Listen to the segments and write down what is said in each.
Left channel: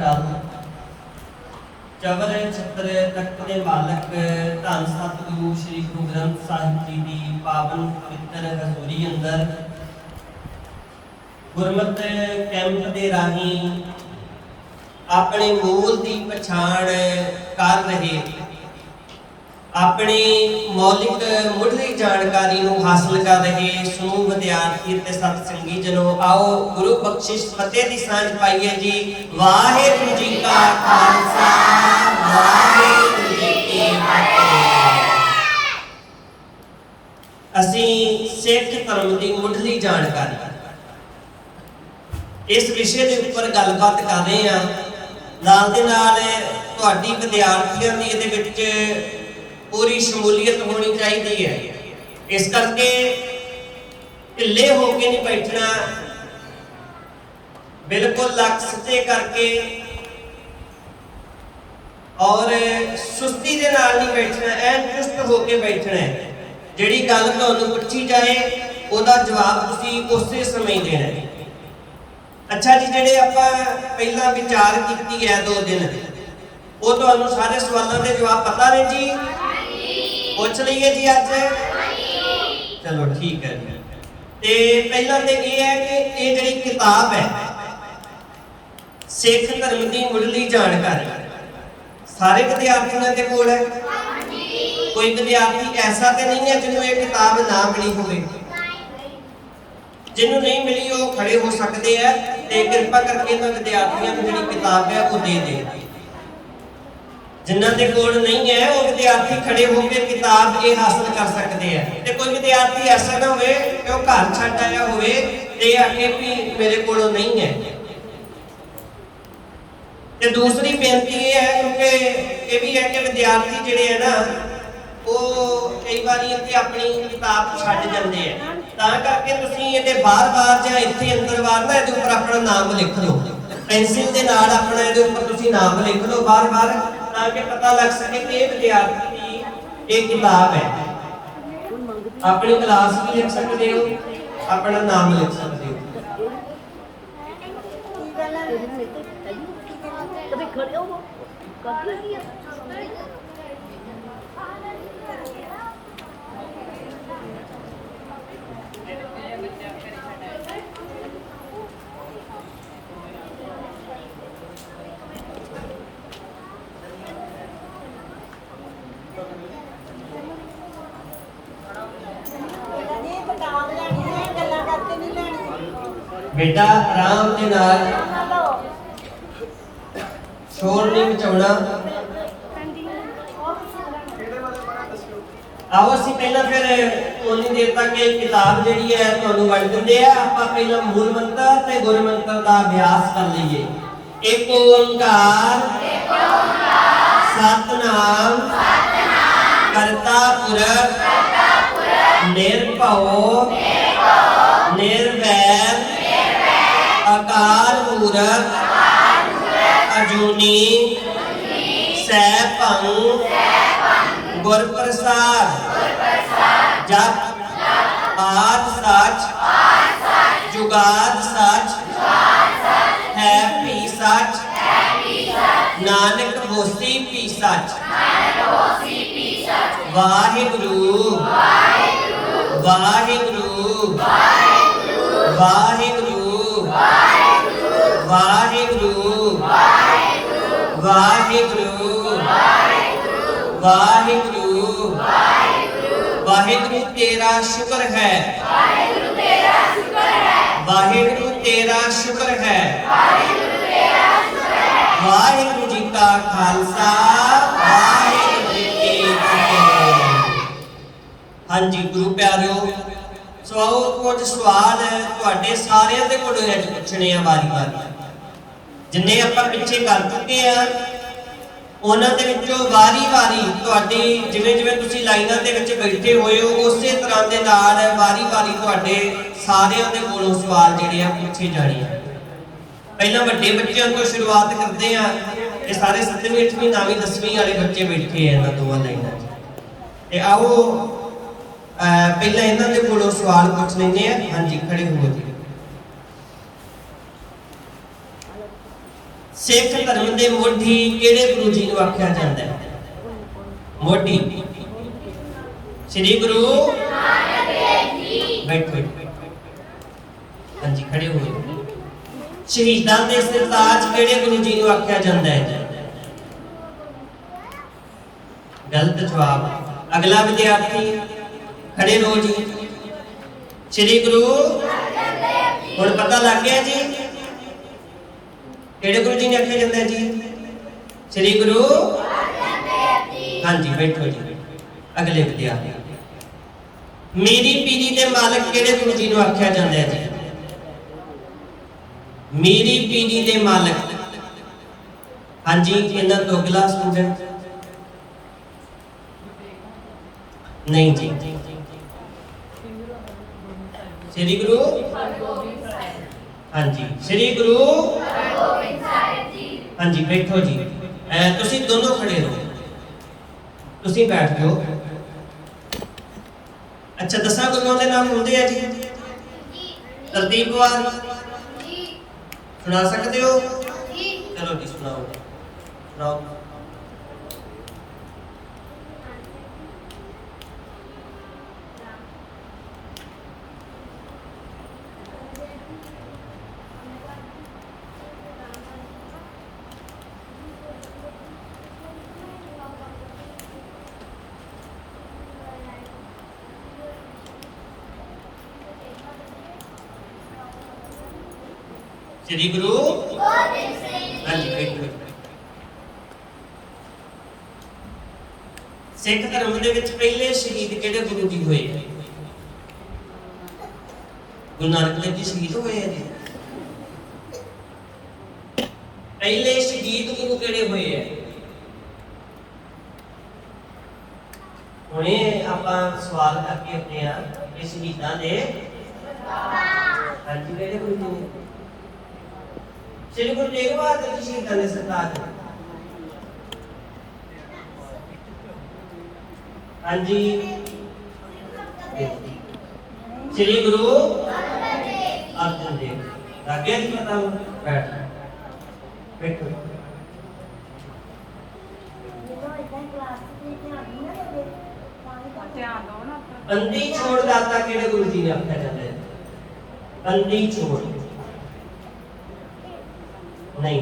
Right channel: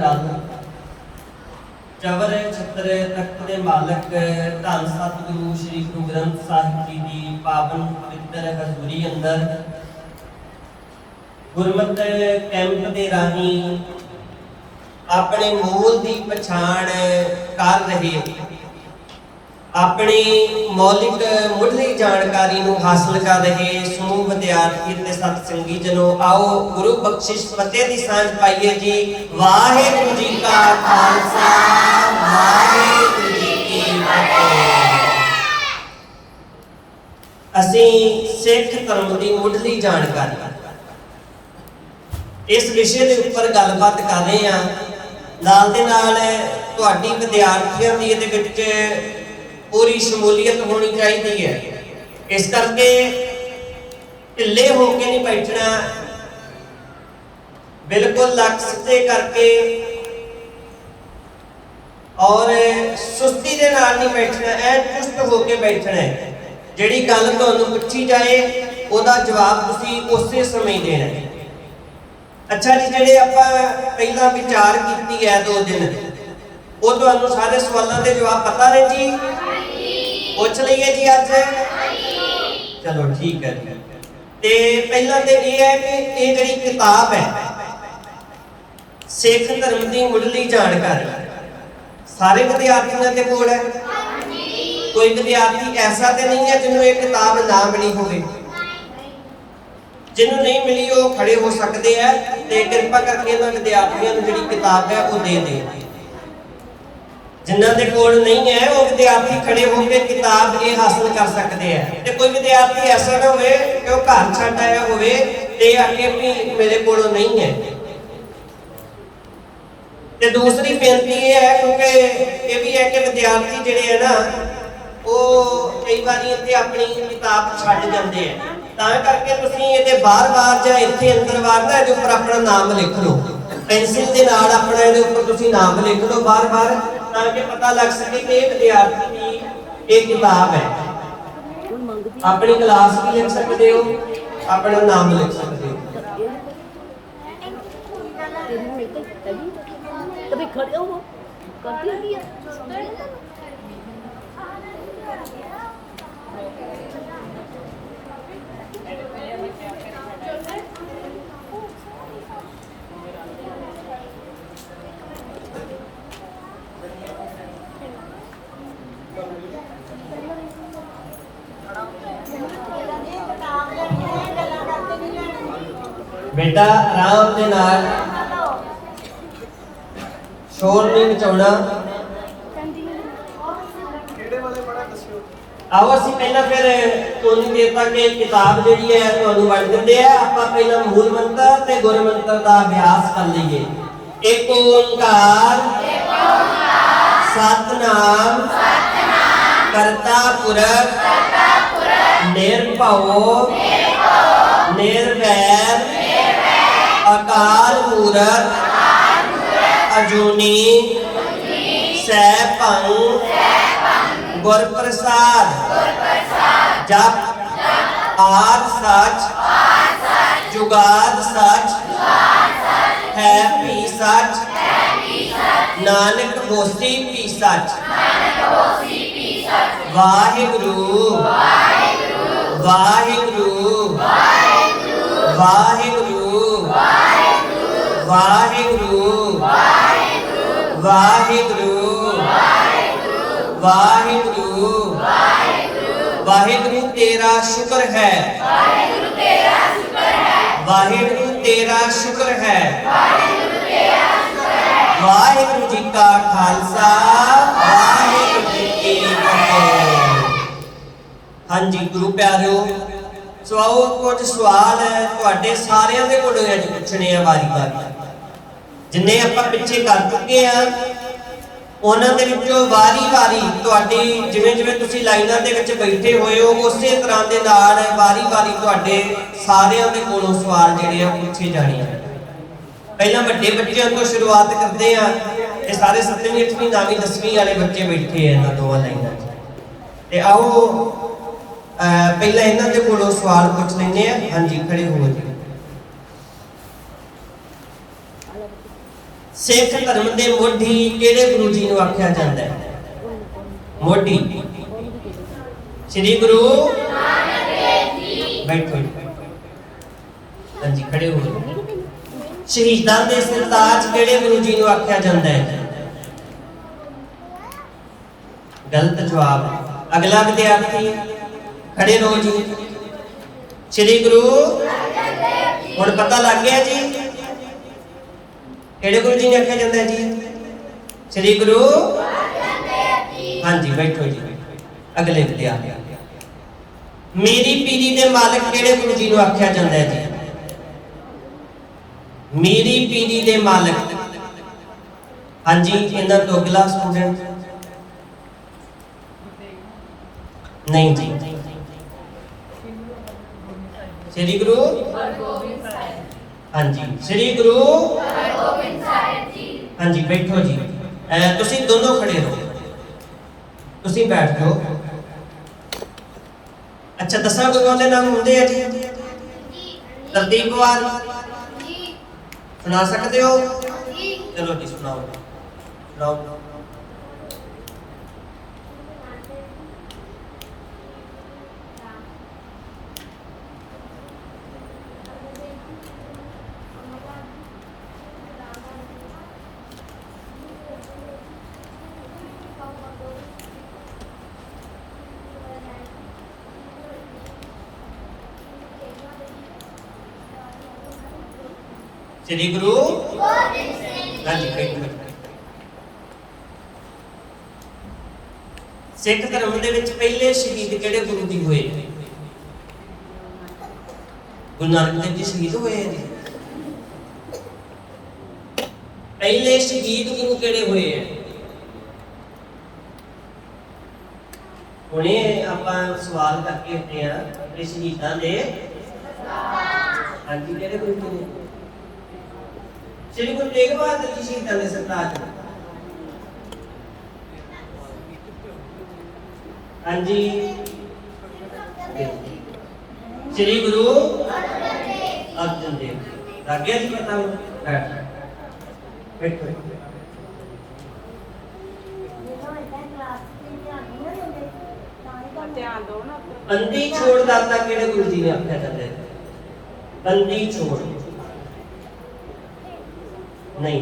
टल चवर छत्र तख्त दे मालक धन सतगुरु श्री गुरु ग्रंथ साहिब जी की पावन पवित्र हजूरी अंदर गुरमत कैंप दे राही अपने मूल की पछाण कर रहे अपनी मौलिक मुढ़ली जानकारी नूं हासिल कर रहे समूह विद्यार्थी ते सतसंगी जनों, आओ गुरु बख्शिश फतेह दी सांझ पाइए जी। वाहिगुरू जी का खालसा वाहिगुरू जी की फतेह। असीं सिख धर्म की मुढ़ली जानकारी इस विषय के उपर गलबात कर रहे हैं। नाल दे नाल तुहाडी विद्यार्थियों की इहदे विच पूरी शमूलीयत होनी चाहिए है। इस करके ढिले होके नहीं बैठना, बिल्कुल लक सीधे करके और सुस्ती दे नाल नहीं बैठना, ऐन चुस्त होके बैठना है। जिहड़ी गल तुहानूं पुछी जाए उहदा जवाब तुसीं उसे समय देना है। अच्छा जी, जिहड़े आपां पहला विचार कीती है 2 दिन, वो तुहानूं सारे सवालों के जवाब पता ने जी? पूछ लीए जी अज? चलो ठीक है जी। ते पहला तो यह है कि ये जिहड़ी किताब है सिख धर्म की मुढ़ली जानकारी सारे विद्यार्थियों के कोल है। कोई विद्यार्थी ऐसा तो नहीं है जिन्होंने ये किताब ना मिली होवे। जिन्होंने नहीं मिली वो खड़े हो सकते हैं, तो कृपा करके इन्होंने विद्यार्थियों को जिहड़ी किताब है वो दे दें। जिन्हों के कोल नहीं है वो विद्यार्थी खड़े होकर किताब ये हासिल कर सकते हैं। तो कोई विद्यार्थी ऐसा ना हो कि वो घर छड्ड आया हो आके भी मेरे को नहीं है। तो दूसरी बेनती ये है, क्योंकि ये भी है कि विद्यार्थी जिहड़े है ना वो कई बार अपनी किताब छड्ड जाते हैं, तां करके तुसीं इहदे बार-बार जां इत्थे अंदर वार ना इहदे उपर अपना नाम लिख लो, पेंसिल के नाल अपना इहदे उपर तुसीं नाम लिख लो बार-बार, ताकि पता लग सके कि ये विद्यार्थी की एक किताब है। अपनी क्लास भी लिख सकते हो, अपना नाम लिख सकते हो। बेटा आराम के नाल शोर नहीं मचाउणा। आओ असीं पहला फिर उन्नी देर तक किताब जिहड़ी है तुहानूं वंड दिंदे आ। आपां पहला मूल मंत्र ते गुर मंत्र का अभ्यास कर लईए। एक ओंकार सतनाम करता पुरख निर्भव निर्वैर अकाल मूरत अजूनी सैभं गुर प्रसाद जप आद सच जुगाद सच है भी सच नानक होसी भी सच। वाहिगुरु वाहिगुरु वाहिगुरु वाहिगुरु वाहिगुरु वाहिगुरु वाहिगुरु तेरा शुक्र है, वाहिगुरु तेरा शुक्र है। वाहिगुरु जी का खालसा वाहिगुरु जी की फतेह। हाँ जी गुरु प्यारिओ, सो आओ कुछ सवाल तुहाडे सारिਆਂ ਦੇ ਕੋਲੋਂ ਅੱਜ ਪੁੱਛਣੇ ਆ ਵਾਰੀ-ਵਾਰੀ। जिन्ने आपां पिछे कर चुके हैं उन्हां दे विचों वारी-वारी तुहाडी जिवें-जिवें तुसीं लाइनां दे विच बैठे होए हो उसे तरह दे नाल वारी-वारी तुहाडे सारिਆਂ दे कोलों सवाल जिहड़े आ पुछे जाणे आ। पहला वड्डे बच्चों तो शुरुआत करते हैं। ये सारे 7वीं 8वीं 9वीं 10वीं वाले बच्चे बैठे हैं इन्हां दोवां लाइनां ते आओ पहला इन्हां दे कोलों सवाल पुछ लैंदे आ। हाँ जी खड़े हो जी। सिख धर्म के मोढ़ी किहड़े गुरु जी नूं आख्या जाता है? मोढ़ी श्री गुरु नानक देव जी। बैठो। हाँ जी, खड़े हुए। शहीदां दे सरताज किहड़े गुरु जी नूं आख्या जाता है? गलत जवाब। अगला विद्यार्थी खड़े रहो जी। श्री गुरु हुण पता लग गया जी किहड़े गुरु जी ने आख्या जाता है जी? श्री गुरु। हाँ जी, बैठो जी। अगले विद्यार्थी मेरी पीढ़ी के मालिक किहड़े गुरु जी नूं आख्या जाता है जी? मेरी पीढ़ी के मालिक। हाँ जी, इन्हां तो अगला स्टूडेंट नहीं जी। श्री गुरु। हाँ जी, श्री गुरु। हाँ जी, बैठो जी। तुसी दोनों खड़े रहो, तुसी बैठ जाओ। अच्छा, 10 गुरुओं के नाम होंगे हैं जी? तरतीब वार सुना सकते हो? चलो जी, सुनाओ सुनाओ। श्री गुरु। हाँ जी, सिख धर्म दे विच पहले शहीद किहड़े गुरु जी होए? गुरु नानक देव जी शहीद होए हैं जी। पहले शहीद गुरु किहड़े होए हैं? हुणे आपां सवाल करके हटे हां कि शहीदां दे हाँ जी किहड़े गुरु ने? श्री गुरु तेग बहादुर जी शहीदां दे सरताज। हाँ जी, श्री गुरु अर्जुन देव जी। आगे जी बताओ। बैठ बैठो। बंदी छोड़ दाता किहड़े गुरु जी ने आख्या जाता है? बंदी छोड़ नहीं।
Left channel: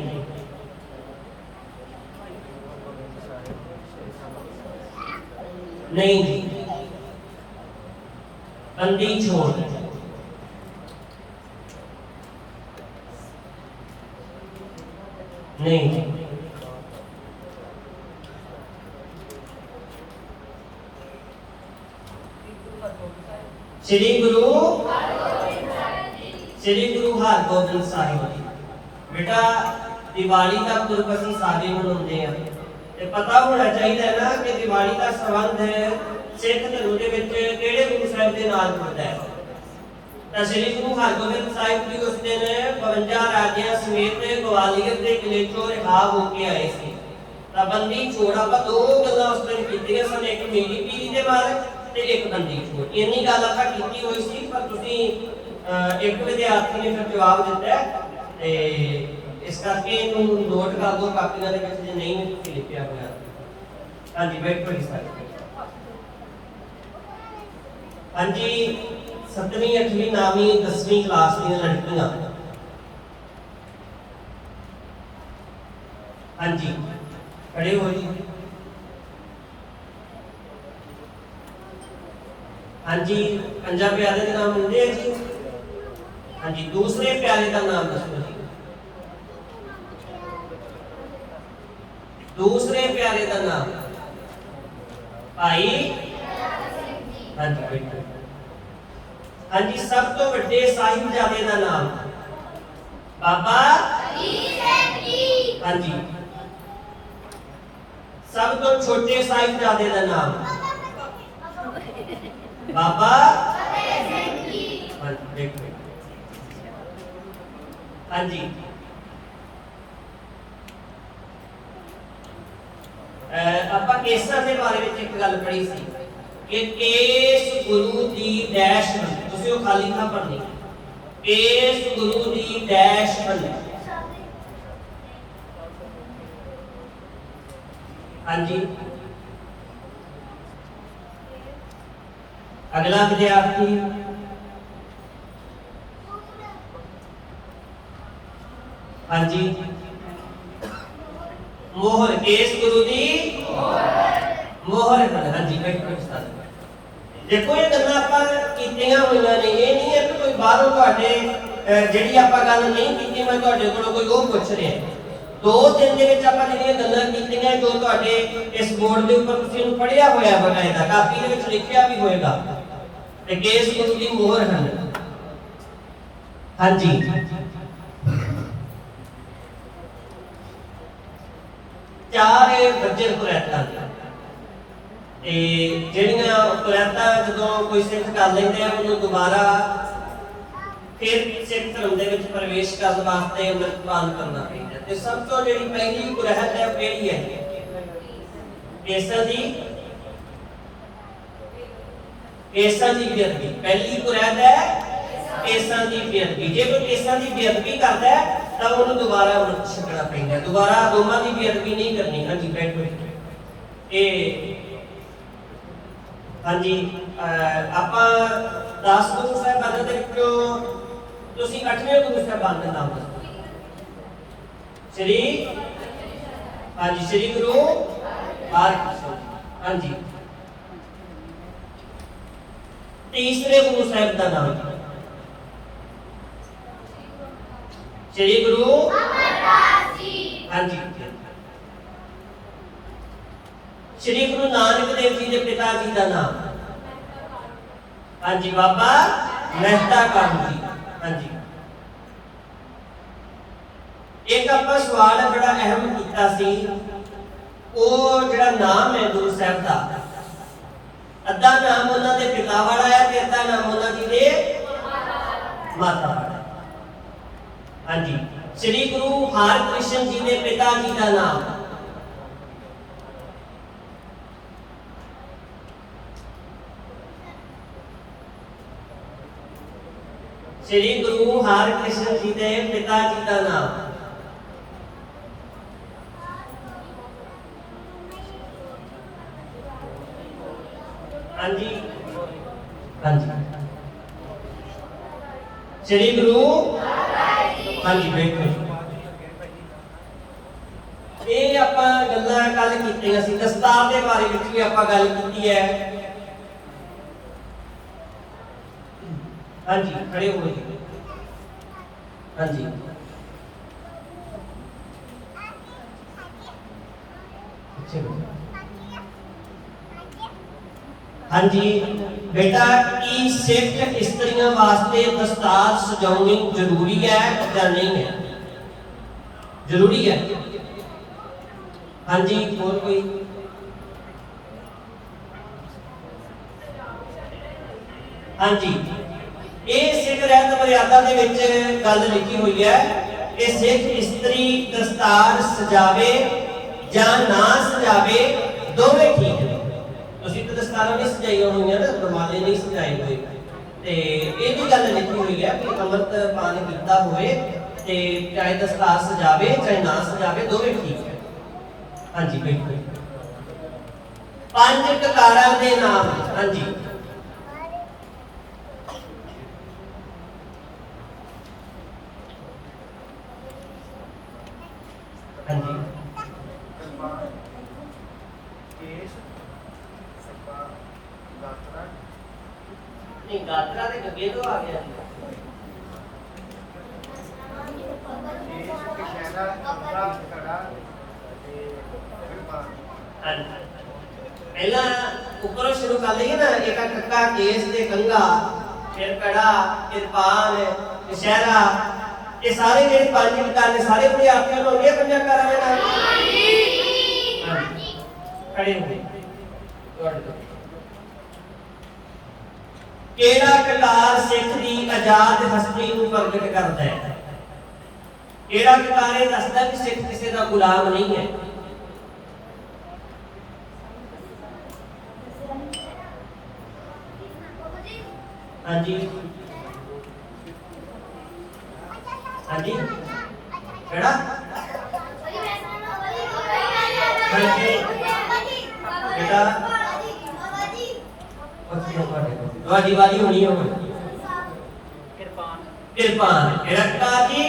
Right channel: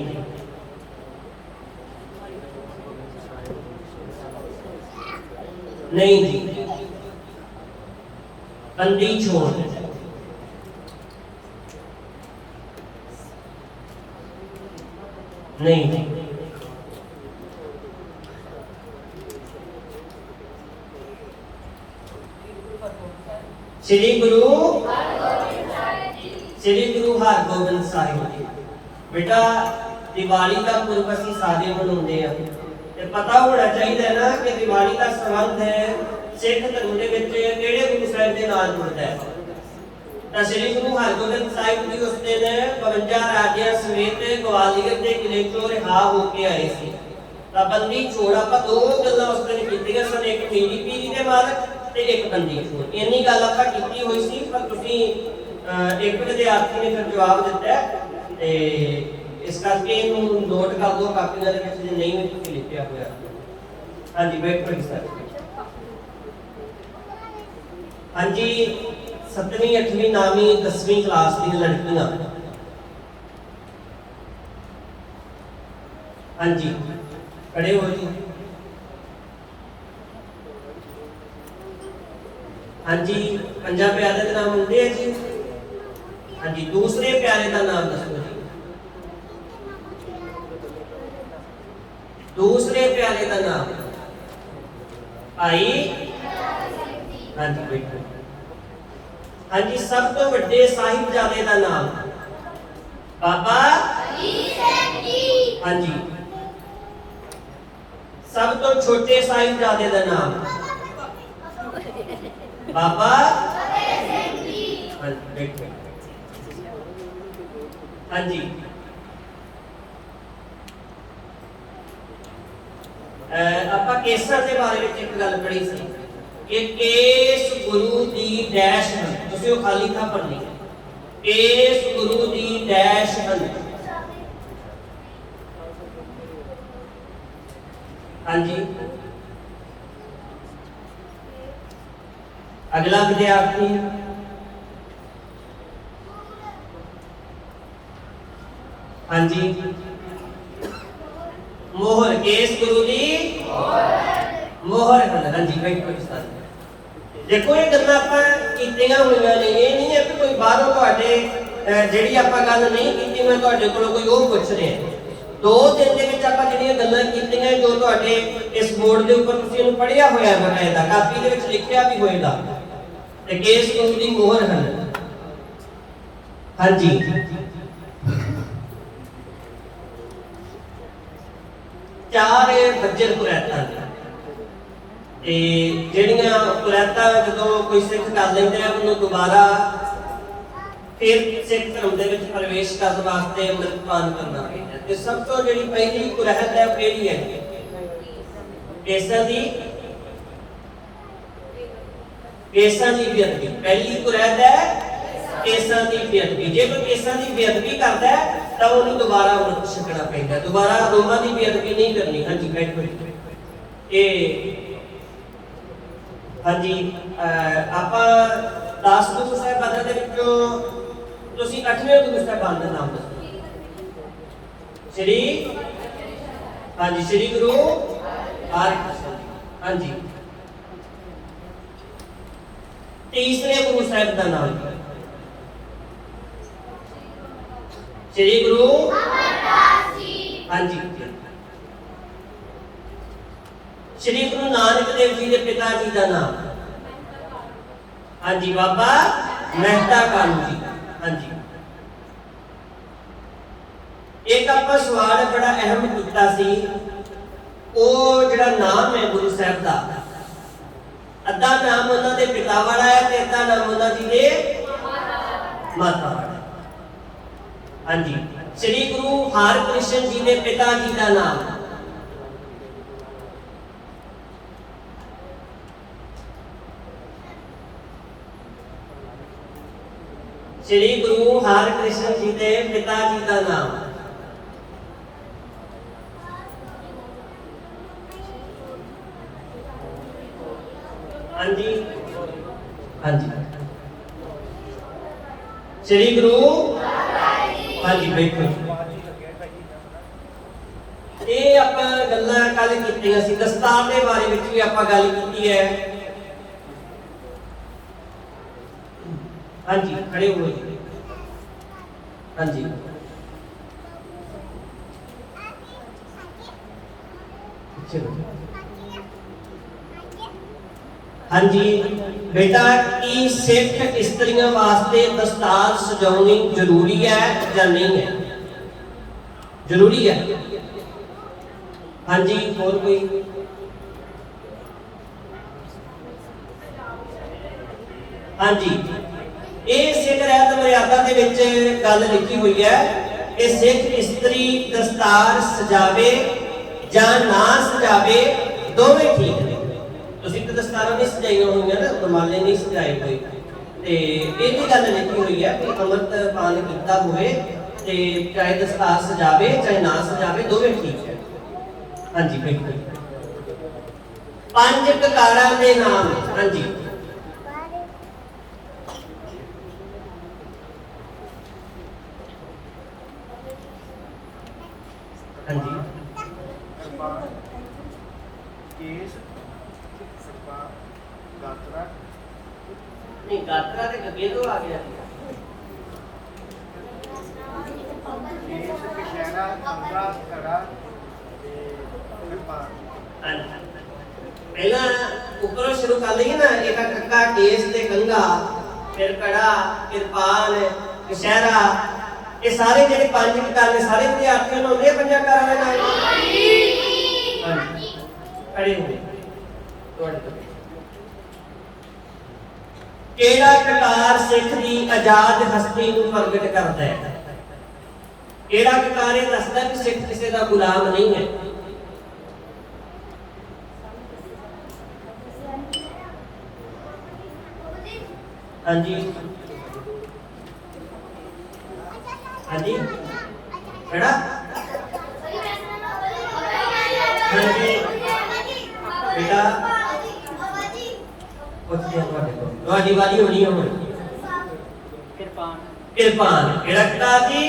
नहीं जी, बंदी छोड़ नहीं जी। श्री गुरु हरगोबिंद साहिब। बेटा दिवाली का पुरब असीं सारे मनाउंदे आ ते पता होना चाहिए ना कि दिवाली का संबंध सिख धर्म दे विच किहड़े गुरु साहिब दे नाल जुड़दा है। तां श्री गुरु हरगोबिंद साहिब जी उस दिन 52 राजियां समेत ग्वालियर दे किले चों रिहा होके आए सी। तां बंदी छोड़ आपां दो गल्लां उस दिन कीतीआं सन, एक मेरी पीढ़ी दे मालक ते एक बंदी छोड़। इन्नी गल आपां कीती होई सी, पर तुसीं एक विद्यार्थी ने फिर जवाब दिता ते इस करके इन्हूं नोट कर दो कापियां दे विच जे नहीं में तुसीं लिखिया होया। हाँ जी, बैठो जी सर। हाँ जी, 7वीं 8वीं 9वीं 10वीं क्लास दी लड़कियां। हाँ जी, खड़े हो जी। हाँ जी, 50 प्यारे का नाम होंगे है जी। हाँ जी, दूसरे प्यारे का नाम दसो जी। दूसरे प्यारे का नाम भाई। हाँ जी, बैठो। हाँ जी, सब तो बड़े साहिबजादे का नाम बाबा हाँ जी। सब तो छोटे साहिबजादे का नाम बाबा हाँ जी, बैठो। हाँ जी, ਆਪਾਂ ਕੇਸਾਂ ਦੇ ਬਾਰੇ ਵਿੱਚ ਇੱਕ ਗੱਲ ਪੜ੍ਹੀ ਸੀ ਕਿ ਕੇਸ ਗੁਰੂ ਦੀ ਡੈਸ਼ ਹਨ। ਤੁਸੀਂ ਉਹ ਖਾਲੀ ਥਾਂ ਭਰਨੀ ਹੈ। ਕੇਸ ਗੁਰੂ ਦੀ ਡੈਸ਼ ਹਨ। हाँ जी, अगला विद्यार्थी। हाँ जी, मोहर, केस गुरु दी मोहर। हाँ जी, बैठो इस तरह। देखो ये गल्लां आपां कीतियां होईयां ने, ये नहीं है कि कोई बाहरों तुहाडे ਜਿਹੜੀ ਆਪਾਂ ਗੱਲ ਨਹੀਂ ਕੀਤੀ, मैं ਤੁਹਾਡੇ ਕੋਲੋਂ ਕੋਈ ਉਹ ਪੁੱਛ ਰਿਹਾ। 2 ਦਿਨ ਦੇ ਵਿੱਚ ਆਪਾਂ ਜਿਹੜੀਆਂ ਗੱਲਾਂ ਕੀਤੀਆਂ ਜੋ ਤੁਹਾਡੇ ਇਸ ਬੋਰਡ ਦੇ ਉੱਪਰ ਤੁਸੀਂ ਇਹਨੂੰ ਪੜ੍ਹਿਆ ਹੋਇਆ ਹੈ, ਬਕਾਇਦਾ ਕਾਪੀ ਦੇ ਵਿੱਚ ਲਿਖਿਆ ਵੀ ਹੋਏਗਾ, ਤੇ ਕੇਸ ਗੁਰੂ ਦੀ ਮੋਹਰ ਹਨ। ਹਾਂਜੀ, ਚਾਰ ਬੱਜਰ ਕੁਰੈਤਾਂ ਤੇ ਜਿਹੜੀਆਂ ਕੁਰੈਤਾਂ ਜਦੋਂ ਕੋਈ ਸਿੱਖ ਕਰ ਲੈਂਦੇ ਆ ਉਹਨੂੰ ਦੁਬਾਰਾ फिर सिख धर्म दे विच प्रवेश करने वास्ते अमृतपान करना पैंदा। ते सब तो जिहड़ी पहली कुरैत है केड़ी है? केसर दी बेअदबी। पहली कुरैत है केसर दी बेअदबी। जे कोई केसर दी बेअदबी करदा है तां उहनूं दोबारा अमृत छकना पैंदा, दोबारा दोमां दी बेअदबी नहीं करनी। हाँ जी, बैठो। हाँ जी, आपां 10 गुरु साहिबानां दे विचों ਤੁਸੀਂ 8ਵੇਂ ਗੁਰੂ ਸਾਹਿਬਾਨ ਦਾ ਨਾਮ ਦੱਸੋ। श्री हाँ जी, श्री गुरु हरकृष्ण। हाँ जी, तीसरे गुरु साहिब का नाम श्री गुरु अमरदास जी। हाँ जी, श्री गुरु नानक देव जी के पिता जी का नाम? हाँ जी, बाबा मेहता कालू जी। हाँ जी, एक आपका सवाल बड़ा अहम किया सी, वो जिहड़ा नाम है गुरु साहब का, अद्धा नाम उन्होंने पिता वाला है ते अद्धा नाम उन्होंने दे माता वाला है। हाँ जी, श्री गुरु हरकृष्ण जी के पिता जी का नाम? श्री गुरु हरकृष्ण जी के पिता जी का नाम? हाँ जी, हाँ जी, श्री गुरु। हाँ जी, बैठो। ये आपां गल्लां कल कीतियां सी, दस्तार के बारे में भी आपां गल कीती है। हाँ जी, खड़े हो गए। हाँ जी, हाँ जी बेटा, की सिख स्त्रियां वास्ते दस्तार सजाउणी जरूरी है या नहीं है? जरूरी है। हाँ जी, और कोई? हाँ जी, ये सिख रहत मर्यादा दे विच गल लिखी हुई है कि सिख स्त्री दस्तार सजावे जां ना सजावे दोवें ठीक है। तुसीं तो दस्तार नहीं सजाइयां होईयां ना, रुमाले नहीं सजाए हुए, ते ये भी गल लिखी हुई है कि अमृत पान कीता होवे ते चाहे दस्तार सजावे चाहे ना सजावे दोवें ठीक है। हाँ जी, बिल्कुल। 5 ककारां दे नाम? हाँ जी, हाँ जी, नहीं गात्रा ते गगे तो आ गया जी। पहला ऊपर शुरू कर ली ना, एक कक्का केस ते कंगा, फिर कड़ा, फिर पाल, कशहरा, ये सारे जेडे 5 ककार ने सारे विद्यार्थियों को ये पंजा कर रहे हैं। खड़े हो गए। केड़ा ककार सिख दी आजाद हस्ती को प्रगट करता है? केड़ा ककार ये दसदा कि सिख किसी का गुलाम नहीं है? हाँ जी, हाँ जी, केड़ा? हाँ जी, ਤੁਹਾਡੀ ਵਾਰੀ ਹੋਣੀ ਹੈ ਹੁਣ। ਕਿਰਪਾਨ ਕਿਰਪਾਨ ਕਿਹੜਾ ਕਿਤਾਬ ਜੀ?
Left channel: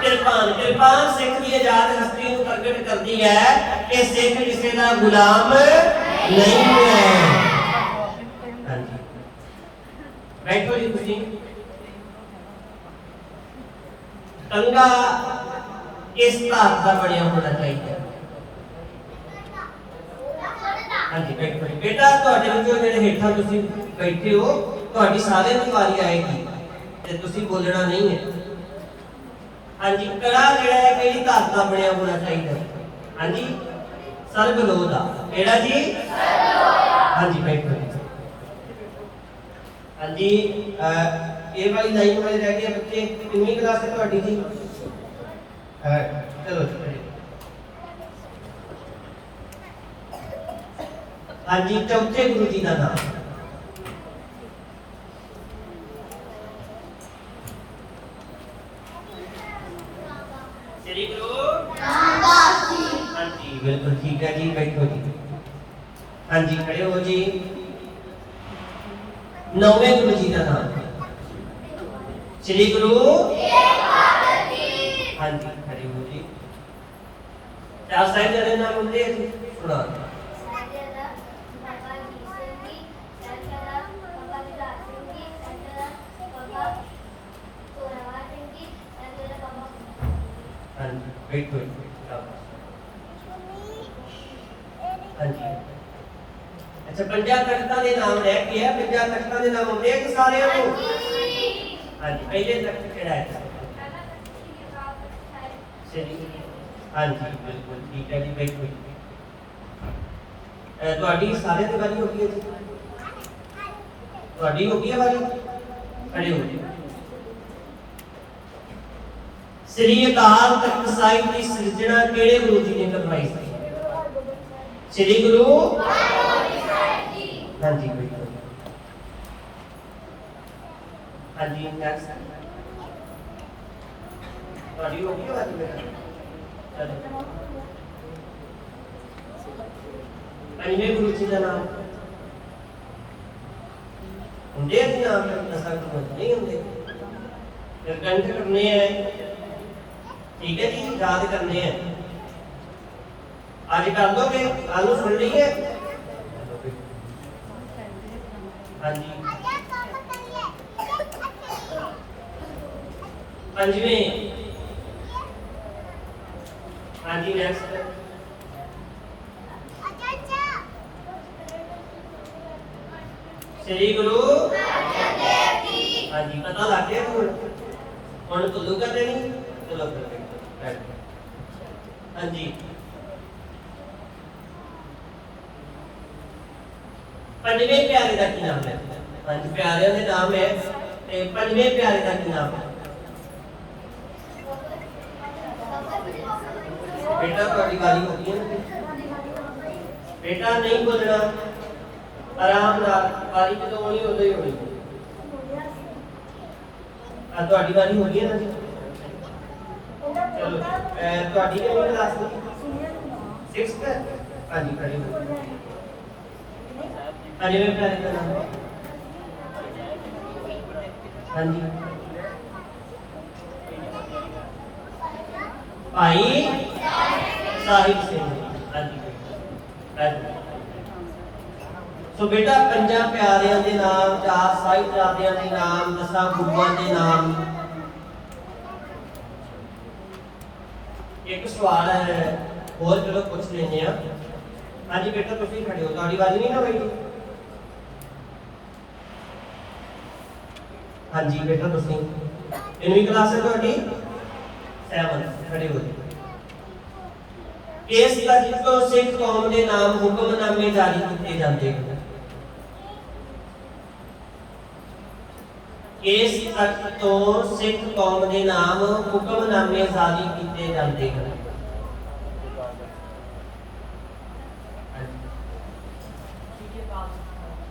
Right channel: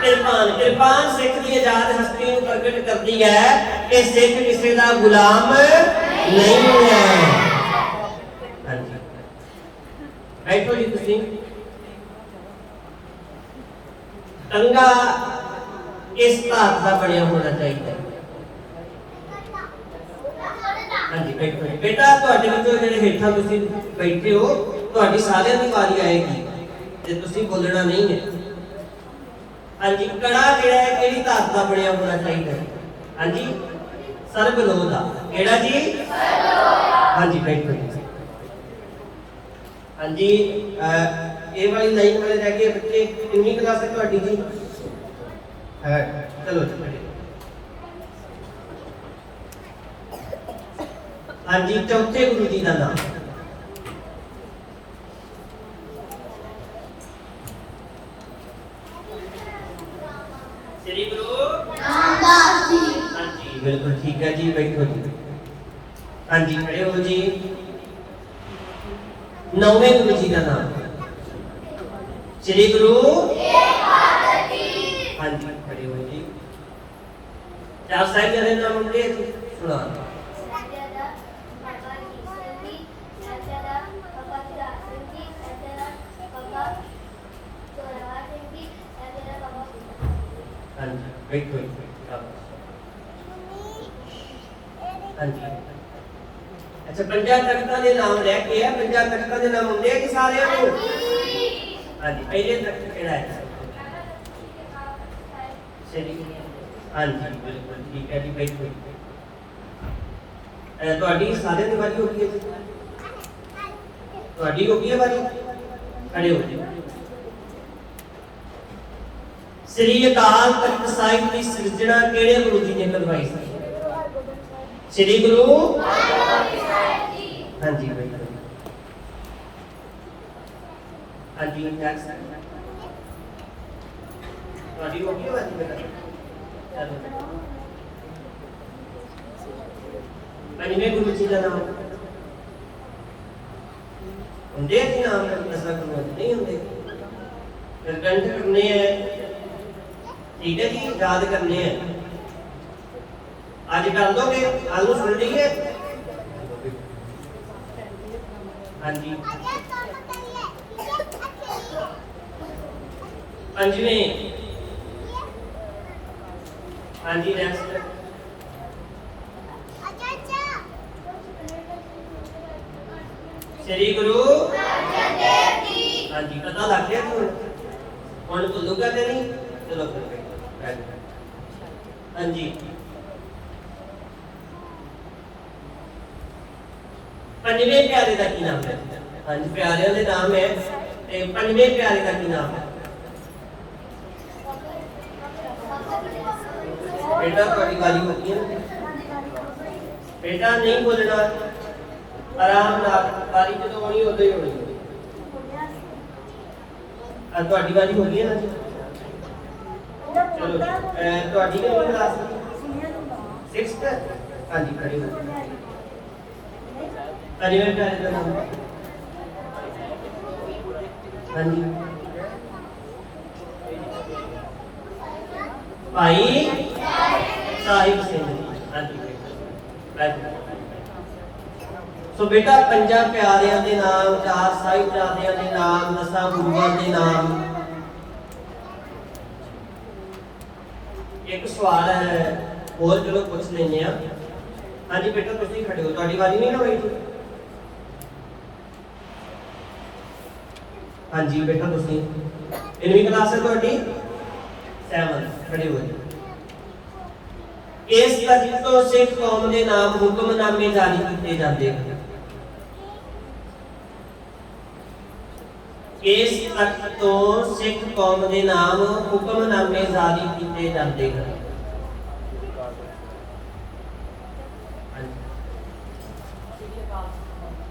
ਕਿਰਪਾਨ। ਕਿਰਪਾਨ ਸਿੱਖ ਦੀ ਆਜ਼ਾਦ ਹਸਤੀ ਨੂੰ ਪ੍ਰਗਟ ਕਰਦੀ ਹੈ ਕਿ ਸਿੱਖ ਕਿਸੇ ਦਾ ਗੁਲਾਮ ਨਹੀਂ ਹੈ। ਹਾਂਜੀ ਬੈਠੋ ਜੀ ਤੁਸੀਂ। ਟੰਗਾ ਇਸ ਧਾਤ ਦਾ ਬਣਿਆ ਹੋਣਾ ਚਾਹੀਦਾ। ਹਾਂਜੀ ਬੈਠੋ। ਬੇਟਾ ਤੁਹਾਡੇ ਵਿੱਚੋਂ ਜਿਹੜੇ ਹੇਠਾਂ ਤੁਸੀਂ ਬੈਠੇ ਹੋ ਤੁਹਾਡੀ ਸਾਰਿਆਂ ਦੀ ਵਾਰੀ ਆਏਗੀ ਤੇ ਤੁਸੀਂ ਬੋਲਣਾ ਨਹੀਂ ਹੈ। ਹਾਂਜੀ ਕੜਾ ਜਿਹੜਾ ਹੈ ਕਿਹੜੀ ਧਾਤ ਦਾ ਬਣਿਆ ਹੋਣਾ ਚਾਹੀਦਾ ਹੈ? ਹਾਂਜੀ ਸਰਬਲੋਹ ਦਾ। ਕਿਹੜਾ ਜੀ? ਸਰਬਲੋਹ। ਹਾਂਜੀ ਬੈਠੋ ਜੀ। ਹਾਂਜੀ ਇਹ ਵਾਲੀ ਲਾਈਨ ਵਾਲੇ ਰਹਿ ਗਏ ਬੱਚੇ। ਕਿੰਨੀ ਕਲਾਸ ਹੈ ਤੁਹਾਡੀ ਜੀ? ਚਲੋ ਚਲੋ। ਹਾਂਜੀ ਚੌਥੇ ਗੁਰੂ ਜੀ ਦਾ ਨਾਮ? श्री गुरु रामदास जी। हाँ जी बिल्कुल ठीक है जी। बैठो जी। हाँ जी खड़े हो जी। नौवें गुरु जी का नाम? श्री गुरु तेग बहादुर जी। हाँ जी खड़े हो जी। चार साहिब जरे नाम मुझे सुना। हाँ जी बैठो। हाँ जी अच्छा पंजा तख्तां दे नाम लैके आ। पंजा तख्तां दे नाम होंदे कि सारे को? हाँ जी पहले तख्त किहड़ा है? श्री। हाँ जी बिल्कुल ठीक है जी। बैठो। ਤੁਹਾਡੀ ਸਾਰਿਆਂ ਦੀ ਵਾਰੀ ਹੋ ਗਈ ਹੈ ਜੀ। ਤੁਹਾਡੀ ਹੋ ਗਈ ਹੈ ਵਾਰੀ। ਖੜੇ ਹੋ ਜੀ। श्री अकाल तख्त साहिब की सृजना केड़े गुरु जी ने करवाई थी? श्री गुरु साहिब जी। हाँ जी बिल्कुल। हाँ जी ਤੁਹਾਡੀ ਹੋ ਗਈ ਵਾਰੀ ਮੇਰਾ। ਚਲੋ ਪੰਜਵੇਂ ਗੁਰੂ ਜੀ ਦਾ ਨਾਮ ਹੁੰਦੇ ਕਿ ਨਾਮ ਨਸਾ ਗੁਰੂ ਨਹੀਂ ਹੁੰਦੇ? ਫਿਰ ਕੰਠ ਕਰਨੇ ਹੈ। ठीक है जी याद करने हैं। आज कर दोगे? आलू सुन ली है? हाँ जी पंजवें। हाँ जी नेक्स्ट। श्री गुरु अर्जन देव जी। हाँ जी पता लग गया तुम कौन बोलूगा नहीं? चलो हाँ जी पंजवें प्यारे का की नाम है? हाँ जी प्यारे का नाम है। पंजवें प्यारे का की नाम है? बेटा थोड़ी गाली होती है। बेटा नहीं बोलना आराम नाल। गाली जो होनी उदो ही होनी। थोड़ी गाली हो गई है ना। चलो ਤੁਹਾਡੀ ਕਿਹੜੀ ਕਲਾਸ ਦੀ? 6th। हाँ जी खड़ी हो। पंजवें प्यारे का नाम? हाँ जी भाई साहिब सिंह। हाँ जी सो बेटा पंजा प्यारियां दे नाम, चार साहिबजादियां दे नाम, 10 गुरुआं दे नाम। एक सवाल है और चलो पूछ लेने। हाँ जी बेटा तुम खड़े हो। ਤੁਹਾਡੀ ਵਾਰੀ नहीं होगी? हाँ जी बेटा तुम कितनी क्लास है ਤੁਹਾਡੀ? 7 खड़े हो। इस तख्त तो सिख कौम के नाम हुक्मनामे जारी किए जाते हैं। इस तख्त तो सिख कौम के नाम हुक्मनामे जारी किए जाते हैं।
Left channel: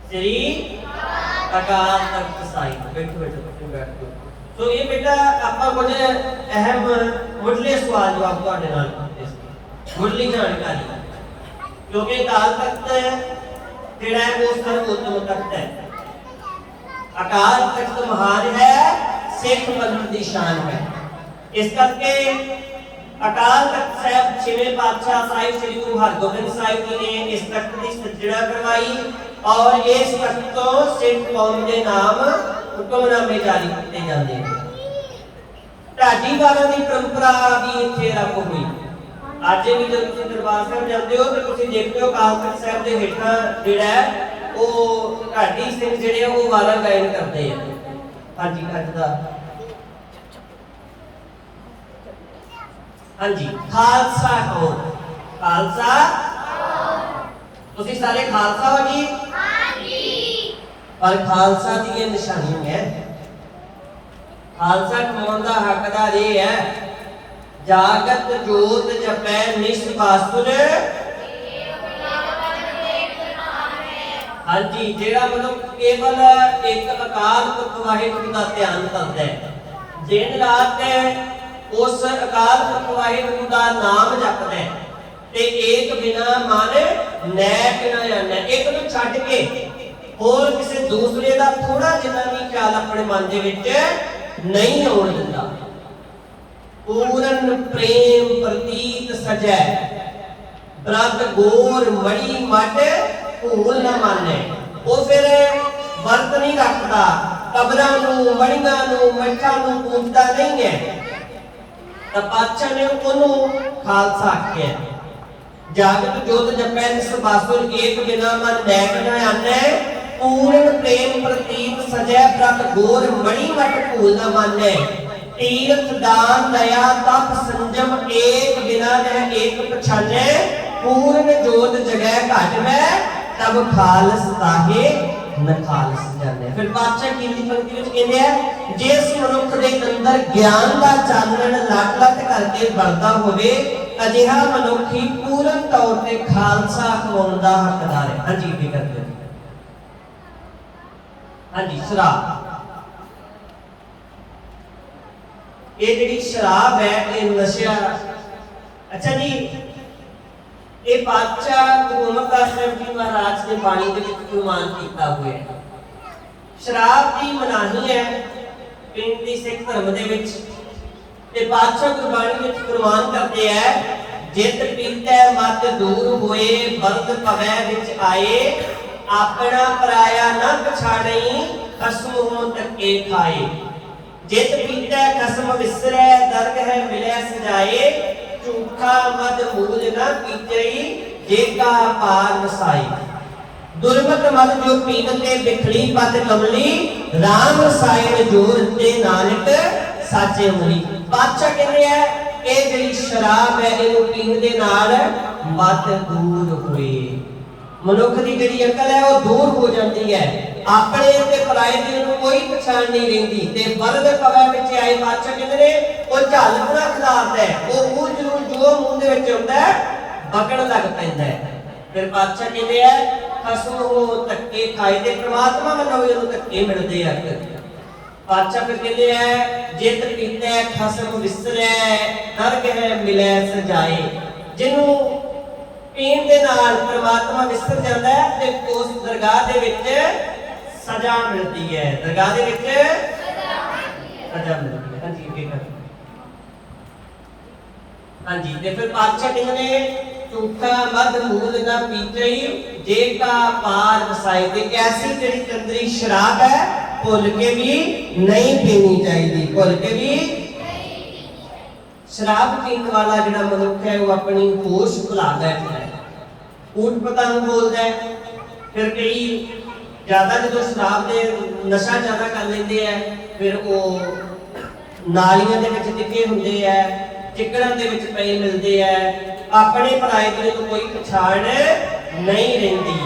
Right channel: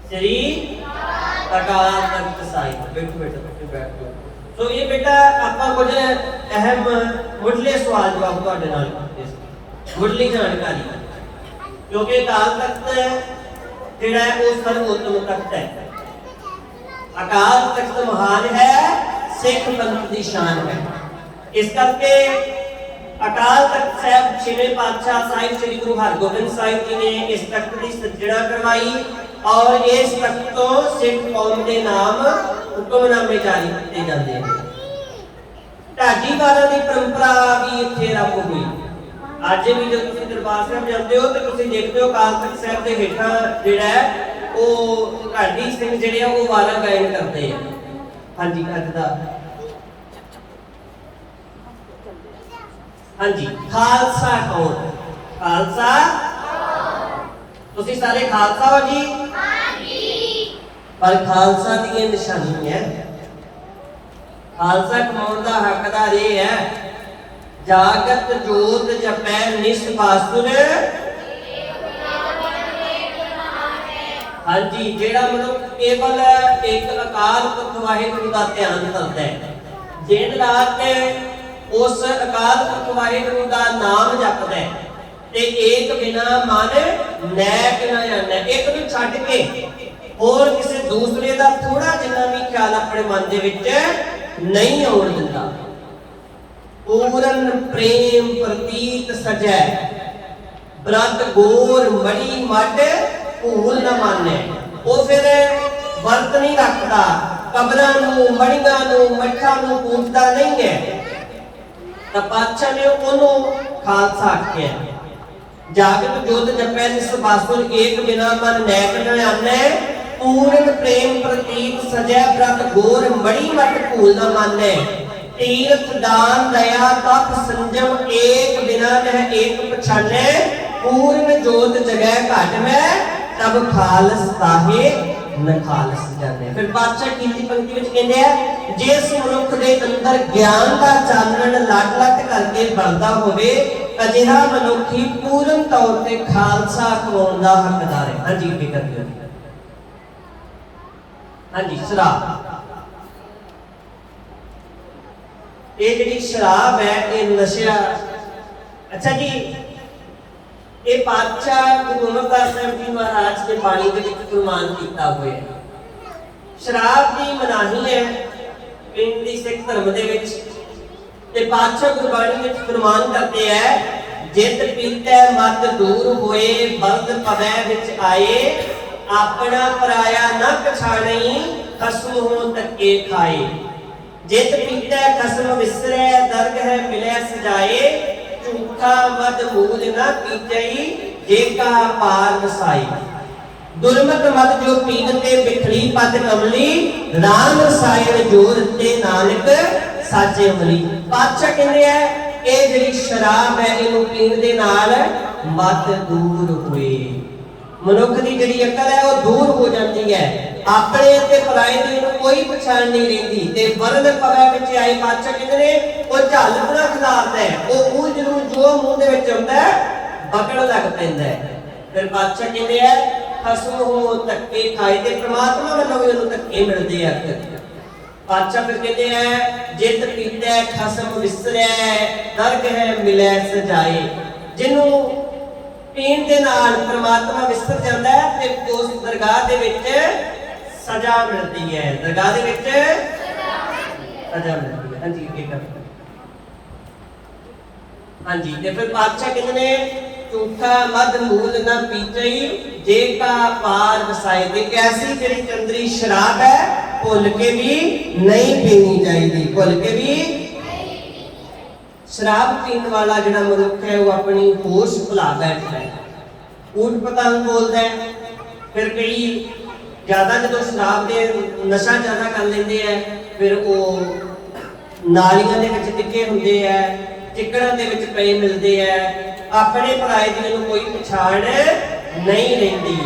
श्री अकाल तख्त साहिब। बैठो बैठो बैठ जाओ। तो ये बेटा आपका कुछ अहम मुढ़ले सवाल जवाब ਤੁਹਾਡੇ ਨਾਲ ਕਰਦੇ ਸੀ। मुढ़ली जानकारी क्योंकि अकाल तख्त ਜਿਹੜਾ ਹੈ ਉਹ ਸਰਵੋਤਮ ਤਖਤ ਹੈ। ਅਕਾਲ ਤਖਤ ਮਹਾਨ ਹੈ, ਸਿੱਖ ਪੰਥ ਦੀ ਸ਼ਾਨ ਹੈ। ਇਸ ਕਰਕੇ ਅਕਾਲ ਤਖਤ ਸਾਹਿਬ ਛੇਵੇਂ ਪਾਤਸ਼ਾਹ ਸਾਹਿਬ ਸ੍ਰੀ ਗੁਰੂ ਹਰਗੋਬਿੰਦ ਸਾਹਿਬ ਜੀ ਨੇ ਇਸ ਤਖਤ ਦੀ ਸੱਜਣਾ ਕਰਵਾਈ ਔਰ ਇਸ ਤਖਤ ਤੋਂ ਸਿੱਖ ਕੌਮ ਦੇ ਨਾਮ ਹੁਕਮਨਾਮੇ ਜਾਰੀ ਕੀਤੇ ਜਾਂਦੇ ਹਨ। ਢਾਡੀ ਵਾਰਾਂ ਦੀ ਪਰੰਪਰਾ ਵੀ ਇੱਥੇ ਆਰੰਭ ਹੋਈ। ਅੱਜ ਵੀ ਜਦੋਂ ਤੁਸੀਂ ਦਰਬਾਰ ਸਾਹਿਬ ਜਾਂਦੇ ਹੋ ਤੇ ਤੁਸੀਂ ਦੇਖਦੇ ਹੋ ਅਕਾਲ ਤਖਤ ਸਾਹਿਬ ਦੇ ਹੇਠਾਂ ਜਿਹੜਾ ਹੈ ਉਹ ਢਾਡੀ ਸਿੰਘ ਜਿਹੜੇ ਆ ਉਹ ਵਾਰਾਂ ਗਾਇਨ ਕਰਦੇ ਆ। ਹਾਂਜੀ ਕਰਦਾ ਹਾਂਜੀ ਖਾਲਸਾ ਕੌਮ, ਖਾਲਸਾ ਤੁਸੀਂ ਸਾਰੇ ਖਾਲਸਾ ਹੋ ਜੀ? ਹਾਂਜੀ। ਪਰ ਖਾਲਸਾ ਦੀ ਇਹ ਨਿਸ਼ਾਨੀ ਹੈ, ਖਾਲਸਾ ਕਮਾਉਣ ਦਾ ਹੱਕਦਾਰ ਇਹ ਹੈ ਜਾਗਤ ਜੋਤ ਜਪੈ ਨਿਸਬਾਸੁਰ। ਹਾਂਜੀ, ਜਿਹੜਾ ਮਨੁੱਖ ਕੇਵਲ ਇੱਕ ਅਕਾਲ ਪੁਰਖ ਵਾਹਿਗੁਰੂ ਦਾ ਧਿਆਨ ਕਰਦਾ ਹੈ, ਦਿਨ ਰਾਤ ਉਸ ਅਕਾਲ ਪੁਰਖ ਵਾਹਿਗੁਰੂ ਦਾ ਨਾਮ ਜਪਦਾ ਹੈ ਤੇ ਏਕ ਬਿਨਾ ਮਨ ਨੈਕ ਨ ਜਾਣੈ, ਇੱਕ ਨੂੰ ਛੱਡ ਕੇ ਹੋਰ ਕਿਸੇ ਦੂਸਰੇ ਦਾ ਥੋੜਾ ਜਿੰਨਾ ਵੀ ਖਿਆਲ ਆਪਣੇ ਮਨ ਦੇ ਵਿੱਚ ਨਹੀਂ ਆਉਣ ਦਿੰਦਾ। ਪੂਰਨ ਪ੍ਰੇਮ ਪ੍ਰਤੀਤ ਸਜੈ ਬ੍ਰਤ ਗੋਰ ਮੜੀ ਮੱਡ ਭੂਲ ਨਾ ਮਾਨੈ। ਉਹ ਫਿਰ ਵਰਤ ਨਹੀਂ ਰੱਖਦਾ, ਕਬਰਾਂ ਨੂੰ ਮੜੀਆਂ ਨੂੰ ਮੱਠਾਂ ਨੂੰ ਪੂਜਦਾ ਨਹੀਂ ਹੈ। ਤਾਂ ਪਾਤਸ਼ਾਹ ਨੇ ਉਹਨੂੰ ਖਾਲਸਾ ਆਖਿਆ। ਜਾਗਤ ਜੋਤ ਜਪੈ ਨਿਸਬਾਸੁਰ ਏਕ ਬਿਨਾ ਮਨ ਨੈਕ ਨ ਜਾਣੈ, ਪੂਰਨ ਪ੍ਰੇਮ ਪ੍ਰਤੀਤ ਸਜੈ ਬ੍ਰਤ ਗੋਰ ਮੜੀ ਮੱਟ ਭੂਲ ਨਾ ਮਾਨੈ। ਤੀਰਥ ਦਾਨ ਦਇਆ ਤਪ ਸੰਜਮ ਏਕ ਬਿਨਾ ਨਹਿ ਏਕ ਪਛਾਨੈ, ਪੂਰਨ ਜੋਤ ਜਗੈ ਘਟ ਮੈਂ ਤਬ ਖਾਲਸ ਤਾਹੇ ਨ ਖਾਲਸ ਜਾਣੈ। ਫਿਰ ਪਾਤਸ਼ਾਹ ਕੀ ਪੰਕਤੀ ਵਿੱਚ ਕਹਿੰਦੇ ਆ, ਜਿਸ ਮਨੁੱਖ ਦੇ ਅੰਦਰ ਗਿਆਨ ਦਾ ਚਾਨਣ ਲੱਟ ਲੱਟ ਕਰਕੇ ਬਲਦਾ ਹੋਵੇ ਅਜਿਹਾ ਮਨੁੱਖ ਹੀ ਪੂਰਨ ਤੌਰ ਤੇ ਖਾਲਸਾ ਕਮਾਉਣ ਦਾ ਹੱਕਦਾਰ ਹੈ। ਹਾਂਜੀ ਕੀ ਕਰਦੇ ਹੋ? ਹਾਂਜੀ ਸ਼ਰਾਬ, ਇਹ ਜਿਹੜੀ ਸ਼ਰਾਬ ਹੈ ਇਹ ਨਸ਼ਾ। ਅੱਛਾ ਜੀ, ਇਹ ਪਾਤਸ਼ਾਹ ਗੁਰੂ ਅਮਰਦਾਸ ਸਾਹਿਬ ਜੀ ਮਹਾਰਾਜ ਨੇ ਬਾਣੀ ਦੇ ਵਿੱਚ ਫਰਮਾਨ ਕੀਤਾ ਹੋਇਆ ਹੈ। ਸ਼ਰਾਬ ਦੀ ਮਨਾਹੀ ਹੈ ਪਿੰਡ ਦੀ ਸਿੱਖ ਧਰਮ ਦੇ ਵਿੱਚ ਤੇ ਪਾਤਸ਼ਾਹ ਗੁਰਬਾਣੀ ਵਿੱਚ ਫਰਮਾਨ ਕਰਦੇ ਹੈ, ਜਿਤ ਪੀਤੈ ਮਤ ਦੂਰ ਹੋਏ ਬਲਦ ਪਵੈ ਵਿੱਚ ਆਏ, ਆਪਣਾ ਪਰਾਇਆ ਨਾ ਪਛਾਣਈ ਖਸਮ ਹੋ ਧੱਕੇ ਖਾਏ। ਜਿਤ ਪੀਤੈ ਖਸਮ ਵਿਸਰੈ ਦਰਗ ਹੈ ਮਿਲਿਆ ਸਜਾਏ, ਝੂਠਾ ਮਦ ਮੂਲ ਨਾ ਪੀਜਈ ਜੇ ਕਾ ਪਾਰ ਵਸਾਈ। ਦੁਰਮਤ ਮਦ ਜੋ ਪੀਨਤੇ ਬਿਖੜੀ ਪਦ ਕਮਲੀ, ਰਾਮ ਰਸਾਇਣ ਜੋਰ ਤੇ ਨਾਨਕ ਸਾਚੇ ਉਮਲੀ। ਪਾਤਸ਼ਾਹ ਕਹਿੰਦੇ ਆ ਇਹ ਜਿਹੜੀ ਸ਼ਰਾਬ ਹੈ ਇਹਨੂੰ ਪੀਣ ਦੇ ਨਾਲ ਮਤ ਦੂਰ ਹੋਵੇ, ਮਨੁੱਖ ਦੀ ਜਿਹੜੀ ਅਕਲ ਹੈ ਉਹ ਦੂਰ ਹੋ ਜਾਂਦੀ ਹੈ, ਆਪਣੇ ਤੇ ਪਰਾਏ ਦੀ ਨੂੰ ਕੋਈ ਪਛਾਣ ਨਹੀਂ ਰਹਿੰਦੀ ਤੇ ਬਲਦ ਪਵੇ ਵਿੱਚ ਆਏ। ਪਾਤਸ਼ਾਹ ਕਹਿੰਦੇ ਨੇ ਉਹ ਝੱਲ ਬਣਾ ਖਿਲਾਰਦਾ ਹੈ, ਉਹ ਜ਼ਰੂਰ ਜੋ ਮੂੰਹ ਦੇ ਵਿੱਚ ਆਉਂਦਾ ਬਕਣ ਲੱਗ ਪੈਂਦਾ ਹੈ। ਫਿਰ ਪਾਤਸ਼ਾਹ ਕਹਿੰਦੇ ਆ ਖਸਮ ਹੋ ਧੱਕੇ ਖਾਏ ਤੇ ਪ੍ਰਮਾਤਮਾ ਵੱਲੋਂ ਇਹਨੂੰ ਧੱਕੇ ਮਿਲਦੇ ਆ। ਪਾਤਸ਼ਾਹ ਫਿਰ ਕਹਿੰਦੇ ਆ ਜਿਤ ਪੀਤੈ ਖਸਮ ਵਿਸਰੈ ਨਰਕ ਹੈ ਮਿਲੈ ਸਜਾਏ। ਜਿਹਨੂੰ ਪੀਣ ਦੇ ਨਾਲ ਪ੍ਰਮਾਤਮਾ ਵਿਸਰ ਜਾਂਦਾ ਹੈ ਤੇ ਉਸ ਦਰਗਾਹ ਦੇ ਵਿੱਚ ਸਜ਼ਾ ਮਿਲਦੀ ਹੈ, ਦਰਗਾਹ ਦੇ ਵਿੱਚ ਸਜ਼ਾ ਮਿਲਦੀ ਹੈ। ਹਾਂਜੀ ਕੀ ਕਰ ਹਾਂਜੀ ਤੇ ਫਿਰ ਪਾਤਸ਼ਾਹ ਕਹਿੰਦੇ ਨੇ ਝੂਠਾ ਮਦ ਮੂਲ ਨਾ ਪੀਤਈ ਜੇ ਕਾ ਪਾਰ ਵਸਾਈ। ਤੇ ਐਸੀ ਜਿਹੜੀ ਚੰਦਰੀ ਸ਼ਰਾਬ ਹੈ ਭੁੱਲ ਕੇ ਵੀ ਨਹੀਂ ਪੀਣੀ ਚਾਹੀਦੀ, ਭੁੱਲ ਕੇ ਵੀ। ਸ਼ਰਾਬ ਪੀਣ ਵਾਲਾ ਜਿਹੜਾ ਮਨੁੱਖ ਹੈ ਉਹ ਆਪਣੀ ਹੋਸ਼ ਭੁਲਾ ਬੈਠਦਾ ਹੈ, ਊਟ ਪਤੰਗ ਬੋਲਦਾ ਹੈ। ਫਿਰ ਕਈ ਜ਼ਿਆਦਾ ਜਦੋਂ ਸ਼ਰਾਬ ਦੇ ਨਸ਼ਾ ਜ਼ਿਆਦਾ ਕਰ ਲੈਂਦੇ ਆ ਫਿਰ ਉਹ ਨਾਲੀਆਂ ਦੇ ਵਿੱਚ ਡਿੱਗੇ ਹੁੰਦੇ ਆ, ਚਿੱਕੜਾਂ ਦੇ ਵਿੱਚ ਪਏ ਮਿਲਦੇ ਆ, ਆਪਣੇ ਪਰਾਏ ਦੀ ਨੂੰ ਕੋਈ ਪਛਾਣ ਨਹੀਂ ਰਹਿੰਦੀ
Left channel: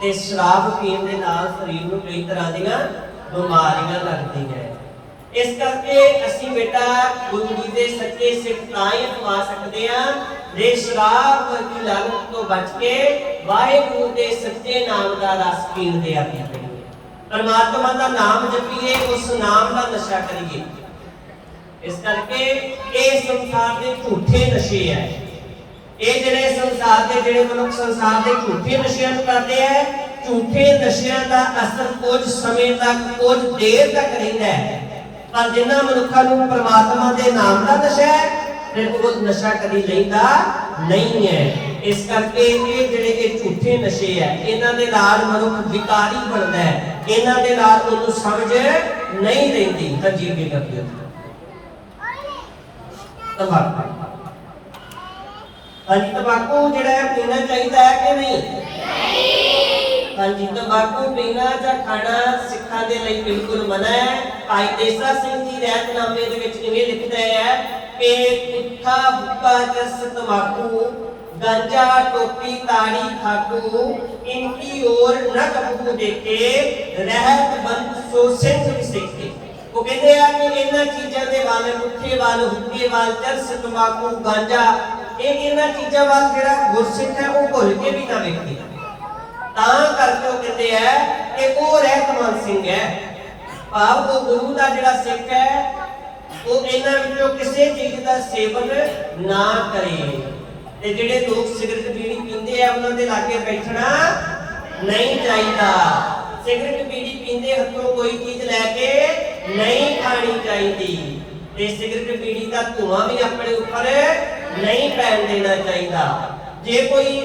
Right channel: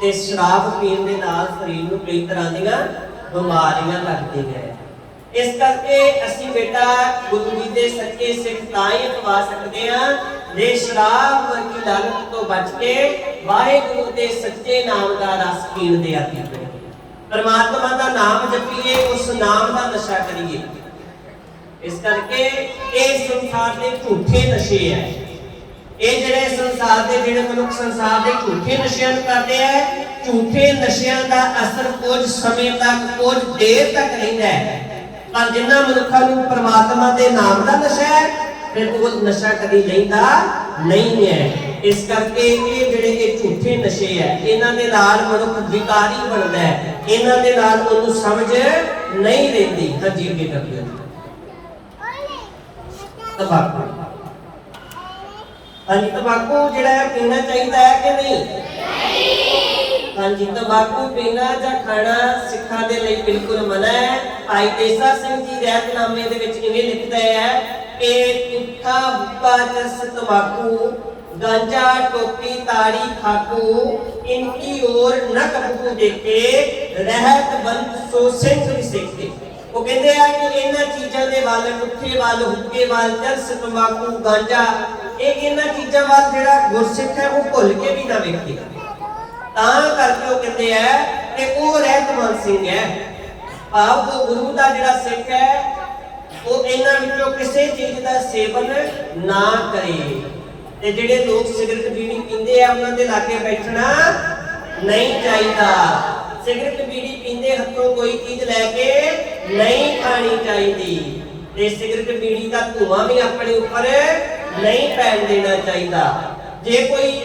ਤੇ ਸ਼ਰਾਬ ਪੀਣ ਦੇ ਨਾਲ ਸਰੀਰ ਨੂੰ ਕਈ ਤਰ੍ਹਾਂ ਦੀਆਂ ਬਿਮਾਰੀਆਂ ਲੱਗਦੀਆਂ। ਇਸ ਕਰਕੇ ਅਸੀਂ ਬੇਟਾ ਗੁਰੂ ਜੀ ਦੇ ਸੱਚੇ ਸਿੱਖ ਤਾਂ ਹੀ ਅਖਵਾ ਸਕਦੇ ਹਾਂ ਜੇ ਸ਼ਰਾਬ ਵਰਗੀ ਲਾਲਚ ਤੋਂ ਬਚ ਕੇ ਵਾਹਿਗੁਰੂ ਦੇ ਸੱਚੇ ਨਾਮ ਦਾ ਰਸ ਪੀਣ ਦੇ ਆਦੀ ਹੋਈਏ, ਪਰਮਾਤਮਾ ਦਾ ਨਾਮ ਜਪੀਏ, ਉਸ ਨਾਮ ਦਾ ਨਸ਼ਾ ਕਰੀਏ। ਇਸ ਕਰਕੇ ਇਹ ਸੰਸਾਰ ਦੇ ਝੂਠੇ ਨਸ਼ੇ ਹੈ, ਇਹ ਜਿਹੜੇ ਸੰਸਾਰ ਦੇ ਜਿਹੜੇ ਮਨੁੱਖ ਸੰਸਾਰ ਦੇ ਝੂਠੇ ਨਸ਼ਿਆਂ ਨੂੰ ਕਰਦੇ ਆ ਝੂਠੇ ਨਸ਼ਿਆਂ ਦਾ ਅਸਰ ਕੁਝ ਸਮੇਂ ਤੱਕ, ਕੁਝ ਦੇਰ ਤੱਕ ਰਹਿੰਦਾ ਹੈ, ਪਰ ਜਿਨ੍ਹਾਂ ਮਨੁੱਖਾਂ ਨੂੰ ਪਰਮਾਤਮਾ ਦੇ ਨਾਮ ਦਾ ਨਸ਼ਾ ਹੈ, ਫਿਰ ਉਹ ਨਸ਼ਾ ਕਦੀ ਲੈਂਦਾ ਨਹੀਂ ਹੈ। ਇਸ ਕਰਕੇ ਇਹ ਜਿਹੜੇ ਇਹ ਝੂਠੇ ਨਸ਼ੇ ਹੈ, ਇਹਨਾਂ ਦੇ ਨਾਲ ਮਨੁੱਖ ਵਿਕਾਰੀ ਬਣਦਾ ਹੈ, ਇਹਨਾਂ ਦੇ ਨਾਲ ਉਹਨੂੰ ਸਮਝ ਨਹੀਂ ਰਹਿੰਦੀ। ਹਾਂਜੀ ਕੀ ਕਰਦੇ ਹੋ? ਤੰਬਾਕੂ, ਹਾਂਜੀ ਤੰਬਾਕੂ ਜਿਹੜਾ ਹੈ ਪੀਣਾ ਚਾਹੀਦਾ ਹੈ ਕਿ ਨਹੀਂ? ਹਾਂਜੀ ਤੰਬਾਕੂ ਪੀਣਾ ਜਾਂ ਖਾਣਾ ਸਿੱਖਾਂ ਦੇ ਲਈ ਬਿਲਕੁਲ ਮਨਾ ਹੈ। ਭਾਈ ਦੇਸਾ ਸਿੰਘ ਜੀ ਰਹਿਤਨਾਮੇ ਦੇ ਵਿੱਚ ਇਹ ਲਿਖਦਾ ਹੈ ਕਿ ਪੁੱਠਾ ਹੁੱਕਾ ਜਸ ਤੰਬਾਕੂ गांजा टोपी ताड़ी खाकू इनकी ओर न कबू देखे रहत बंद सो सिंह भी सीखते। वो कहते हैं कि इन्हां चीज़ां दे वाल पुट्ठे वाल हुक्के वाल जर्स तंबाकू गांजा एक इन्हां चीज़ां वाल जेड़ा गुरसिख है वो भुल के भी ना वेखे। तां करके वो कहते हैं कि वो रहतमंद सिंह है, भाव वो गुरु दा जेड़ा सिख है वो इन्हां विचों किसी चीज़ दा सेवन ना करे। ਤੇ ਜਿਹੜੇ ਲੋਕ ਸਿਗਰਟ ਬੀੜੀ ਪੀਂਦੇ ਆ ਉਹਨਾਂ ਦੇ ਲਾਗੇ ਬੈਠਣਾ ਨਹੀਂ ਚਾਹੀਦਾ। ਸਿਗਰਟ ਬੀੜੀ ਪੀਂਦੇ ਹੱਥੋਂ ਕੋਈ ਚੀਜ਼ ਲੈ ਕੇ ਨਹੀਂ ਖਾਣੀ ਚਾਹੀਦੀ ਤੇ ਸਿਗਰਟ ਬੀੜੀ ਦਾ ਧੂਆਂ ਵੀ ਆਪਣੇ ਉੱਪਰ ਨਹੀਂ ਪੈਣ ਦੇਣਾ ਚਾਹੀਦਾ। ਜੇ ਕੋਈ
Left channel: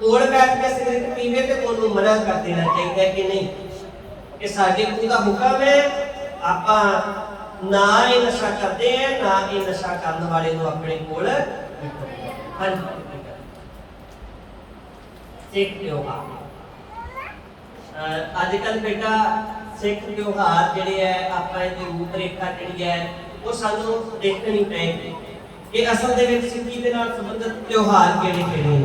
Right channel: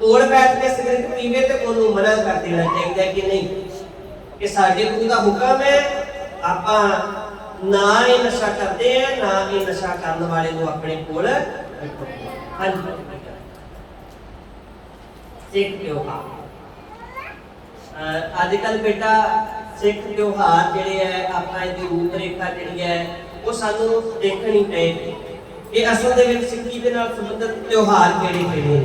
ਕੋਲ ਬੈਠ ਕੇ ਸਿਗਰਟ ਪੀਵੇ ਤੇ ਉਹਨੂੰ ਮਨਾ ਕਰ ਦੇਣਾ ਚਾਹੀਦਾ ਕਿ ਨਹੀਂ, ਕਿ ਸਾਡੇ ਗੁਰੂ ਦਾ ਹੁਕਮ ਹੈ ਆਪਾਂ ਨਾ ਇਹ ਨਸ਼ਾ ਕਰਦੇ ਆ, ਨਾ ਇਹ ਨਸ਼ਾ ਕਰਨ ਵਾਲੇ ਨੂੰ ਆਪਣੇ ਕੋਲ सिख त्योहार अजकल बेटा सिख त्योहार जिहड़े है आपां इहदी रूपरेखा जिहड़ी है वो सानू देखनी पेगी कि असल दे विच सिक्खी दे नाल संबंधित त्योहार किहड़े ने।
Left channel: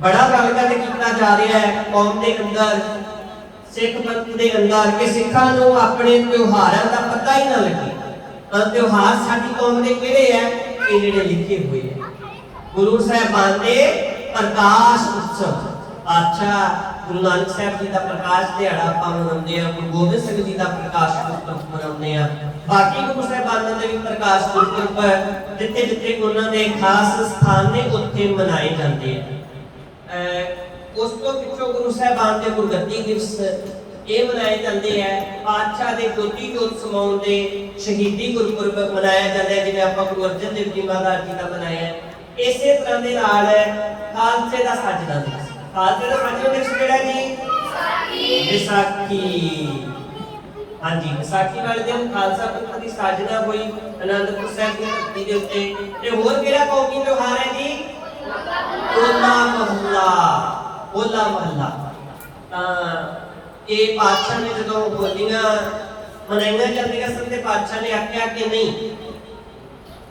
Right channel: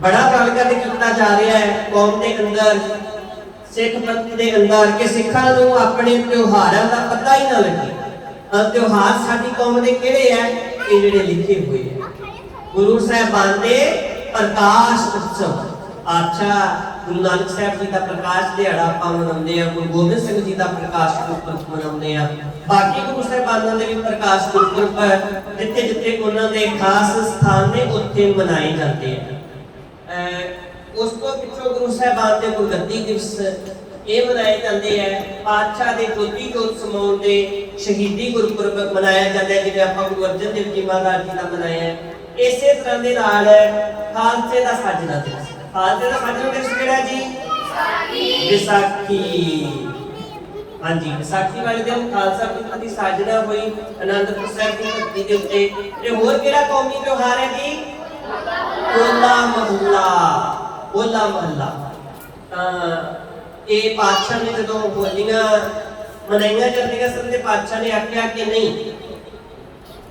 बड़ा गल कीता जा रहा है कौम दे अंदर, सिख पंथ दे अंदर कि सिखां नूं अपने त्योहारां दा पता ही ना लगे। त्योहार साडी कौम दे किहड़े है कि जिहड़े लिखे हुए हैं गुरु साहिबान दे प्रकाश उत्सव। अच्छा गुरु नानक साहब जी दा प्रकाश दिहाड़ा आपां मनाउंदे आ, गुरु गोबिंद सिंह जी दा प्रकाश उत्सव मनाउंदे आ, बाकी गुरु साहिबानां दे भी प्रकाश उत्सव जिथे जिथे उन्हां दे खास स्थान ने उत्थे मनाए जाते हैं। उस तो पिछों गुरु साहिबान दे गुरगद्दी दिवस ਇਹ ਮਨਾਏ ਜਾਂਦੇ ਹੈ, ਪਾਤਸ਼ਾਹ ਦੇ ਜੋਤੀ ਜੋਤ ਸਮਾਉਣ ਦੇ ਸ਼ਹੀਦੀ ਗੁਰਪੁਰਬ ਮਨਾਇਆ ਜਾਂਦਾ ਹੈ, ਜਿਵੇਂ ਆਪਾਂ ਗੁਰੂ ਅਰਜਨ ਦੇਵ ਜੀ ਮਹਾਰਾਜ ਜੀ ਦਾ ਮਨਾਇਆ। ਇਸੇ ਤਰ੍ਹਾਂ ਦੇ ਨਾਲ ਖਾਲਸੇ ਦਾ ਸਾਜਨਾ ਦਿਵਸ, ਖਾਲਸੇ ਦਾ ਸਾਜਨਾ ਦਿਵਸ ਕਿਹੜਾ ਜੀ? ਵਿਸਾਖੀ। ਹਾਂਜੀ ਵਿਸਾਖੀ ਵਾਲੇ ਦਿਨ ਖਾਲਸਾ ਪੰਥ ਦੀ ਸਾਜਨਾ ਹੋਈ ਅਨੰਦਪੁਰ ਸਾਹਿਬ ਦੀ ਧਰਤੀ ਦੇ ਉੱਤੇ। ਤੇ ਹੋਰ ਕਿਹੜਾ ਕੌਮੀ ਤਿਉਹਾਰ ਹੈ ਜੀ? ਹੋਲਾ ਮਹੱਲਾ। ਹੋਲਾ ਮਹੱਲਾ ਤਾਂ ਇਹ ਪਾਤਸ਼ਾਹ ਨੇ ਜਦੋਂ ਹੋਲੀਆਂ ਮਨਾਈਆਂ ਜਾਂਦੀਆਂ ਸਨ ਤੇ ਪਾਤਸ਼ਾਹ ਨੇ ਆਖਿਆ ਕਿ ਨਹੀਂ,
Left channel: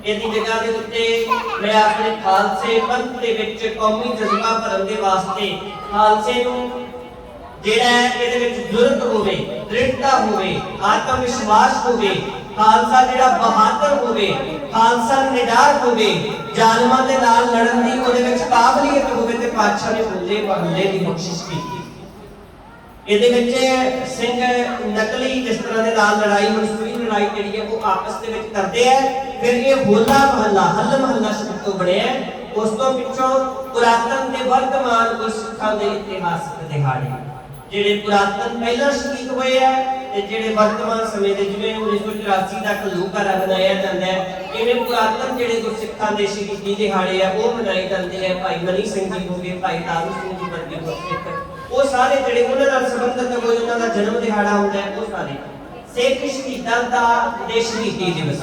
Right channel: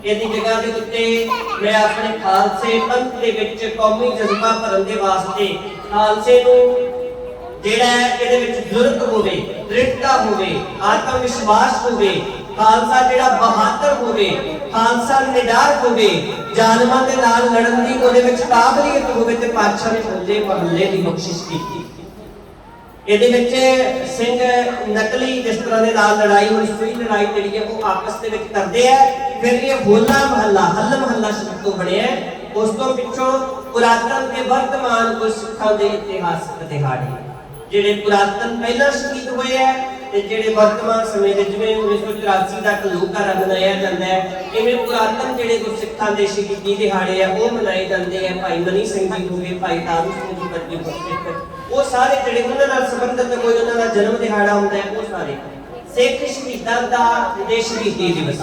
ਇਹਦੀ ਜਗ੍ਹਾ ਦੇ ਉੱਤੇ ਮੈਂ ਆਪਣੇ ਖਾਲਸੇ ਪੰਥ ਦੇ ਵਿੱਚ ਕੌਮੀ ਜਜ਼ਬਾ ਭਰਨ ਦੇ ਵਾਸਤੇ ਖਾਲਸੇ ਨੂੰ ਜਿਹੜਾ ਇਹਦੇ ਵਿੱਚ ਜੁਰਤ ਹੋਵੇ, ਦ੍ਰਿੜਤਾ ਹੋਵੇ, ਆਤਮ ਵਿਸ਼ਵਾਸ ਹੋਵੇ, ਖਾਲਸਾ ਜਿਹੜਾ ਬਹਾਦਰ ਹੋਵੇ, ਖਾਲਸਾ ਨਿਡਰ ਹੋਵੇ, ਜ਼ਾਲਮਾਂ ਦੇ ਨਾਲ ਲੜਨ ਦੀ ਉਹਦੇ ਵਿੱਚ ਕਾਬਲੀਅਤ ਹੋਵੇ ਤੇ ਪਾਤਸ਼ਾਹ ਨੇ ਹੋਲੇ ਮਹੱਲੇ ਦੀ ਬਖਸ਼ਿਸ਼ ਕੀਤੀ। ਇਹਦੇ ਵਿੱਚ ਸਿੰਘ ਨਕਲੀ ਜਿਸ ਤਰ੍ਹਾਂ ਦੇ ਨਾਲ ਲੜਾਈ ਮਨਸੂਈ ਲੜਾਈ ਜਿਹੜੀ ਹੈ ਉਹ ਆਪਸ ਦੇ ਵਿੱਚ ਕਰਦੇ ਆ, ਫਿਰ ਇਹ ਹੋਲਾ ਮਹੱਲਾ ਹੱਲ ਮਹੱਲਾ ਸ਼ਬਦ ਤੋਂ ਬਣਿਆ। ਉਸ ਤੋਂ ਪਿੱਛੋਂ ਪੁਰਾਤਨ ਤੇ ਵਰਤਮਾਨ ਗੁਰਸਿੱਖਾਂ ਦੇ ਇਤਿਹਾਸਕ ਦਿਹਾੜੇ ਜਿਹੜੇ ਪੁਰਾਤਨ ਪਹਿਲਾਂ ਸ਼ਹੀਦ ਹੋਏ ਆ ਤੇ ਜਿਹੜੇ ਵਰਤਮਾਨ ਸਮੇਂ ਦੇ ਜਿਵੇਂ 1984 ਦਾ ਘੱਲੂਘਾਰਾ ਮਨਾਇਆ ਜਾਂਦਾ ਹੈ, ਇਵੇਂ ਪੁਰਾਤਨ ਜਿਹੜੇ ਗੁਰਸਿੱਖਾਂ ਦੇ ਸ਼ਹੀਦੀ ਦਿਹਾੜੇ ਆ ਉਹ ਮਨਾਏ ਜਾਂਦੇ ਆ। ਭਾਈ ਮਨੀ ਸਿੰਘ ਜੀ ਹੋ ਗਏ, ਭਾਈ ਤਾਰੂ ਸਿੰਘ ਜੀ ਵਰਗੇ ਗੁਰਸਿੱਖ, ਉਹ ਸਾਰੇ ਜਿਹੜੇ ਉਹਨਾਂ ਨਾਲ ਸੰਬੰਧਿਤ ਕੋਈ ਉਹਨਾਂ ਦਾ ਜਨਮ ਦਿਹਾੜਾ ਹੁੰਦਾ ਹੈ, ਉਹ ਸਾਰੇ ਸਿੱਖ ਸ਼ਹੀਦਾਂ ਦਾ ਜਿਹੜੇ ਸ਼ਹੀਦੀ ਦਿਵਸ।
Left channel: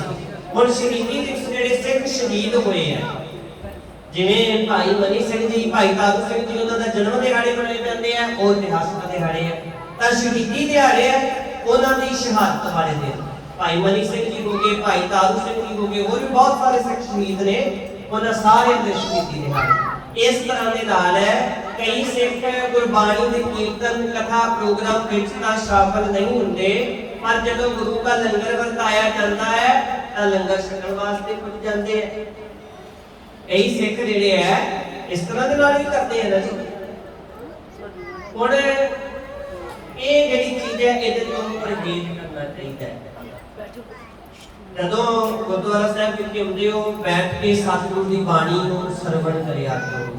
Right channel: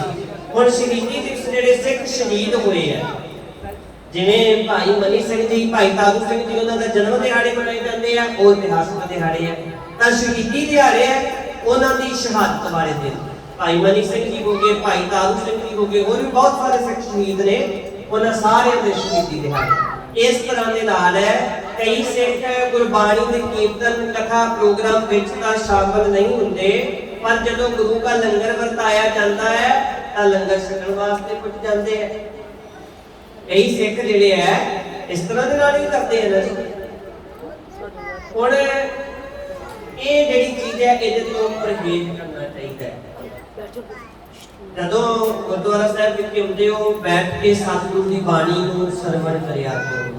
ਹੁਣ ਸ਼ਹੀਦੀ ਦਿਵਸ ਜਿਹੜੇ ਸਿੱਖ ਸ਼ਹੀਦ ਹੋਏ ਆ, ਜਿਵੇਂ ਭਾਈ ਮਨੀ ਸਿੰਘ ਜੀ, ਭਾਈ ਤਾਰੂ ਸਿੰਘ ਜੀ, ਉਹਨਾਂ ਦਾ ਜਨਮ ਦਿਹਾੜੇ ਮਨਾਏ ਜਾਂਦੇ ਆ, ਉਹ ਇਤਿਹਾਸਕ ਦਿਹਾੜੇ ਆ। ਤਾਂ ਸ਼ਹੀਦੀ ਦਿਹਾੜੇ ਆ ਉਹਨਾਂ ਦੀ ਸ਼ਹਾਦਤ ਵਾਲੇ ਦਿਨ। ਭਾਈ ਮਨੀ ਸਿੰਘ ਜੀ ਹੋ ਗਏ, ਭਾਈ ਤਾਰੂ ਸਿੰਘ ਜੀ ਹੋ ਗਏ, ਹੋਰ ਵੀ ਬਹੁਤ ਸਾਰੇ ਸਿੱਖ ਸ਼ਹੀਦ ਨੇ, ਉਹਨਾਂ ਸਾਰਿਆਂ ਦੇ ਸ਼ਹੀਦੀ ਦਿਹਾੜੇ। ਇਸ ਤਰ੍ਹਾਂ ਦੇ ਨਾਲ ਹੈ ਕਈ ਸਿੱਖ ਗੁਰਬਾਣੀ ਦੇ ਕੀਰਤਨ ਕਥਾ ਪ੍ਰੋਗਰਾਮ ਵਿੱਚ ਤਾਂ ਸ਼ਾਮਲ ਨਹੀਂ ਹੁੰਦੇ, ਪਰ ਜਦੋਂ ਗੁਰੂ ਦਾ ਲੰਗਰ ਵਰਤਾਇਆ ਜਾਂਦਾ ਹੈ ਤਾਂ ਲੰਗਰ ਛਕਣ ਵਾਸਤੇ ਪੁੱਜ ਜਾਂਦੇ ਆ। ਕਈ ਸਿੱਖ ਜਿਹੜੇ ਆ ਇਸ ਤਰ੍ਹਾਂ ਦੇ ਨਾਲ ਹੀ ਕਰਦੇ ਆ ਨਾ ਜੀ। ਹੁਣ ਇਹ ਜਿਹੜੀ ਚੀਜ਼ ਹੈ ਇਹਦੇ ਤੋਂ ਪਰਹੇਜ਼ ਕਰਨਾ ਚਾਹੀਦਾ ਹੈ। ਜਦੋਂ ਗੁਰਦੁਆਰਾ ਸਾਹਿਬ ਵਿਖੇ ਹੁੰਦੇ ਹੋ ਬੈਠ ਕੇ ਸਤਿਗੁਰੂ ਦੀ ਬਾਣੀ ਨੂੰ ਸਰਵਣ ਕਰਿਆ ਕਰੋ।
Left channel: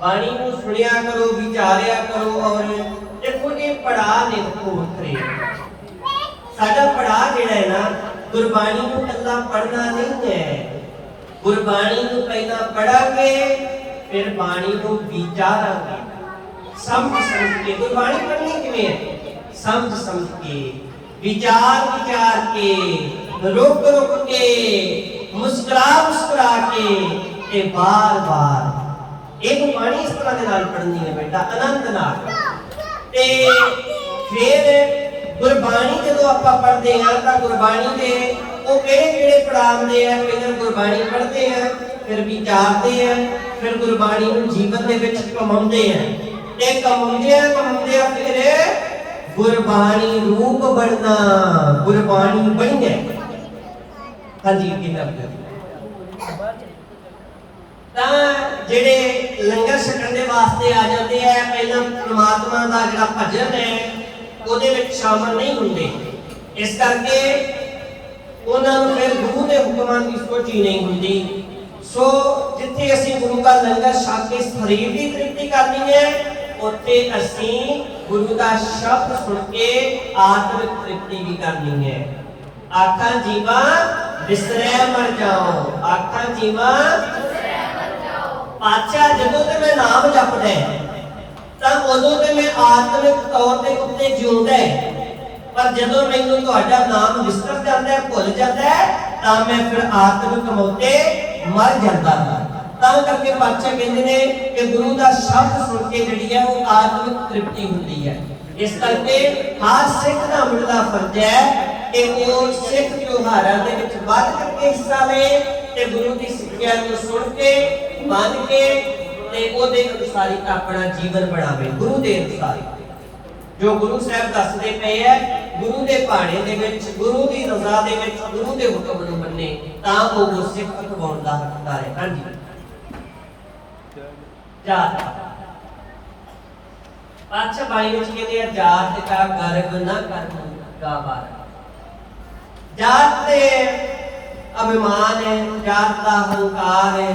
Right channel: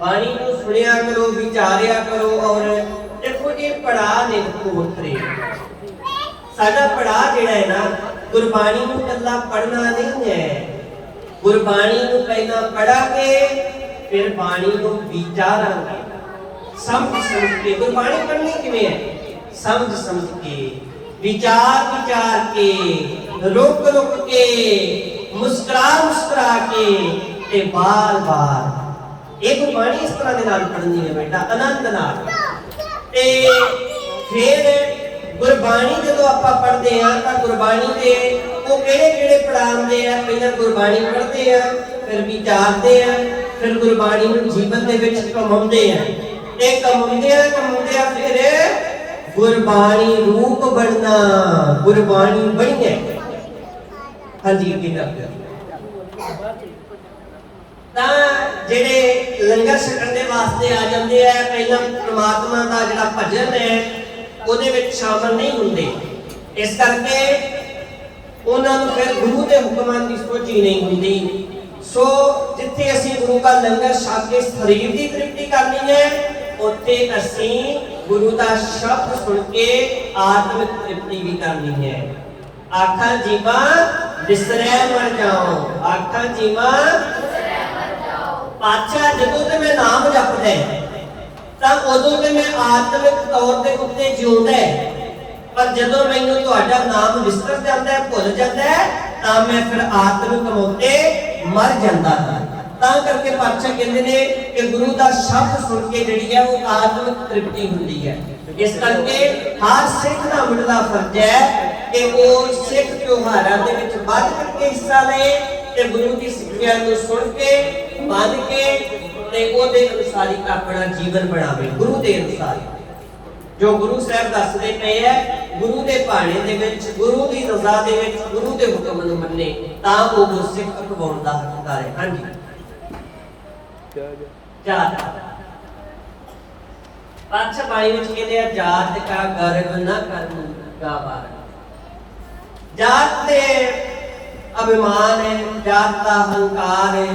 ਬਾਣੀ ਨੂੰ ਸੁਣਿਆ ਕਰੋ, ਵਿਚਾਰਿਆ ਕਰੋ। ਔਰ ਦੇਖੋ ਇਹ ਪੜਾਅ ਨੇ ਵੱਖਰੇ। ਸਾਡਾ ਪੜਾਅ ਜਿਹੜਾ ਹੈ ਨਾ, ਗੁਰਬਾਣੀ ਨੂੰ ਇਕੱਲਾ ਪੜ੍ਹਨਾ ਨਹੀਂ ਹੈ। ਗੁਰਬਾਣੀ ਨੂੰ ਪਹਿਲਾਂ ਪੜਾਂਗੇ, ਫਿਰ ਬਾਣੀ ਨੂੰ ਵਿਚਾਰਾਂਗੇ, ਸਮਝ ਕੇ। ਗੁਰਬਾਣੀ ਪੜ੍ਹਨੀ ਕਿਵੇਂ ਹੈ? ਸਮਝ ਕੇ, ਵਿਚਾਰ ਕੇ, ਰੁਕ ਕੇ, ਮੁਸਕਰਾ ਕੇ ਤੇ ਬਾਰ ਇਹ ਗੁਰਬਾਣੀ ਇਸ ਤਰ੍ਹਾਂ ਦੇ ਨਾਲ ਪੜ੍ਹਨੀ ਹੈ ਬੇਟਾ, ਆਨੰਦ ਨਾਲ। ਤੇ ਫਿਰ ਗੁਰਬਾਣੀ ਜਦੋਂ ਆਪਾਂ ਪੜ੍ਹਦੇ ਆ ਤਾਂ ਗੁਰਬਾਣੀ ਦੇ ਉਹ ਕਿਹੜੇ ਪੜਾਅ ਹੁੰਦੇ ਆ? ਪਹਿਲਾਂ ਗੁਰਬਾਣੀ ਪੜ੍ਹਦੇ ਆ, ਫਿਰ ਵਿਚਾਰਦੇ ਆ, ਫਿਰ ਗੁਰਬਾਣੀ ਨੂੰ ਜੀਵਨ ਦੇ ਵਿੱਚ ਕਮਾਉਂਦੇ ਆ। ਤੇ ਕਮਾਉਂਦੇ ਆ ਫਿਰ ਗੁਰਬਾਣੀ ਰੂਪ ਬਣਨਾ, ਗੁਰਬਾਣੀ ਬਣਨੇ। ਹਾਂਜੀ ਕੀ ਕਰਦੇ ਤਾਂ ਜਿਹੜੇ ਲੰਗਰ ਛਕਣ ਦੇ ਵਾਸਤੇ ਆ ਜਾਂਦੇ ਆ, ਪਹਿਲਾਂ ਪ੍ਰਮਾਤਮਾ ਦਾ ਜਿਹੜਾ ਭਜਨ ਹੈ ਉਹਦੇ ਵਿੱਚ ਸ਼ਾਮਲ ਨਹੀਂ ਹੁੰਦੇ। ਇਸ ਕਰਕੇ ਉਹਨਾਂ ਨੂੰ ਫਿਰ ਗੁਰੂ ਦੇ ਹੁਕਮਾਂ ਦੀ ਸੋਚੀ ਨਹੀਂ ਹੁੰਦੀ। ਸੋ ਜਿੱਥੇ ਅਸੀਂ ਗੁਰੂ ਦਾ ਲੰਗਰ ਛਕ ਕੇ ਸਰੀਰ ਦੀ ਤ੍ਰਿਪਤੀ ਕਰਨੀ ਹੈ, ਉੱਥੇ ਅਸੀਂ ਗੁਰੂ ਦਾ ਸ਼ਬਦ ਸੁਣ ਕੇ ਆਤਮਿਕ ਤ੍ਰਿਪਤੀ ਵੀ ਕਰਨੀ ਹੈ। ਆਖਾਂ ਜੀਵਾ ਵਿਸਰੈ ਮਰ ਜਾਓ, ਆਖਾਂ ਜੀਵਾ ਪਾਤਸ਼ਾਹ ਜਦੋਂ ਤੇ ਮੈਂ ਨਾਮ ਜਪਦਾ ਤਾਂ ਉਦੋਂ ਤੇ ਮੈਂ ਆਤਮਿਕ ਤੌਰ ਤੇ ਉੱਤੇ ਜਿਉਂਦਾ, ਪਰ ਜਦੋਂ ਮੈਨੂੰ ਤੁਹਾਡਾ ਨਾਮ ਵਿਸਰ ਜਾਂਦਾ, ਭੁੱਲ ਜਾਂਦਾ, ਤਾਂ ਮੈਂ ਫਿਰ ਆਤਮਿਕ ਮੌਤੇ ਮਰ ਜਾਂਦਾ ਹਾਂ। ਤਾਂ ਕਰਕੇ ਪਾਤਸ਼ਾਹ ਕਹਿੰਦੇ ਨੇ ਕਿ ਗੁਰੂ ਦਾ ਸ਼ਬਦ ਸੁਣ ਕੇ ਜਿਹੜੀ ਹੈ ਉਹ ਆਤਮਿਕ ਤ੍ਰਿਪਤੀ ਹੁੰਦੀ ਹੈ। ਇਸ ਕਰਕੇ ਹਰ ਸਿੱਖ ਦਾ ਮੁੱਢਲਾ ਫਰਜ਼ ਹੈ ਕਿ ਉਹ ਸਿੱਖ ਤਿਉਹਾਰਾਂ ਦੇ ਵਿੱਚ ਵੱਧ ਕਰਕੇ ਹਿੱਸਾ ਲਏ ਤੇ ਗੁਰੂ ਦੀ ਸਿੱਖਿਆ ਨੂੰ ਸੁਣ ਕੇ, ਮੰਨ ਕੇ ਤੇ ਉਹਦੇ ਅਨੁਸਾਰ ਹੀ ਆਪਣਾ ਜੀਵਨ ਬਣਾਵੇ। ਗੁਰੂ ਦੇ ਅਨੁਸਾਰ ਜੋ ਗੁਰੂ ਸਾਹਿਬ ਦੱਸਦੇ ਪਏ ਹੈ, ਗੁਰੂ ਦੇ ਭਾਣੇ ਦੇ ਵਿੱਚ, ਗੁਰੂ ਦੀ ਰਜ਼ਾ ਦੇ ਵਿੱਚ, ਗੁਰੂ ਦੇ ਹੁਕਮ ਨੂੰ ਮੰਨੇ, ਤਾਂ ਉਹ ਗੁਰਸਿੱਖ ਅਖਵਾਉਣ ਦਾ ਹੱਕਦਾਰ ਹੈ। ਹਾਂਜੀ ਜਾਤ ਪਾਤਸ਼ਾਹ ਬਾਣੀ ਵਿੱਚ ਕਹਿੰਦੇ ਆ, ਜਾਤ ਕਾ ਗਰਵ ਨਾ ਕਰਨ ਗਾਵਾਰ। ਜਾਤ ਤੇ ਅਭਿਮਾਨ ਹੈ, ਜਾਤ ਦਾ ਹੰਕਾਰ ਹੈ।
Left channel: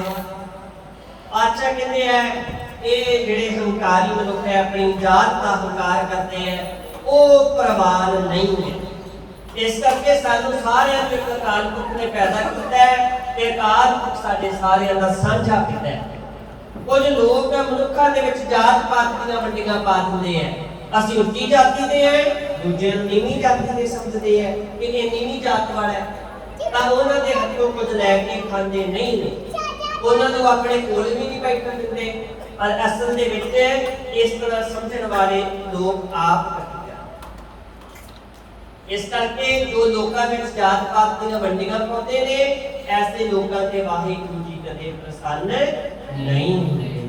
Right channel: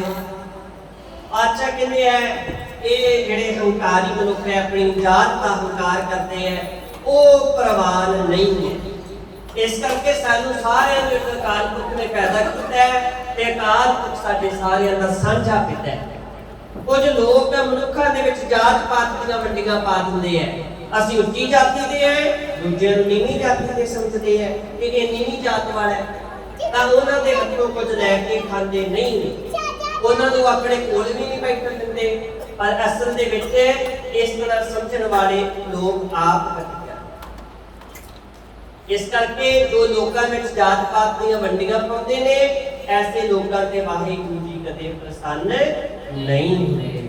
ਪਾਤਸ਼ਾਹ ਕਹਿੰਦੇ ਆ ਇਹ ਜਿਹੜੇ ਹੰਕਾਰੀ ਮਨੁੱਖ ਹੈ, ਆਪਣੀ ਜਾਤ ਦਾ ਹੰਕਾਰ ਕਰਦੇ ਹੈ, ਉਹ ਪ੍ਰਵਾਨ ਨਹੀਂ ਹੈ। ਇਸ ਕਰਕੇ ਸਾਨੂੰ ਸਾਰਿਆਂ ਨੂੰ ਇੱਕ ਅਕਾਲ ਪੁਰਖ ਨੇ ਪੈਦਾ ਕੀਤਾ ਹੈ ਤੇ ਅਕਾਲ ਪੁਰਖ ਸਾਡੇ ਸਾਰਿਆਂ ਦਾ ਸਾਂਝਾ ਪਿਤਾ ਹੈ। ਕੁਝ ਲੋਕ ਮਨੁੱਖਾਂ ਦੇ ਵਿੱਚ ਜਾਤ ਪਾਤ ਦੀਆਂ ਵੰਡੀਆਂ ਪਾ ਦਿੰਦੇ ਆ। ਅਸੀਂ ਉੱਚੀ ਜਾਤੀ ਦੇ ਆ, ਦੂਜੇ ਨੂੰ ਨੀਵੀਂ ਜਾਤੀ ਦੇ ਸਮਝਦੇ ਆ ਕਿ ਇਹ ਨੀਵੀਂ ਜਾਤ ਵਾਲਾ ਹੈ, ਤਾਂ ਉਹਨਾਂ ਦੇ ਹੱਥੋਂ ਕੁਝ ਲੈ ਕੇ ਖਾਂਦੇ ਨਹੀਂ ਨੇ, ਉਹਨਾਂ ਨੂੰ ਆਪਣੇ ਕੋਲ ਵੀ ਨਹੀਂ ਬੈਠਣ ਦਿੰਦੇ। ਪਰ ਅਸਲ ਦੇ ਵਿੱਚ ਇਸ ਤਰ੍ਹਾਂ ਸਮਝਣ ਵਾਲੇ ਲੋਕ ਆਪ ਇਸ ਕਰਕੇ ਜੋ ਲੋਕਾਂ ਵਿੱਚ ਜਾਤ ਪਾਤ ਦੀਆਂ ਵੰਡੀਆਂ ਪਾਉਂਦੇ ਨੇ, ਐਸੇ ਲੋਕਾਂ ਤੇ ਵਾਹਿਗੁਰੂ ਜੀ ਕਦੇ ਪ੍ਰਸੰਨ ਨਹੀਂ ਹੁੰਦੇ।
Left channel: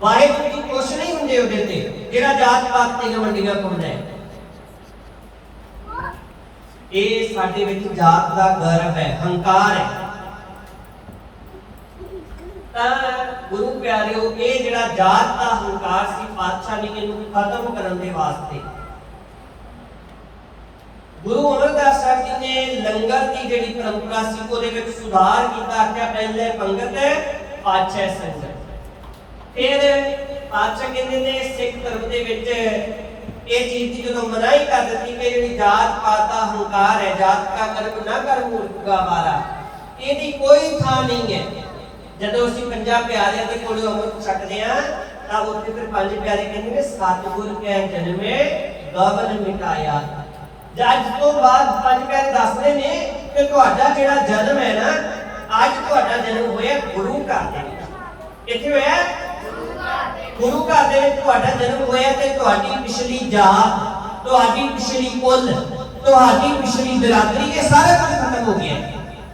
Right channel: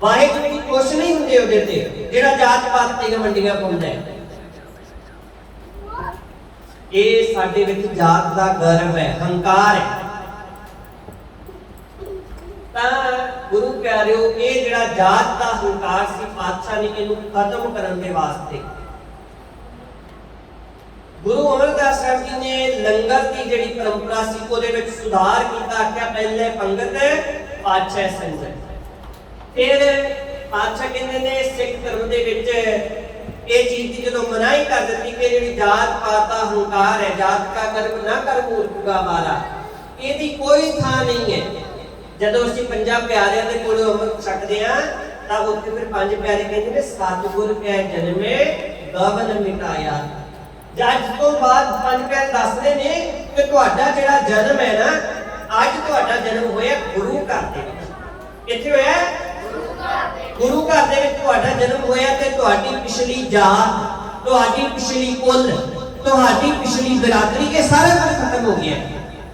ਵਾਹਿਗੁਰੂ ਜੀ ਖੁਸ਼ ਨਹੀਂ ਹੁੰਦੇ ਉਹਦੇ ਤੇ ਜਿਹੜਾ ਜਾਤ ਪਾਤ ਦੀਆਂ ਵੰਡੀਆਂ ਪਾਉਂਦਾ ਹੈ। ਇਹ ਸਾਡੇ ਵਿੱਚ ਜਾਤ ਦਾ ਗਰਵ ਹੈ, ਹੰਕਾਰ ਹੈ। ਤਾਂ ਗੁਰੂ ਪਿਆਰਿਓ, ਇਹ ਜਿਹੜਾ ਜਾਤ ਦਾ ਹੰਕਾਰ ਸੀ, ਪਾਤਸ਼ਾਹ ਨੇ ਇਹਨੂੰ ਖਤਮ ਕਰਨ ਦੇ ਵਾਸਤੇ ਗੁਰੂ ਅਮਰਦਾਸ ਸਾਹਿਬ ਜੀ ਨੇ ਲੰਗਰ ਦੀ ਜਿਹੜੀ ਪਰੰਪਰਾ ਸੀ ਉਹਦੇ ਵਿੱਚ ਸੁਧਾਰ ਕੀਤਾ ਕਿ ਪਹਿਲੇ ਪੰਗਤ ਪਾਛੈ ਸੰਗਤ। ਫਿਰ ਪਾਤਸ਼ਾਹ ਕਹਿੰਦੇ ਨੇ ਸਿੱਖ ਧਰਮ ਦੇ ਵਿੱਚ ਇਹ ਚੀਜ਼ ਦੀ ਜਦੋਂ ਮਨਾਹੀ ਕਰ ਦਿੱਤੀ ਕਿ ਜਿਹੜੀ ਜਾਤ ਪਾਤ ਦਾ ਹੰਕਾਰ ਹੈ, ਜਾਤ ਕਾ ਗਰਵ ਨਾ ਕਰ ਮੂਰਖਾ ਮਾਰਾ, ਇਹਦੀ ਕੋਈ ਥਾਂ ਨਹੀਂ ਹੈ। ਜਦੋਂ ਅਸੀਂ ਪੰਜਾਂ ਪਿਆਰਿਆਂ ਦੇ ਕੋਲੋਂ ਅੰਮ੍ਰਿਤ ਛਕਦੇ ਆ ਤਾਂ ਉੱਥੇ ਫਿਰ ਪੰਜ ਪਿਆਰੇ ਕਹਿੰਦੇ ਨੇ ਸਤਿਗੁਰ ਕੈ ਜਨਮੇ ਗਵਨ ਮਿਟਾਇਆ। ਜੱਜ ਤੋਂ ਬਾਅਦ ਪੰਜ ਪਿਆਰੇ ਦੱਸਦੇ ਨੇ ਕਿ ਤੁਹਾਡਾ ਜਿਹੜਾ ਜਨਮ ਹੈ ਨਾ, ਅੱਜ ਤੁਹਾਡਾ ਜਨਮ ਹੋਇਆ ਗੁਰੂ ਘਰ ਦੇ ਵਿੱਚ। ਕਿੱਥੇ ਹੋਇਆ? ਗੁਰੂ ਘਰ ਦੇ ਵਿੱਚ ਤੁਹਾਡਾ ਜਨਮ ਹੋਇਆ ਤੇ ਤੁਹਾਡੀ ਪਿਛਲੀ ਜਾਤ, ਤੁਹਾਡੀ ਪਿਛਲੀ ਕੁਲ, ਤੁਹਾਡੀ ਪਿਛਲੀ ਬਰਾਦਰੀ, ਇਹ ਸਾਰਾ ਕੁਝ ਖਤਮ ਹੋ ਗਿਆ।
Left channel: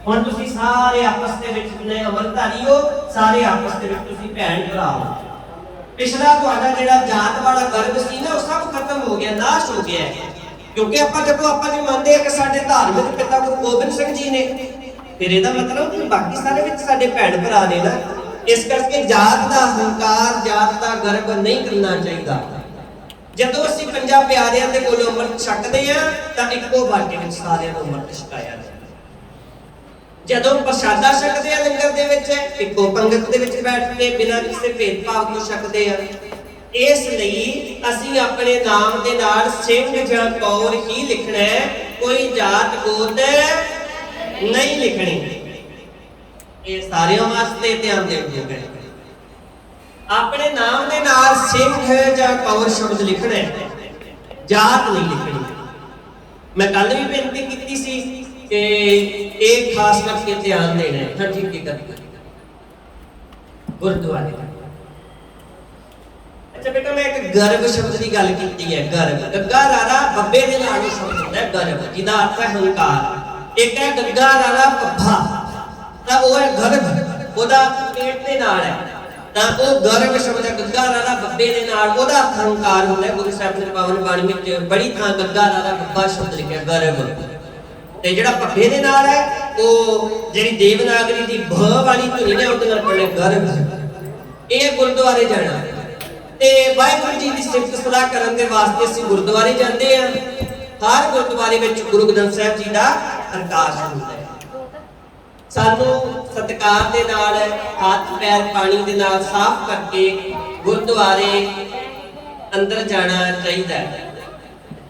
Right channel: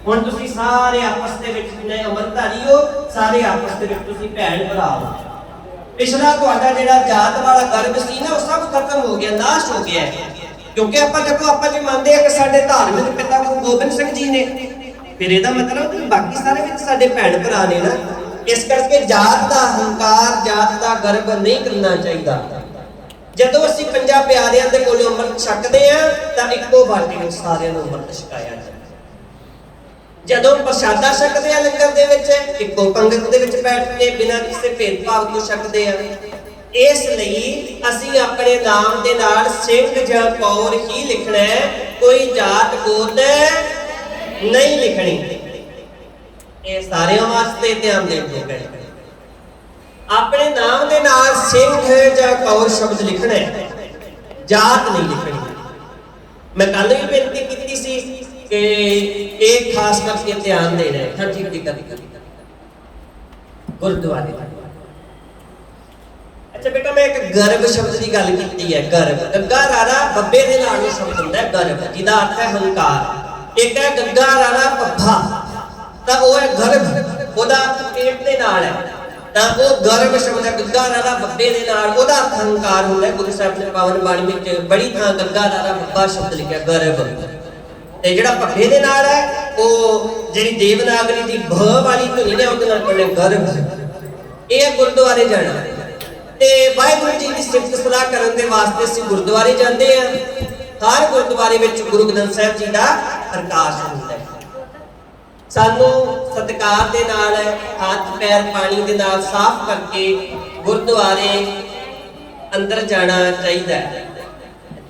ਹੁਣ ਤੁਸੀਂ ਸਾਰੇ ਆਪਸ ਦੇ ਵਿੱਚ ਜਿੰਨੇ ਅੰਮ੍ਰਿਤਧਾਰੀ ਹੋ, ਸਾਰੇ ਆਪਸ ਦੇ ਵਿੱਚ ਤੁਸੀਂ ਭੈਣ ਭਰਾ ਹੋ। ਪਿਛਲਾ ਤੁਹਾਡਾ ਜਿਹੜਾ ਜਾਤ ਵਾਲਾ ਗਰਭ ਸੀ ਨਾ, ਉਹ ਸਭ ਖਤਮ ਹੋ ਗਿਆ, ਨਾਸ਼ ਹੋ ਗਿਆ। ਕਿਉਂਕਿ ਆਪਾਂ ਜੇ ਮੰਨਦੇ ਆ ਕਿ ਸਾਡੇ ਧਾਰਮਿਕ ਪਿਤਾ ਗੁਰੂ ਗੋਬਿੰਦ ਸਿੰਘ ਜੀ ਨੇ, ਫਿਰ ਇਹਦਾ ਮਤਲਬ ਕਿ ਬਾਕੀ ਸਾਰੇ ਵਿੱਚ ਸਾਡੇ ਭੈਣ ਭਰਾ ਨੇ ਨਾ। ਇਸ ਕਰਕੇ ਜਾਤ ਦਾ ਹੰਕਾਰ, ਜਾਤ ਦਾ ਗਰਵ ਨਹੀਂ ਕਰਨਾ ਚਾਹੀਦਾ। ਜਦੋਂ ਅਸੀਂ ਪੰਜਾਂ ਪਿਆਰਿਆਂ ਦੇ ਕੋਲੋਂ ਅੰਮ੍ਰਿਤ ਛਕਦੇ ਆ ਤਾਂ ਇੱਕੋ ਬਾਟੀ ਵਿੱਚ ਸਾਰਿਆਂ ਨੂੰ ਅੰਮ੍ਰਿਤ ਛਕਾਇਆ ਜਾਂਦਾ। ਜਦੋਂ ਪ੍ਰਸ਼ਾਦਾ ਛਕਦੇ ਆ ਲੰਗਰ ਦੇ ਵਿੱਚ ਇੱਕੋ ਪੰਗਤ ਦੇ ਵਿੱਚ ਬੈਠ ਕੇ ਬਿਨਾਂ ਕਿਸੇ ਭੇਦਭਾਵ ਤੋਂ ਛਕਦੇ ਆ। ਇਸ ਲਈ ਅਸੀਂ ਆਪਣੇ ਨਾਮ ਦੇ ਨਾਲ ਸਿੰਘ ਜਾਂ ਕੌਰ ਹੀ ਲਿਖਣਾ ਹੈ, ਕੋਈ ਜਾਤ ਗੋਤ ਨਹੀਂ ਲਿਖਣੀ। ਇਹ ਸਾਰਿਆਂ ਵਾਸਤੇ ਧਿਆਨ ਦੇਣ ਦੀ ਗੱਲ ਹੈ। ਆਪਣੇ ਨਾਮ ਦੇ ਨਾਲ ਸਿੰਘ ਜਾਂ ਕੌਰ ਸ਼ਬਦ ਲਿਖਣਾ ਹੈ, ਜਾਤ ਨਹੀਂ ਲਿਖਣੀ। ਮੈਂ ਕੱਲ ਵੀ ਬੇਨਤੀ ਕੀਤੀ ਸੀ ਕਿ ਇਹ ਖਾਸ ਕਰਕੇ ਧਿਆਨ ਦੇਣਾ ਹੈ। ਹਾਂਜੀ ਕੀ ਗੱਲ ਗੁਰਦੁਆਰੇ ਦਾ। ਅੱਛਾ ਬੇਟਾ, ਮੈਂ ਇੱਕ ਗਰਭ ਸ਼ਬਦ ਦੀ ਗੱਲ ਕੀਤੀ ਹੈ। ਗਰਭ, ਗੱਗਾ ਰਾਰਾ ਬੱਬੇ ਦੇ ਨਾਲ ਉਹ ਸ਼ਬਦ ਹੁੰਦਾ ਹੈ ਗਰਭ, ਜਿਹਦਾ ਅਰਥ ਹੈ ਹੰਕਾਰ। ਇੱਕ ਹੈ ਗੱਗਾ ਰਾਰਾ ਪੱਫਾ, ਤਾਂ ਉਹ ਹੈ ਗਰਭ, ਉਹਦਾ ਪੇਟ ਦੇ ਨਾਲ ਹੈ, ਤਾਂ ਉਹ ਗਰਭ ਸ਼ਬਦ ਹੈ। ਗੱਗਾ ਰਾਰਾ ਬੱਬੇ ਦੇ ਨਾਲ, ਉਹਦਾ ਅਰਥ ਹੰਕਾਰ ਹੁੰਦਾ ਹੈ। ਗੁਰੂ ਸਾਹਿਬ ਦੀ ਪਾਵਨ ਬਾਣੀ ਵਿੱਚ ਬੜੀ ਥਾਂ ਗੱਗਾ ਰਾਰਾ ਬੱਬਾ ਸ਼ਬਦ ਲਿਖਿਆ ਗਰਭ। ਤੇ ਜਿਹੜਾ ਪੱਫੇ ਦੇ ਨਾਲ ਹੈ, ਉਹ ਜਿਹੜੀ ਦੇਵਨਾਗਰੀ ਦੀ ਭ ਵਾਲੀ ਧੁਨੀ ਹੈ ਉਹਦੇ ਨਾਲ ਪੜ੍ਹੇ ਗਰਭ। ਇਹ ਗੁਰਦੁਆਰੇ ਜਾਣਾ ਤੇ ਵਾਹਿਗੁਰੂ ਜੀ ਦੀ ਸਿਫਤ ਸਲਾਹ ਕਰਨ ਦੇ ਵਾਸਤੇ ਅਸੀਂ ਗੁਰਦੁਆਰੇ ਜਾਂਦੇ ਹਾਂ। ਹਰ ਗੁਰਦੁਆਰੇ ਵਿੱਚ ਗੁਰੂ ਗ੍ਰੰਥ ਸਾਹਿਬ ਜੀ ਦਾ ਪ੍ਰਕਾਸ਼ ਹੁੰਦਾ ਹੈ। ਸਾਨੂੰ ਸਤਿਕਾਰ ਦੇ ਨਾਲ ਹੱਥ ਪੈਰ ਪਾਣੀ ਦੇ ਨਾਲ ਸਾਫ਼ ਕਰਕੇ ਗੁਰਦੁਆਰੇ ਅੰਦਰ ਜਾਣਾ ਚਾਹੀਦਾ ਹੈ।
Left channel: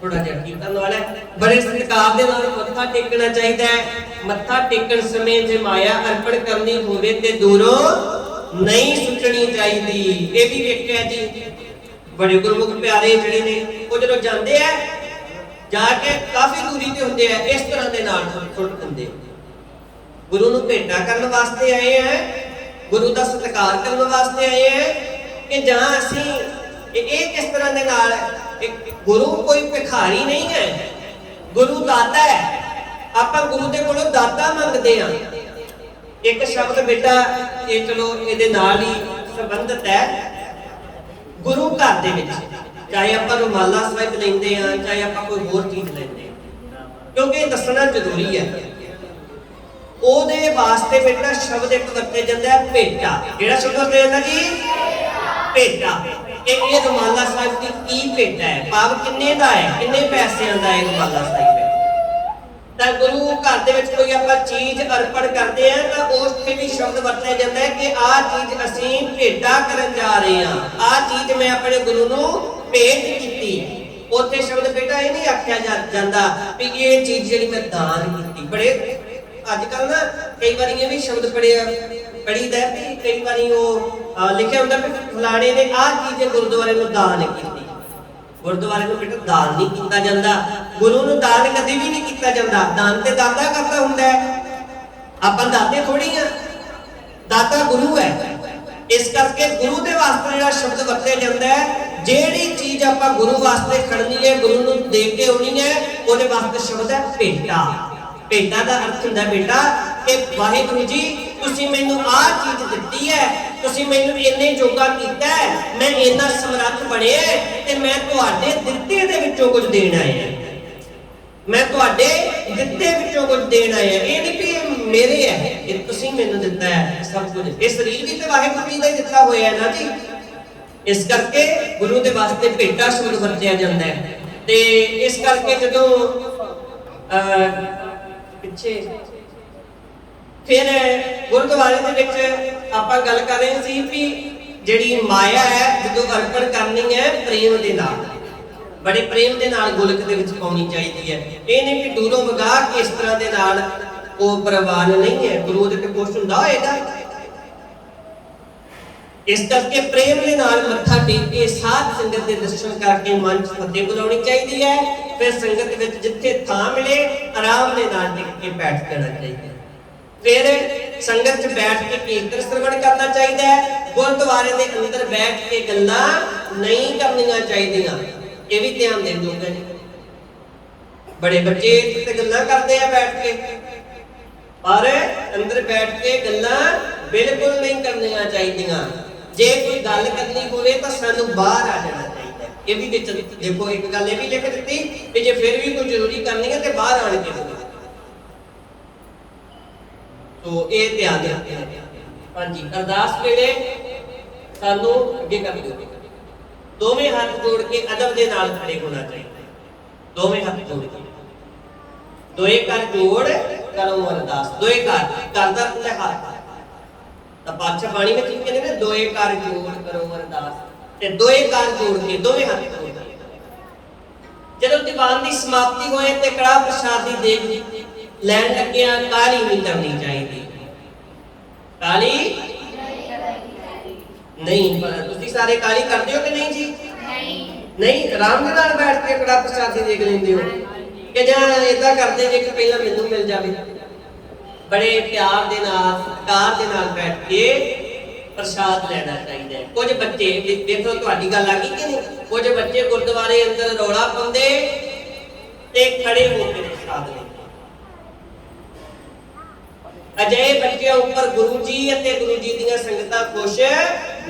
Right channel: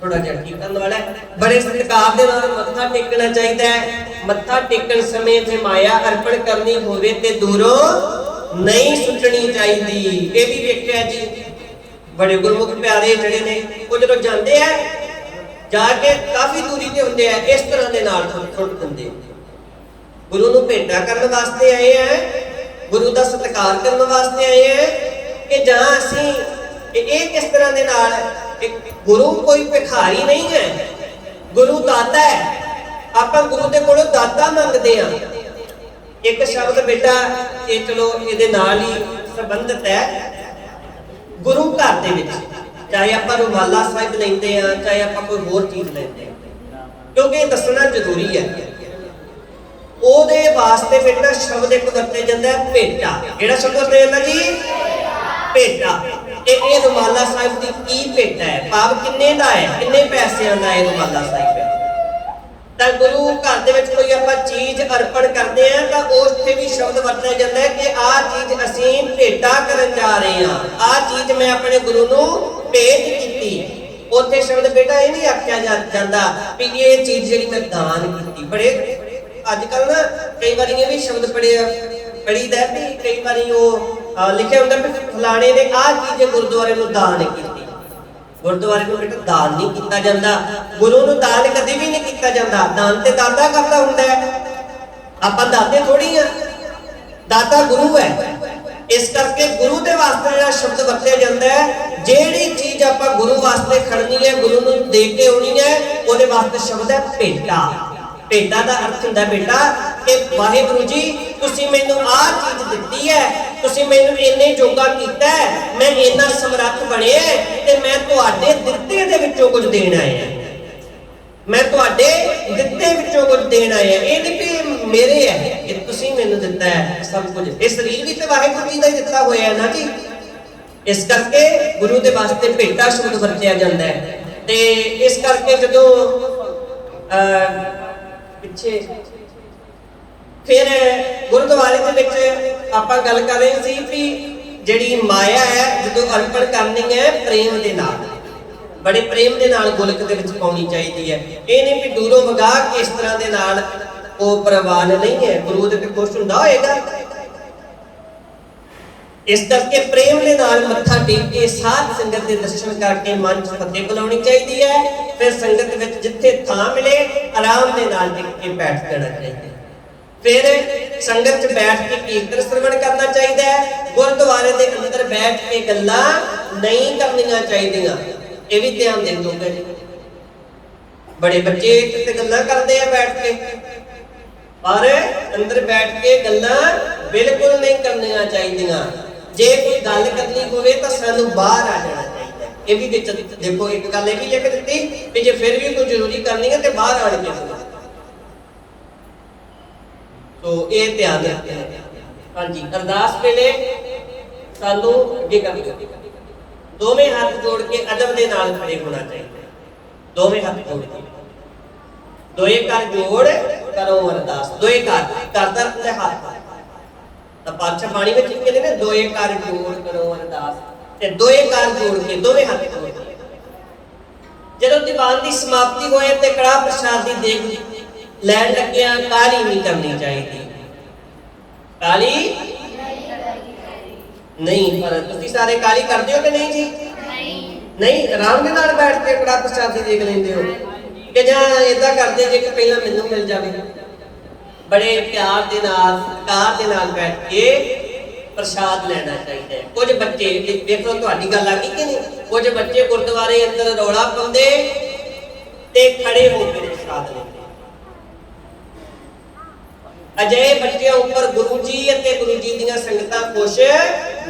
ਥੋੜਾ ਜਿਹਾ ਕੀ ਕਰਨ ਵਾਲਾ ਹੈ, ਬੜੇ ਸਤਿਕਾਰ ਦੇ ਨਾਲ ਮੱਥਾ ਟੇਕਣਾ ਚਾਹੀਦਾ ਹੈ। ਮੱਥਾ ਟੇਕਣ ਸਮੇਂ ਜੇ ਮਾਇਆ ਅਰਪਣ ਕਰਨੀ ਹੋਵੇ ਤੇ ਦੂਰੋਂ ਨਹੀਂ ਸੁੱਟਣੀ ਚਾਹੀਦੀ। ਇਹ ਵੀ ਵੇਖਿਆ ਜੀ, ਬੜੇ ਗੁਰਮੁਖ ਪਿਆਰੇ ਜਿਹੜੇ ਨੇ ਉਹ ਜਦੋਂ ਜਾਂਦੇ ਆ ਜਾ ਕੇ ਕਾਫੀ ਦੂਰੀ ਤੇ ਹੁੰਦੇ ਆ, ਇਸ ਤਰ੍ਹਾਂ ਦੇ ਨਾਲ ਸੁੱਟ ਦਿੰਦੇ। ਗੁਰੂ ਨੂੰ ਭੇਟਾ ਕਰਨ ਵਾਸਤੇ ਆਏ ਆ, ਗੁਰੂ ਦਾ ਸਤਿਕਾਰ ਕਰਨ ਵਾਸਤੇ ਆਏ ਆ ਕਿ ਜਾਂ ਅਸੀਂ ਇਹ ਕਿਸ ਤਰ੍ਹਾਂ ਦੇ ਨਾਲ। ਗੁਰੂ ਕੋਈ ਭਿਖਾਰੀ ਨਹੀਂ ਹੈ, ਗੁਰੂ ਦਾਤਾ ਹੈ। ਆਪਾਂ ਗੁਰੂ ਦੇ ਕੋਲੋਂ ਦਾਤਾ ਮੰਗਦੇ ਆ। ਇੱਕ ਸ਼ਬਦ ਬੇਟਾ ਇਹ ਚਲੋ ਇਹਦੇ ਨਾਲ ਹੀ ਸੰਬੰਧਿਤ ਹੈ। ਗੁਰੂ ਘਰ ਦੇ ਵਿੱਚ ਚਾਹੇ ਆਪਾਂ ਰੁਮਾਲਾ ਸਾਹਿਬ ਲੈਂਦੇ ਆ, ਚਾਹੇ ਆਪਾਂ ਕੋਈ ਹੋਰ ਚੀਜ਼ ਲੈਂਦੇ ਆ, ਕਿਉਂਕਿ ਇਹ ਦੱਸਣਾ ਜ਼ਰੂਰੀ ਹੈ। ਉਹਦੇ ਵਾਸਤੇ ਬੇਟਾ ਸ਼ਬਦ ਇੱਕ ਵਰਤੇ ਜਾਂਦਾ ਹੈ ਭੇਟਾ। ਜਿਹੜਾ ਸ਼ਬਦ ਵਰਤੇ ਜਾਂਦਾ ਜੀ ਭੇਟਾ। ਇਹ ਰੁਮਾਲਾ ਸਾਹਿਬ ਦੀ ਕੀ ਭੇਟਾ ਹੈ, ਭਾਵ ਕਿੰਨੇ ਦਾ ਹੈ, ਕਿੰਨੇ ਪੈਸਿਆਂ ਦਾ ਹੈ ਰੁਮਾਲਾ ਸਾਹਿਬ। ਤਾਂ ਗੁਰੂ ਘਰ ਦੇ ਵਿੱਚ ਕੋਈ ਆਪਾਂ ਚੀਜ਼ ਅਰਪਣ ਕਰਦੇ ਆ ਤਾਂ ਉਸ ਤੇ ਵੀ ਸ਼ਬਦ ਵਰਤਿਆ ਜਾਂਦਾ ਹੈ ਕਿ ਆਹ ਚੀਜ਼ ਅਸੀਂ ਭੇਟਾ ਕਰਨ ਜਾ ਰਹੇ ਹਾਂ, ਆਹ ਚੀਜ਼ ਮੈਂ ਆਪਣੇ ਗੁਰੂ ਨੂੰ ਭੇਟ ਕੀਤੀ। ਉੱਥੇ ਸ਼ਬਦ ਬੇਟਾ ਇਹ ਨਹੀਂ ਆਖਿਆ ਜਾਂਦਾ ਵੀ ਇਹ ਚੀਜ਼ ਜਿਹੜੀ ਮੈਂ ਦਾਨ ਕੀਤੀ। ਬੜੇ ਅੱਜ ਕੱਲ ਨਾ ਕਈ ਵਾਰੀ ਇਹ ਵੀ ਸ਼ਬਦ ਪੜੀਦਾ ਵੀ ਕਈ ਵਾਰੀ ਉਹ ਲਿਖਿਆ ਹੁੰਦਾ ਵੀ ਫਲਾਣੇ ਨੇ ਆਹ ਚੀਜ਼ ਗੁਰਦੁਆਰੇ ਨੂੰ ਦਾਨ ਕੀਤੀ। ਗੁਰਦੁਆਰੇ ਨੂੰ ਬੇਟਾ ਦਾਨ ਨਹੀਂ ਕੀਤਾ ਜਾਂਦਾ, ਗੁਰੂ ਨੂੰ ਦਾਨ ਕਦੇ ਵੀ ਨਹੀਂ ਕੀਤਾ ਜਾਂਦਾ। ਦਾਨ ਤੇ ਦਾਤਾ ਕਰਦਾ ਹੁੰਦਾ ਹੈ, ਆਪਾਂ ਦਾਤੇ ਥੋੜੀ ਆ, ਦਾਤਾ ਗੁਰੂ ਹੈ। ਇਸ ਕਰਕੇ ਗੁਰੂ ਦੇ ਵਾਸਤੇ ਜਿਹੜਾ ਸ਼ਬਦ ਵਰਤਿਆ ਜਾਂਦਾ ਹੈ, ਜਿਹੜੀ ਚੀਜ਼ ਆਪਾਂ ਗੁਰੂ ਵਾਸਤੇ ਖੜਨੀ ਹੈ, ਗੁਰੂ ਨੂੰ ਦੇ ਕੇ ਆਉਣੀ ਹੈ, ਉਹਦੇ ਵਾਸਤੇ ਸ਼ਬਦ ਹੈ ਭੇਟਾ। ਭੇਟਾ ਦਾ ਅਰਥ ਹੁੰਦਾ ਬੇਟਾ ਕਿ ਵਾਹਿਗੁਰੂ ਜੀ ਤੁਸੀਂ ਮੈਨੂੰ ਆਹ ਚੀਜ਼ ਦਿੱਤੀ ਹੈ, ਤੁਸੀਂ ਮੈਨੂੰ ਇੰਨੇ ਜੋਗਾ ਕੀਤਾ ਹੈ, ਮੈਂ ਇੰਨਾ ਸਮਰੱਥ ਬਣਿਆ ਤੇ ਮੈਂ ਤੁਹਾਡੇ ਦਿੱਤੇ ਦੇ ਵਿੱਚੋਂ ਕੁਝ ਦੇਣ ਆਇਆ। ਮੈਂ ਤੁਹਾਡੇ ਦਿੱਤੇ ਵਿੱਚੋਂ ਕੁਝ ਦੇਣ ਆਇਆ। ਇਹ ਨਹੀਂ ਕਿ ਮੇਰੇ ਹੈ, ਕਿ ਤੁਸੀਂ ਮੈਨੂੰ ਦਿੱਤਾ ਹੈ ਸਭ ਕੁਝ। ਇਹ ਸਰੀਰ ਵੀ ਤੇ ਵਾਹਿਗੁਰੂ ਜੀ ਦਾ ਹੀ ਦਿੱਤਾ ਹੋਇਆ ਹੈ ਨਾ ਜੀ। ਇਸ ਕਰਕੇ ਗੁਰੂ ਦੇ ਵਾਸਤੇ ਭੇਟਾ ਸ਼ਬਦ ਵਰਤਿਆ ਜਾਂਦਾ ਹੈ। ਤੇ ਇਸ ਕਰਕੇ ਜਦੋਂ ਪਿੱਛੇ ਫਿਰ ਗੁਰਦੁਆਰੇ ਦੇ ਵਿੱਚ ਆਪਾਂ ਗੱਲ ਕਰ ਰਹੇ ਸੀ ਵੀ ਜਿਹੜੀ ਮਾਇਆ ਹੈ ਜਦੋਂ ਅਰਪਣ ਕਰਨੀ ਹੈ ਪ੍ਰੇਮ ਦੇ ਨਾਲ, ਬੜੇ ਪ੍ਰੇਮ ਦੇ ਨਾਲ ਗੋਲਕ ਦੇ ਵਿੱਚ ਪਾਉਣੀ ਚਾਹੀਦੀ ਹੈ। ਇਹ ਨਹੀਂ ਕਿ ਦੂਰੋਂ ਵਗਾ ਕੇ ਇਸ ਤਰ੍ਹਾਂ ਦੇ ਨਾਲ ਉਹ ਪ੍ਰਵਾਨ ਨਹੀਂ ਹੈ, ਗੁਰੂ ਦੇ ਤੇ ਕੁਛ ਹੁੰਦਾ ਹੋਏਗਾ। ਇਸ ਕਰਕੇ ਪ੍ਰੇਮ ਦੇ ਨਾਲ ਮੱਥਾ ਟੇਕ ਕੇ ਸਾਧ ਸੰਗਤ ਦੇ ਦਰਸ਼ਨ ਕਰਕੇ ਮਨ 'ਚ ਫਤਿਹ ਬੁਲਾਉਣੀ ਚਾਹੀਦੀ ਹੈ। ਫਿਰ ਸੰਗਤ ਵਿੱਚ ਜਿੱਥੇ ਥਾਂ ਮਿਲੇ ਆਰਾਮ ਦੇ ਨਾਲ ਟਿਕ ਕੇ ਬੈਠ ਜਾਣਾ ਚਾਹੀਦਾ ਹੈ। ਫਿਰ ਸੰਗਤ 'ਚ ਬੈਠ ਕੇ ਕੀਰਤਨ ਸਰਵਣ ਕਰਨਾ ਚਾਹੀਦਾ ਹੈ। ਗੁਰਦੁਆਰੇ ਦੇ ਅੰਦਰ ਬੈਠ ਕੇ ਗੱਲਾਂ ਨਹੀਂ ਕਰਨੀਆਂ ਚਾਹੀਦੀਆਂ। ਇਹ ਵੀ ਧਿਆਨ ਦੇਣ ਯੋਗ ਹੈ ਜੀ। ਬੜੇ ਬੱਚੇ ਤੇ ਗੱਲਾਂ ਕਰਦੇ ਆ ਬੈਠ ਕੇ, ਪਰ ਅੰਦਰ ਬੈਠ ਕੇ ਗੱਲਾਂ ਬਿਲਕੁਲ ਨਹੀਂ ਕਰਨੀਆਂ ਚਾਹੀਦੀਆਂ। ਜੇ ਕੋਈ ਗੱਲ ਕਰਨੀ ਹੋਵੇ ਤਾਂ ਸਾਨੂੰ ਬਾਹਰ ਆ ਜਾਣਾ ਚਾਹੀਦਾ। ਇਹ ਵੀ ਵਿੱਚ ਦੇਖੋ ਇੱਕ ਗੱਲ ਇਹ ਵੀ ਲਿਖ ਦਿੱਤੀ ਕਿ ਜੇ ਫਿਰ ਵੀ ਕੋਈ ਜ਼ਰੂਰੀ ਕਰਨੀ ਹੈ ਤੇ ਬਾਹਰ ਆਣ ਕੇ ਕਰੋ। ਤੋ ਇਹ ਧਿਆਨ ਰੱਖਣਾ। ਹਾਂਜੀ, ਅਰਦਾਸ ਵੇਲੇ ਸਾਨੂੰ ਅੱਗੇ ਕਰ ਦਿਓ। ਦੋਵੇਂ ਹੱਥ ਜੋੜ ਕੇ ਅਦਬ ਦੇ ਨਾਲ ਖੜੇ ਹੋਣਾ ਚਾਹੀਦਾ। ਦੋਵੇਂ ਹੱਥ ਜੋੜ ਕੇ ਦੋਏ ਕਰ ਜੋੜ ਕਰੋ ਅਰਦਾਸ। ਦੋਏ ਕਰ ਕਰਦਾ ਤੇ ਹੱਥ ਤਾਂ ਪਾਤਸ਼ਾਹ ਬਾਣੀ ਵਿੱਚ ਕਹਿੰਦੇ ਨੇ ਦੋਏ ਕਰ ਜੋੜ ਕਰੋ ਅਰਦਾਸ, ਤੇ ਦੋਏ ਕਰ ਜੋੜ ਕੇ ਦੋਵੇਂ ਹੱਥ ਜੋੜ ਕੇ ਜਦੋਂ ਦੀਵਾਨ ਦੀ ਸਮਾਪਤੀ ਹੋਏ ਤੇ ਕੜਾਹ ਪ੍ਰਸ਼ਾਦ ਦੀ ਦੇਗ ਲੈਣ ਲੱਗਿਆ ਕਾਹਲੀ ਨਹੀਂ ਕਰਨੀ ਚਾਹੀਦੀ। ਕਾਹਲੀ ਨਹੀਂ, ਪਰ ਤੁਸੀਂ ਸਾਰੇ ਕਾਹਲੀ ਕਰਦੇ ਹੋ ਕਿ ਨਹੀਂ ਜੀ? ਨਹੀਂ, ਆਰਾਮ ਦੇ ਨਾਲ ਬੈਠ ਕੇ ਕੜਾਹ ਪ੍ਰਸ਼ਾਦ ਦੀ ਦੇਗ ਲੈਂਦੇ ਹੋ ਕਿ ਜਾਂ ਏਦਾਂ ਕਰਦੇ ਜੇ ਕਿ ਪਹਿਲਾਂ ਮੈਨੂੰ ਮਿਲ ਜਾਵੇ? ਬੜੇ ਪਿਆਰ ਦੇ ਨਾਲ ਸਤਿਕਾਰ ਦੇ ਨਾਲ ਬੈਠ ਕੇ ਪ੍ਰਸ਼ਾਦ ਲੈਣਾ ਚਾਹੀਦਾ ਹੈ। ਕੁਝ ਬੱਚੇ ਦੇਖੋ, ਤੁਹਾਡੀ ਗੱਲ ਆ ਗਈ ਕਿ ਨਹੀਂ, ਕੁਝ ਬੱਚੇ ਗੁਰਦੁਆਰੇ ਅੰਦਰ ਰੌਲਾ ਪਾਉਂਦੇ ਤੇ ਖੜੇ ਹੋ ਕੇ ਪ੍ਰਸ਼ਾਦ ਲੈਂਦੇ। ਅਜਿਹੇ ਬੱਚਿਆਂ ਉੱਪਰ ਗੁਰੂ ਜੀ ਅਤੇ ਗੁਰੂ ਜੀ ਦੀਆਂ ਸੰਗਤਾਂ ਖੁਸ਼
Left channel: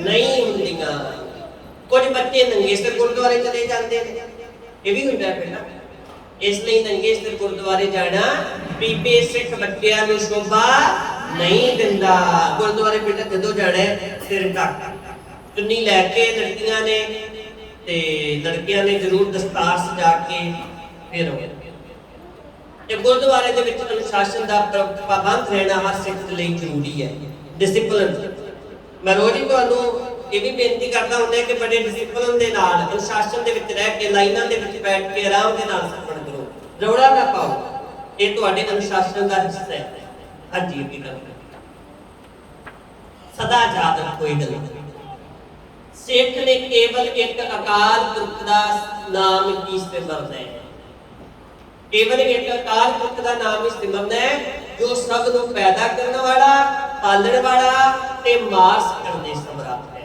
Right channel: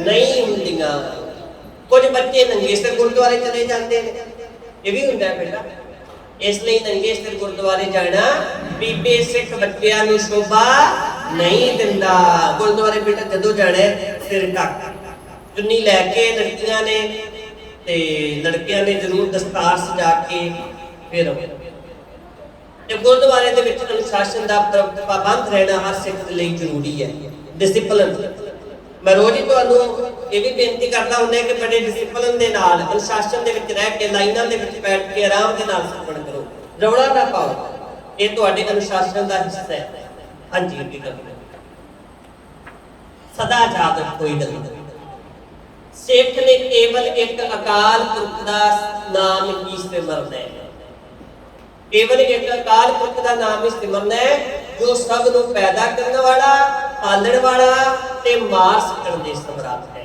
ਨਹੀਂ ਹੁੰਦੀਆਂ। ਕੁਝ ਬੱਚੇ ਨੰਗੇ ਸਿਰ ਗੁਰਦੁਆਰੇ ਚਲੇ ਜਾਂਦੇ ਨੇ, ਇਹ ਵੀ ਹੁੰਦਾ ਹੈ ਬੇਟਾ। ਇਸ ਲਈ ਨੰਗੇ ਸਿਰ ਗੁਰਦੁਆਰੇ ਜਾਣਾ ਬੀਬੀ ਸਿੱਖ ਬੱਚਿਆਂ ਨੂੰ ਸ਼ੋਭਾ ਨਹੀਂ ਦਿੰਦਾ। ਗੁਰਦੁਆਰੇ ਬੇਟਾ ਜਦੋਂ ਜਾਣਾ ਸਿਰ ਢੱਕ ਚੁੰਨੀ ਲੈ ਕੇ ਲੜਕੀਆਂ ਨੇ ਤੇ ਲੜਕਿਆਂ ਨੇ ਜ਼ਰੂਰ ਦਸਤਾਰ ਸਜਾ ਕੇ ਫਿਰ ਤੇ ਗੁਰਦੁਆਰੇ ਦੇ ਵਿੱਚ ਅਨੁਸ਼ਾਸਨ ਦਾ ਪਾਬੰਦ ਰਹਿਣਾ ਹਰ ਸਿੱਖ ਦੇ ਲਈ ਜ਼ਰੂਰੀ ਹੈ। ਡਿਸਪਲਿਨ, ਮੈਂ ਰੋਜ਼ ਹੀ ਤੁਹਾਨੂੰ ਇਹ ਵੀ ਬੇਨਤੀ ਕਰਦਾ ਹੁੰਦਾ ਕਿ ਬੜੇ ਡਿਸਪਲਿਨ ਦੇ ਨਾਲ ਅਨੁਸ਼ਾਸਨ ਦੇ ਵਿੱਚ ਰਹਿ ਕੇ ਲਾਈਨਾਂ ਦੇ ਵਿੱਚ ਬੈਠ ਕੇ ਆਰਾਮ ਦੇ ਨਾਲ ਸਿੱਖਣ ਕਰੋ, ਰੌਲਾ ਨਾ ਪਾਓ। ਇਹ ਤੁਹਾਡੇ ਅਨੁਸ਼ਾਸਨ ਦਾ ਹਿੱਸਾ ਹੈ। ਹਾਂਜੀ, ਇਹ ਗੱਲ ਸਦਾ ਯਾਦ ਰੱਖੋ ਇਹ ਗੱਲ। ਸਿੱਖ ਨੇ ਕੇਵਲ ਇੱਕ ਅਕਾਲ ਪੁਰਖ ਦਾ ਨਾਮ ਹੀ ਸਿਮਰਨਾ ਹੈ। ਕੇਵਲ ਇੱਕ ਅਕਾਲ ਪੁਰਖ ਦਾ ਨਾਮ ਹੀ ਸਿਮਰਨਾ ਹੈ ਜੋ ਸਭ ਨੂੰ ਪੈਦਾ ਕਰਨ ਵਾਲਾ, ਪਾਲਣ ਵਾਲਾ ਤੇ ਮਾਰ ਸਕਣ ਦੇ ਸਮਰੱਥ ਹੈ।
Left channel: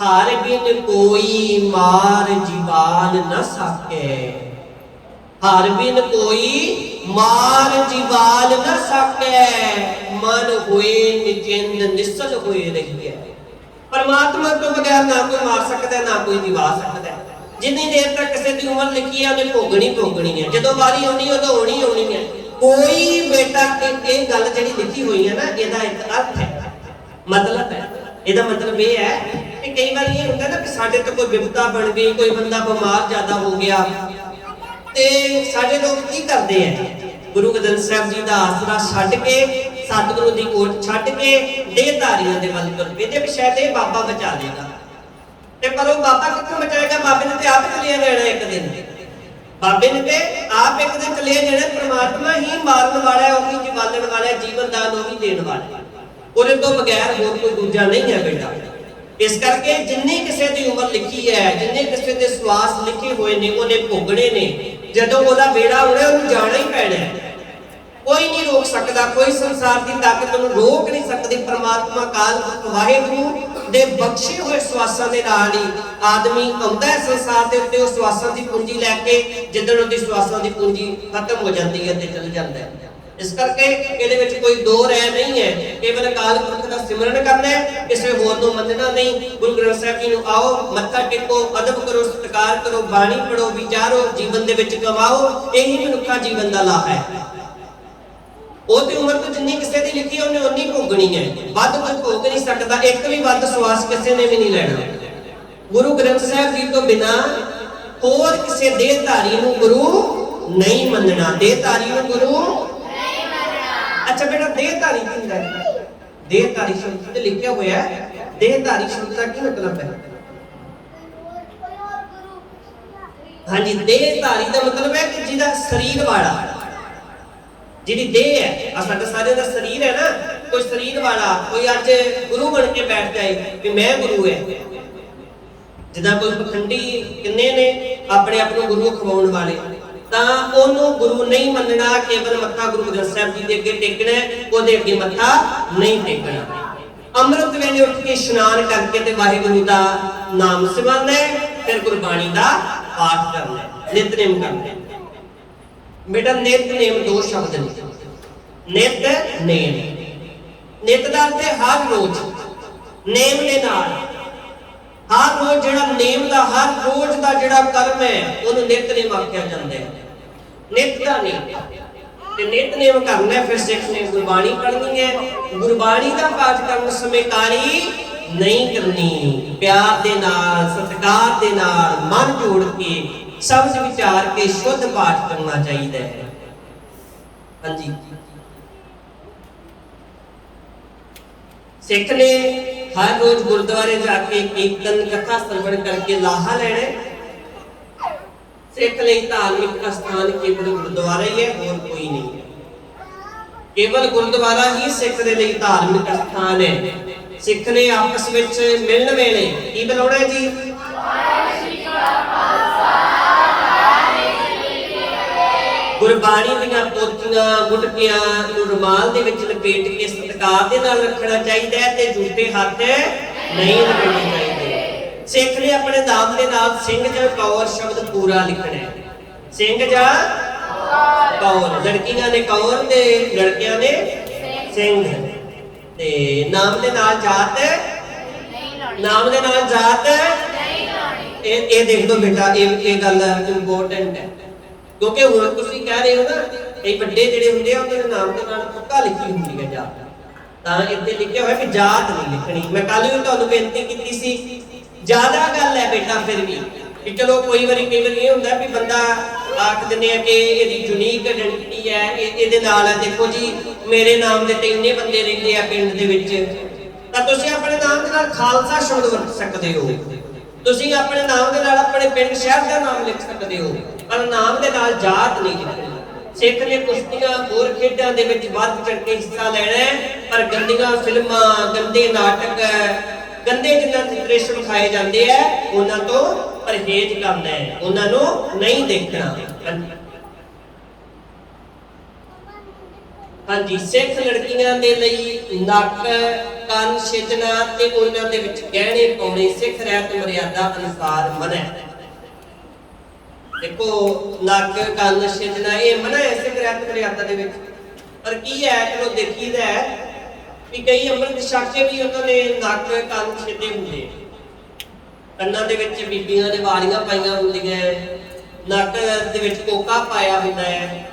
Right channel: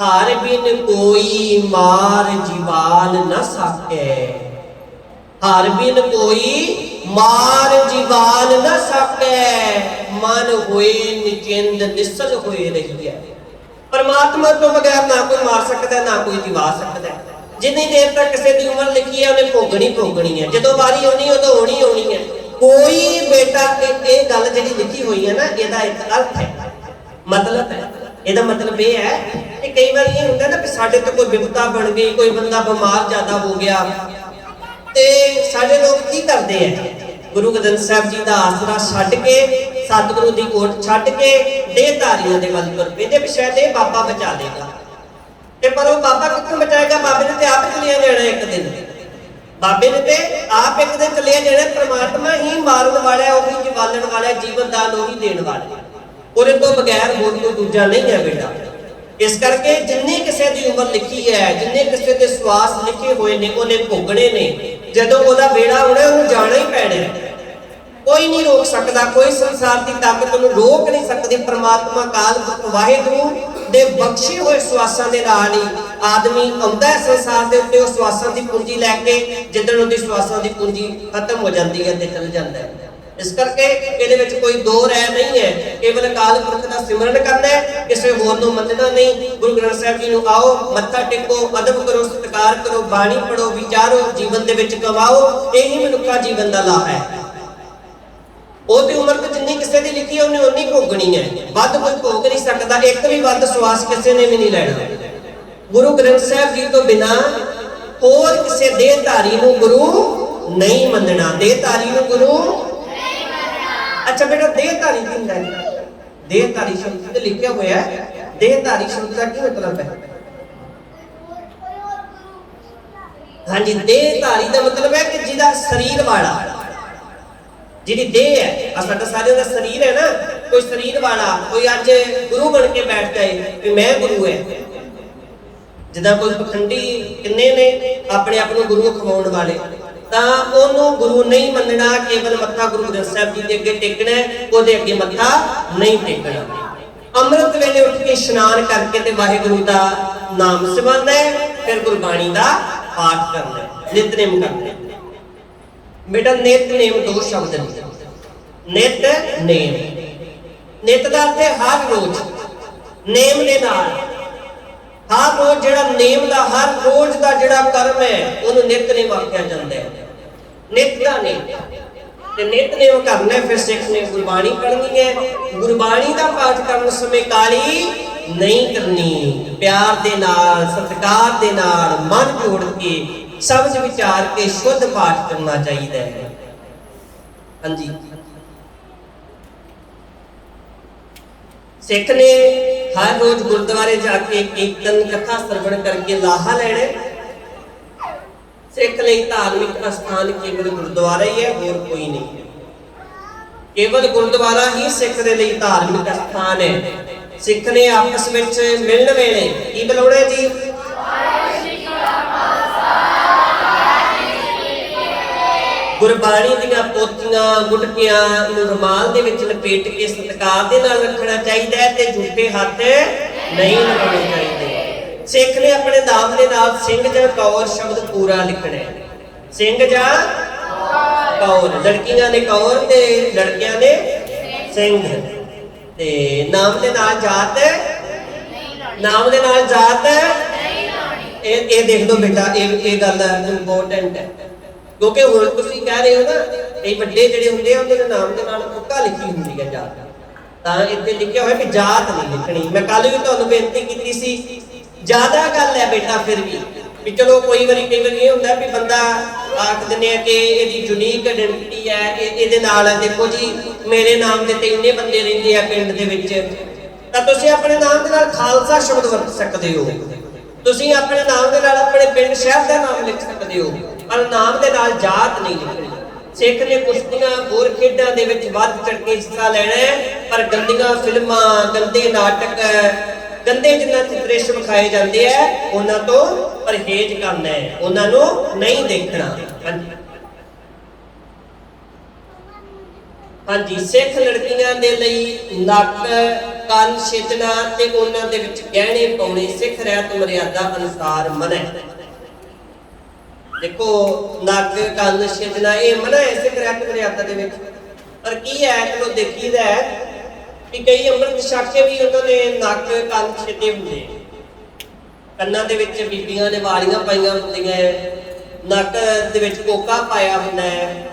ਹਾਰ ਬਿਨ ਕੋਈ ਮਾਰ ਜੀਵਾਲ ਨਾ ਸਾਕੇ, ਹਾਰ ਬਿਨ ਕੋਈ ਮਾਰ ਜੀਵਾਲ ਨਾ ਸਾਕੇ, ਮਨ ਹੋਏ ਨਿਚਿੰਦ ਨਿਸਲ ਹੋਏ ਰਹੀਏ। ਪਰਮਾਤਮਾ ਤੋਂ ਬਗੈਰ ਨਾ ਕੋਈ ਮਾਰ ਸਕਦਾ, ਨਾ ਕੋਈ ਜਿਵਾ ਸਕਦਾ। ਜਿੰਨੀ ਦੇਰ ਤੱਕ ਕਿਸੇ ਦੀ ਉਮਰ ਲਿਖੀ ਹੈ ਉਹਨੇ ਭੋਗਣੀ ਹੈ। ਜਦੋਂ ਵਾਰੀ ਆਉਣੀ ਉਦੋਂ ਹੋਣੀ ਹੈ। ਕੋਈ ਬੇਟਾ ਇਹ ਗੱਲ ਜਿਹੜੀ ਲਿਖੀ ਹੋਈ ਹੈ ਨਾ, ਇਹਦਾ ਇੱਕ ਅਰਥ ਹੈ, ਮਤਲਬ ਹੈ। ਇਹਦਾ ਮਤਲਬ ਇਹ ਹੈ ਕਿ ਕਈ ਵਾਰ ਇਹ ਹੁੰਦਾ ਨਾ ਕਿ ਸਾਡੇ ਤੇ ਕੋਈ ਵਿਪਤਾ ਬਣ ਗਈ, ਕੋਈ ਬੰਦਾ ਬਿਮਾਰ ਜ਼ਿਆਦਾ ਹੋ ਗਿਆ ਤੇ ਸਾਡੇ ਲੋਕ ਕੀ ਕਰਦੇ ਆ? ਗੁਰੂ ਗੋਬਿੰਦ ਸਾਹਿਬ ਜੀ ਦਾ ਆਸਰਾ ਛੱਡ ਕੇ, ਸਤਿਗੁਰੂ ਦੀ ਓਟ ਛੱਡ ਕੇ ਦੇਹਧਾਰੀਆਂ ਦੇ ਵੱਲ ਤੁਰ ਪਏ ਤੇ ਸ਼ਾਇਦ ਇਹ ਬਾਬਾ ਬਚਾ ਲੇਗਾ। ਤੇ ਪਰ ਉਹ ਬਾਬਾ ਕਿੱਥੋਂ ਬਚਾਏਗਾ? ਬਾਬੇ ਨੇ ਤੇ ਆਪ ਚਲਿਆ ਜਾਣਾ ਇੱਕ ਦਿਨ। ਬਾਬੇ ਨੇ ਤੇ ਆਪ ਇੱਕ ਦਿਨ ਚਲਿਆ ਜਾਣਾ। ਪ੍ਰਮਾਤਮਾ ਹੀ ਮਾਰਨ ਵਾਲਾ ਹੈ, ਉਹ ਹੀ ਜਿਵਾਲਣ ਵਾਲਾ ਹੈ, ਜੀਵਨ ਦਾਨ ਉਹ ਹੀ ਦੇਣ ਵਾਲਾ ਹੈ। ਉਹਦੇ ਤੋਂ ਬਗੈਰ ਹੋਰ ਕੋਈ ਦੂਜਾ ਨਹੀਂ ਹੈ ਬੇਟਾ। ਇਸ ਕਰਕੇ ਜਿੰਨੀ ਕਿਸੇ ਦੀ ਉਮਰ ਲਿਖੀ ਹੈ, ਜਿੰਨੇ ਕਿਸੇ ਦੇ ਸਵਾਸ ਲਿਖੇ ਹੋਏ ਨੇ, ਉਹਨੇ ਭੋਗਣੇ ਨੇ। ਜਦੋਂ ਉਹਦਾ ਵੇੜਾ ਹੋਣਾ ਉਹਨੂੰ ਜਾਣਾ ਹੀ ਪੈਣਾ। ਕੋਈ ਨਹੀਂ ਰੋਕ ਸਕਦਾ, ਕੋਈ ਸੰਸਾਰ ਦੀ ਤਾਕਤ ਉਹਨੂੰ ਰੋਕ ਨਹੀਂ ਸਕਦੀ। ਪਰਮਾਤਮਾ ਕਾਲ ਵਾਹਿਗੁਰੂ ਦੇ ਬਖਸ਼ੇ ਹੋਏ ਸਵਾਸਾਂ ਦੇ ਨਾਲ ਹੀ ਆਦਮੀ ਆਉਂਦਾ ਹੈ ਸੰਸਾਰ ਦੇ ਉੱਤੇ। ਉਹ ਸਵਾਸਾਂ ਦੀ ਪੂੰਜੀ ਲੈ ਕੇ ਜਿੱਦਣ ਉਹਦੀ ਸਵਾਸਾਂ ਦੀ ਪੂੰਜੀ ਖਤਮ ਹੋ ਜਾਂਦੀ ਹੈ ਤੇ ਚਲ ਜਾਂਦਾ ਹੈ। ਇਸ ਕਰਕੇ ਇਹਦੇ ਵਿੱਚ ਕੋਈ ਦੋ ਰਾਏ ਨਹੀਂ ਹੈ। ਕੇਵਲ ਅਕਾਲ ਪੁਰਖ ਦਾ ਸਿਮਰਨ ਕਰਨਾ ਹੈ, ਕਿਸੇ ਹੋਰ ਨੂੰ ਮੰਨਣਾ ਨਹੀਂ। ਗੁਰੂ ਗ੍ਰੰਥ ਸਾਹਿਬ ਜੀ ਨੂੰ ਆਓ, ਮੱਥਾ ਟੇਕੋ, ਅਦਬ ਕਰੋ, ਸਤਿਕਾਰ ਕਰੋ, ਬਾਣੀ ਪੜੋ, ਵਿਚਾਰੋ, ਜੀਵਨ ਦੇ ਵਿੱਚ ਕਮਾਓ। ਇਹੀ ਮਨੁੱਖਾ ਜੀਵਨ ਦਾ ਲਾਭ ਹੈ। ਉਹ ਤੇ ਉਮਰ ਤੇ ਜਿੰਨੀ ਕਿਸੇ ਦੀ ਲਿਖੀ ਉਹਨੇ ਉਨੀ ਭੋਗਣੀ ਹੈ। ਵੱਧ ਕੋਈ ਭੋਗ ਨਹੀਂ ਸਕਦਾ। ਇੱਕ ਵੀ ਵੱਧ ਸਵਾਸ ਕਿਸੇ ਨੇ ਵੀ ਨਹੀਂ ਲੈਣਾ। ਗੁਰੂ ਗ੍ਰੰਥ ਸਾਹਿਬ ਜੀ ਤੋਂ ਬਿਨਾਂ ਹੋਰ ਕਿਸੇ ਦੇਹਧਾਰੀ ਨੂੰ ਗੁਰੂ ਨਹੀਂ ਮੰਨਣਾ। ਦੇਹਧਾਰੀ ਨੂੰ ਗੁਰੂ ਨਹੀਂ ਮੰਨਣਾ। ਅੱਛਾ ਬੇਟਾ, ਦੇਹਧਾਰੀ ਕੀ ਹੁੰਦਾ ਹੈ? ਦੇਹਧਾਰੀ ਸ਼ਬਦ ਤੇ ਲਿਖਿਆ ਹੋਇਆ ਹੈ। ਦੇਹਧਾਰੀ ਸ਼ਬਦ ਦਾ ਕੀ ਮਤਲਬ ਹੈ? ਹਾਂਜੀ, ਦੇਹਧਾਰੀ ਦਾ ਮਤਲਬ ਹੈ ਕਿ ਜਿਹਦਾ ਸਰੀਰ ਵਾਲਾ, ਜਿਹਦੀ ਦੇਹ ਹੈ। ਆ ਸਾਡਾ ਸਾਰਿਆਂ ਦਾ ਸਰੀਰ ਹੈ ਨਾ, ਕੋਈ ਸਰੀਰ ਵਾਲਾ, ਕੋਈ ਅੱਜ ਗੁਰੂ ਬਣ ਕੇ ਬੈਠ ਜਾਏ ਕਿ ਮੈਂ ਗੁਰੂ ਹੈ। ਜਿੱਦਾਂ ਕੋਈ ਪਖੰਡੀ ਕਿੰਨੇ ਨੇ ਆਪਣੇ ਆਪ ਨੂੰ ਗੁਰੂ ਖਵਾਉਣ ਵਾਲੇ, ਤਾਂ ਉਹਨੂੰ ਗੁਰੂ ਨਹੀਂ ਮੰਨਣਾ। ਕੇਵਲ ਮੱਥਾ ਗੁਰੂ ਗ੍ਰੰਥ ਸਾਹਿਬ ਜੀ ਦੇ ਅੱਗੇ ਟੇਕਣਾ, ਉਹਦੇ ਅੱਗੇ ਮੱਥਾ ਨਹੀਂ ਟੇਕਣਾ। ਅੰਮ੍ਰਿਤ ਵੇਲੇ ਉੱਠ ਕੇ ਇਸ਼ਨਾਨ ਕਰਕੇ ਤੇ ਵਾਹਿਗੁਰੂ ਦਾ ਨਾਮ ਸਿਮਰਨਾ ਹੈ, ਫਿਰ ਗੁਰਬਾਣੀ ਦਾ ਪਾਠ ਕਰਨਾ, ਨਿਤਨੇਮ ਕਰਨਾ। ਬੇਟਾ ਨਿਤਨੇਮ ਦੋ ਸ਼ਬਦ ਨੇ। ਨਿਤਨੇਮ, ਨਿਤ ਦਾ ਅਰਥ ਹੈ ਹਰ ਰੋਜ਼, ਨੇਮ ਦੇ ਨਾਲ। ਹਰ ਰੋਜ਼ ਜਿਹੜਾ ਨੇਮ ਦਾ, ਹਰ ਰੋਜ਼ ਦਾ ਜਿਹੜਾ ਕਰਮ ਹੈ ਉਹਨੂੰ ਨਿਤਨੇਮ ਆਖਿਆ ਜਾਂਦਾ ਹੈ। ਨਿਤ ਦਾ ਨੇਮ ਤੇ ਨਿਤਨੇਮ ਕਰਨਾ। ਫਿਰ ਸਿੱਖ ਨੇ ਗੁਰਬਾਣੀ ਪੜ੍ਹਨੀ ਹੈ। ਗੁਰਬਾਣੀ ਦਾ ਪਾਠ ਕਰਨ ਸਮੇਂ ਕਾਹਲੀ ਨਹੀਂ ਕਰਨੀ। ਪਿਆਰ ਦੇ ਨਾਲ, ਸਤਿਕਾਰ ਦੇ ਨਾਲ, ਮਨ ਜੋੜ ਕੇ, ਸਮਝ ਵਿਚਾਰ ਕੇ ਸ਼ੁੱਧ ਪਾਠ ਕਰਨਾ ਚਾਹੀਦਾ ਹੈ। हाँ जी, सिख ने हर रोज गुरुद्वारे जाके कीर्तन कथा श्रवण करके लाहा लेना। सिख ਲਈ धार्मिक स्थान केवल गुरुद्वारा ही है, और कोई नहीं है। केवल गुरुद्वारा ही सिख ਦੇ ਲਈ धार्मिक स्थान है। सिख ने आपस ਵਿੱਚ ਮਿਲਣ ਵੇਲੇ ਕੀ ਬੁਲਾਉਣਾ ਜੀ? ਗੁਰਬਾਣੀ ਦੀਆਂ ਪੋਥੀਆਂ ਗੁਟਕਿਆਂ ਨੂੰ ਰੁਮਾਲ ਦੇ ਵਿੱਚ ਲਪੇਟ ਕੇ ਸਤਿਕਾਰ ਦੇ ਨਾਲ ਰੱਖਣਾ ਚਾਹੀਦਾ ਹੈ ਤੇ ਝੂਠੇ ਹੱਥ ਨਹੀਂ ਲਾਉਣੇ ਚਾਹੀਦੇ। ਸਿੱਖ ਨੇ ਆਪਣੇ ਨਾਮ ਦੇ ਨਾਲ ਸਿੰਘ ਜਾਂ ਕੌਰ ਸ਼ਬਦ ਪੂਰਾ ਲਿਖਣਾ ਹੈ। ਸਿੰਘ ਜਾਂ ਕੌਰ, ਲੜਕੀਆਂ ਨੇ ਕੌਰ ਤੇ ਲੜਕਿਆਂ ਨੇ ਸਿੰਘ। ਤੇ ਨਾਮ ਦੇ ਨਾਲ ਜਾਤ, ਨਾਮ ਦੇ ਨਾਲ ਜਾਤ ਇਹ ਦੇਖ ਲਓ ਬੇਟਾ, ਇਹ ਗੱਲ ਇੰਪੋਰਟੈਂਟ ਹੈ, ਕਿਉਂਕਿ ਹੁਣ ਤੁਸੀਂ ਕਹਿ ਰਹੇ ਹੋ ਨਾ ਇਹ ਵੱਡੇ ਜਿਹੜੇ ਹੁੰਦੇ ਆ ਉਹਨਾਂ ਦੇ ਨਾਮ ਦੇ ਨਾਲ ਤੁੱਕਾ ਲਿਖੀ ਹੁੰਦੀ ਹੈ ਜਾਤ, ਤਾਂ ਇੱਥੇ ਲਿਖਿਆ ਹੋਇਆ ਵੀ ਜਾਤ ਨਹੀਂ ਲਿਖਣੀ। ਮੈਂ ਕੱਲ ਵੀ ਤੁਹਾਨੂੰ ਬੇਨਤੀ ਕੀਤੀ ਸੀ, ਜ਼ਿਆਦਾ ਗੱਲ ਹੈ ਬੇਟਾ ਫਿਰ ਵੀ ਚਲੋ ਕਈ ਵਾਰੀ ਇਹ ਹੁੰਦਾ ਵੀ ਬੰਦਾ ਆਖ ਦਿੰਦੇ ਆ ਕਿ ਇਹਦੀ ਯੂਨੀਕ ਆਇਡੈਂਟੀਟੀ ਹੈ, ਇਹਦੇ ਨਾਲ ਦੇਖੋ ਜੀ ਮੇਰੇ ਨਾਮ ਦੇ ਤੇ ਇੰਨੇ ਬੰਦੇ ਰਹਿੰਦੇ ਆ ਪਿੰਡ ਦੇ ਵਿੱਚ, ਤਾਂ ਤੁਸੀਂ ਆਪਣੇ ਨਾਮ ਦੇ ਨਾਲ ਖਾਲਸਾ ਸ਼ਬਦ ਵਰਤ ਸਕਦੇ ਹੋ। ਤੁਸੀਂ ਆਪਣੇ ਨਾਮ ਦੇ ਨਾਲ ਆਪਣੇ ਪਿੰਡ ਸ਼ਹਿਰ ਦਾ ਨਾਮ ਲਿਖ ਸਕਦੇ ਹੋ, ਪਰ ਨਾਮ ਦੇ ਨਾਲ ਜਾਤ ਨਹੀਂ ਲਿਖਣੀ। ਸਿੱਖ ਨੇ ਕੁਸ਼ਤੀਆਂ ਹੋਰ ਖੇਡਾਂ ਦੇ ਵਿੱਚ ਵੱਧ ਚੜ ਕੇ ਹਿੱਸਾ ਲੈਣਾ ਹੈ, ਪਰ ਗੰਦੀਆਂ ਫਿਲਮਾਂ, ਗੰਦੇ ਨਾਟਕ, ਗੰਦੇ ਜਿਨ੍ਹਾਂ ਚ ਦ੍ਰਿਸ਼ ਵਿਖਾਏ ਜਾਂਦੇ ਆ ਉਹਨਾਂ ਤੋਂ ਪਰਹੇਜ਼ ਕਰਨਾ ਹੈ, ਉਹਨਾਂ ਨੂੰ ਨਹੀਂ ਦੇਖਣਾ। ਹਾਂਜੀ, ਸਿੱਖ ਲੜਕੀਆਂ ਦੇ ਲਈ ਨੱਕ ਕੰਨ ਛੇਦਣਾ ਤੇ ਉਹਨਾਂ ਦੇ ਵਿੱਚ ਗਹਿਣੇ ਪਾਉਣੇ ਸਿੱਖ ਰਹਿਤ ਮਰਿਆਦਾ ਅਨੁਸਾਰ ਮਨ੍ਹਾ ਹੈ। ਦੇਖੋ ਨੱਕ ਕੰਨ ਛੇਦਣਾ ਇਹ ਮਨ੍ਹਾ ਹੈ ਸਿੱਖ ਰਹਿਤ ਮਰਿਆਦਾ ਦੇ ਵਿੱਚ, ਪਰ ਕੀ ਹੈ ਚਲੋ ਦੇਖੀਦਾ ਕਿ ਕਈ ਅੰਮ੍ਰਿਤ ਛਕ ਕੇ ਵੀ ਉਹਨਾਂ ਨੇ ਨੱਕ ਕੰਨ ਛੇਦੇ ਹੁੰਦੇ, ਕੰਨਾਂ ਦੇ ਵਿੱਚ ਬੀਬੀਆਂ ਨੇ ਵਾਲੀਆਂ ਪਾਈਆਂ ਹੁੰਦੀਆਂ, ਨੱਕ ਦੇ ਵਿੱਚ ਕੋਕਾ ਪਾਇਆ ਹੁੰਦਾ ਹੈ।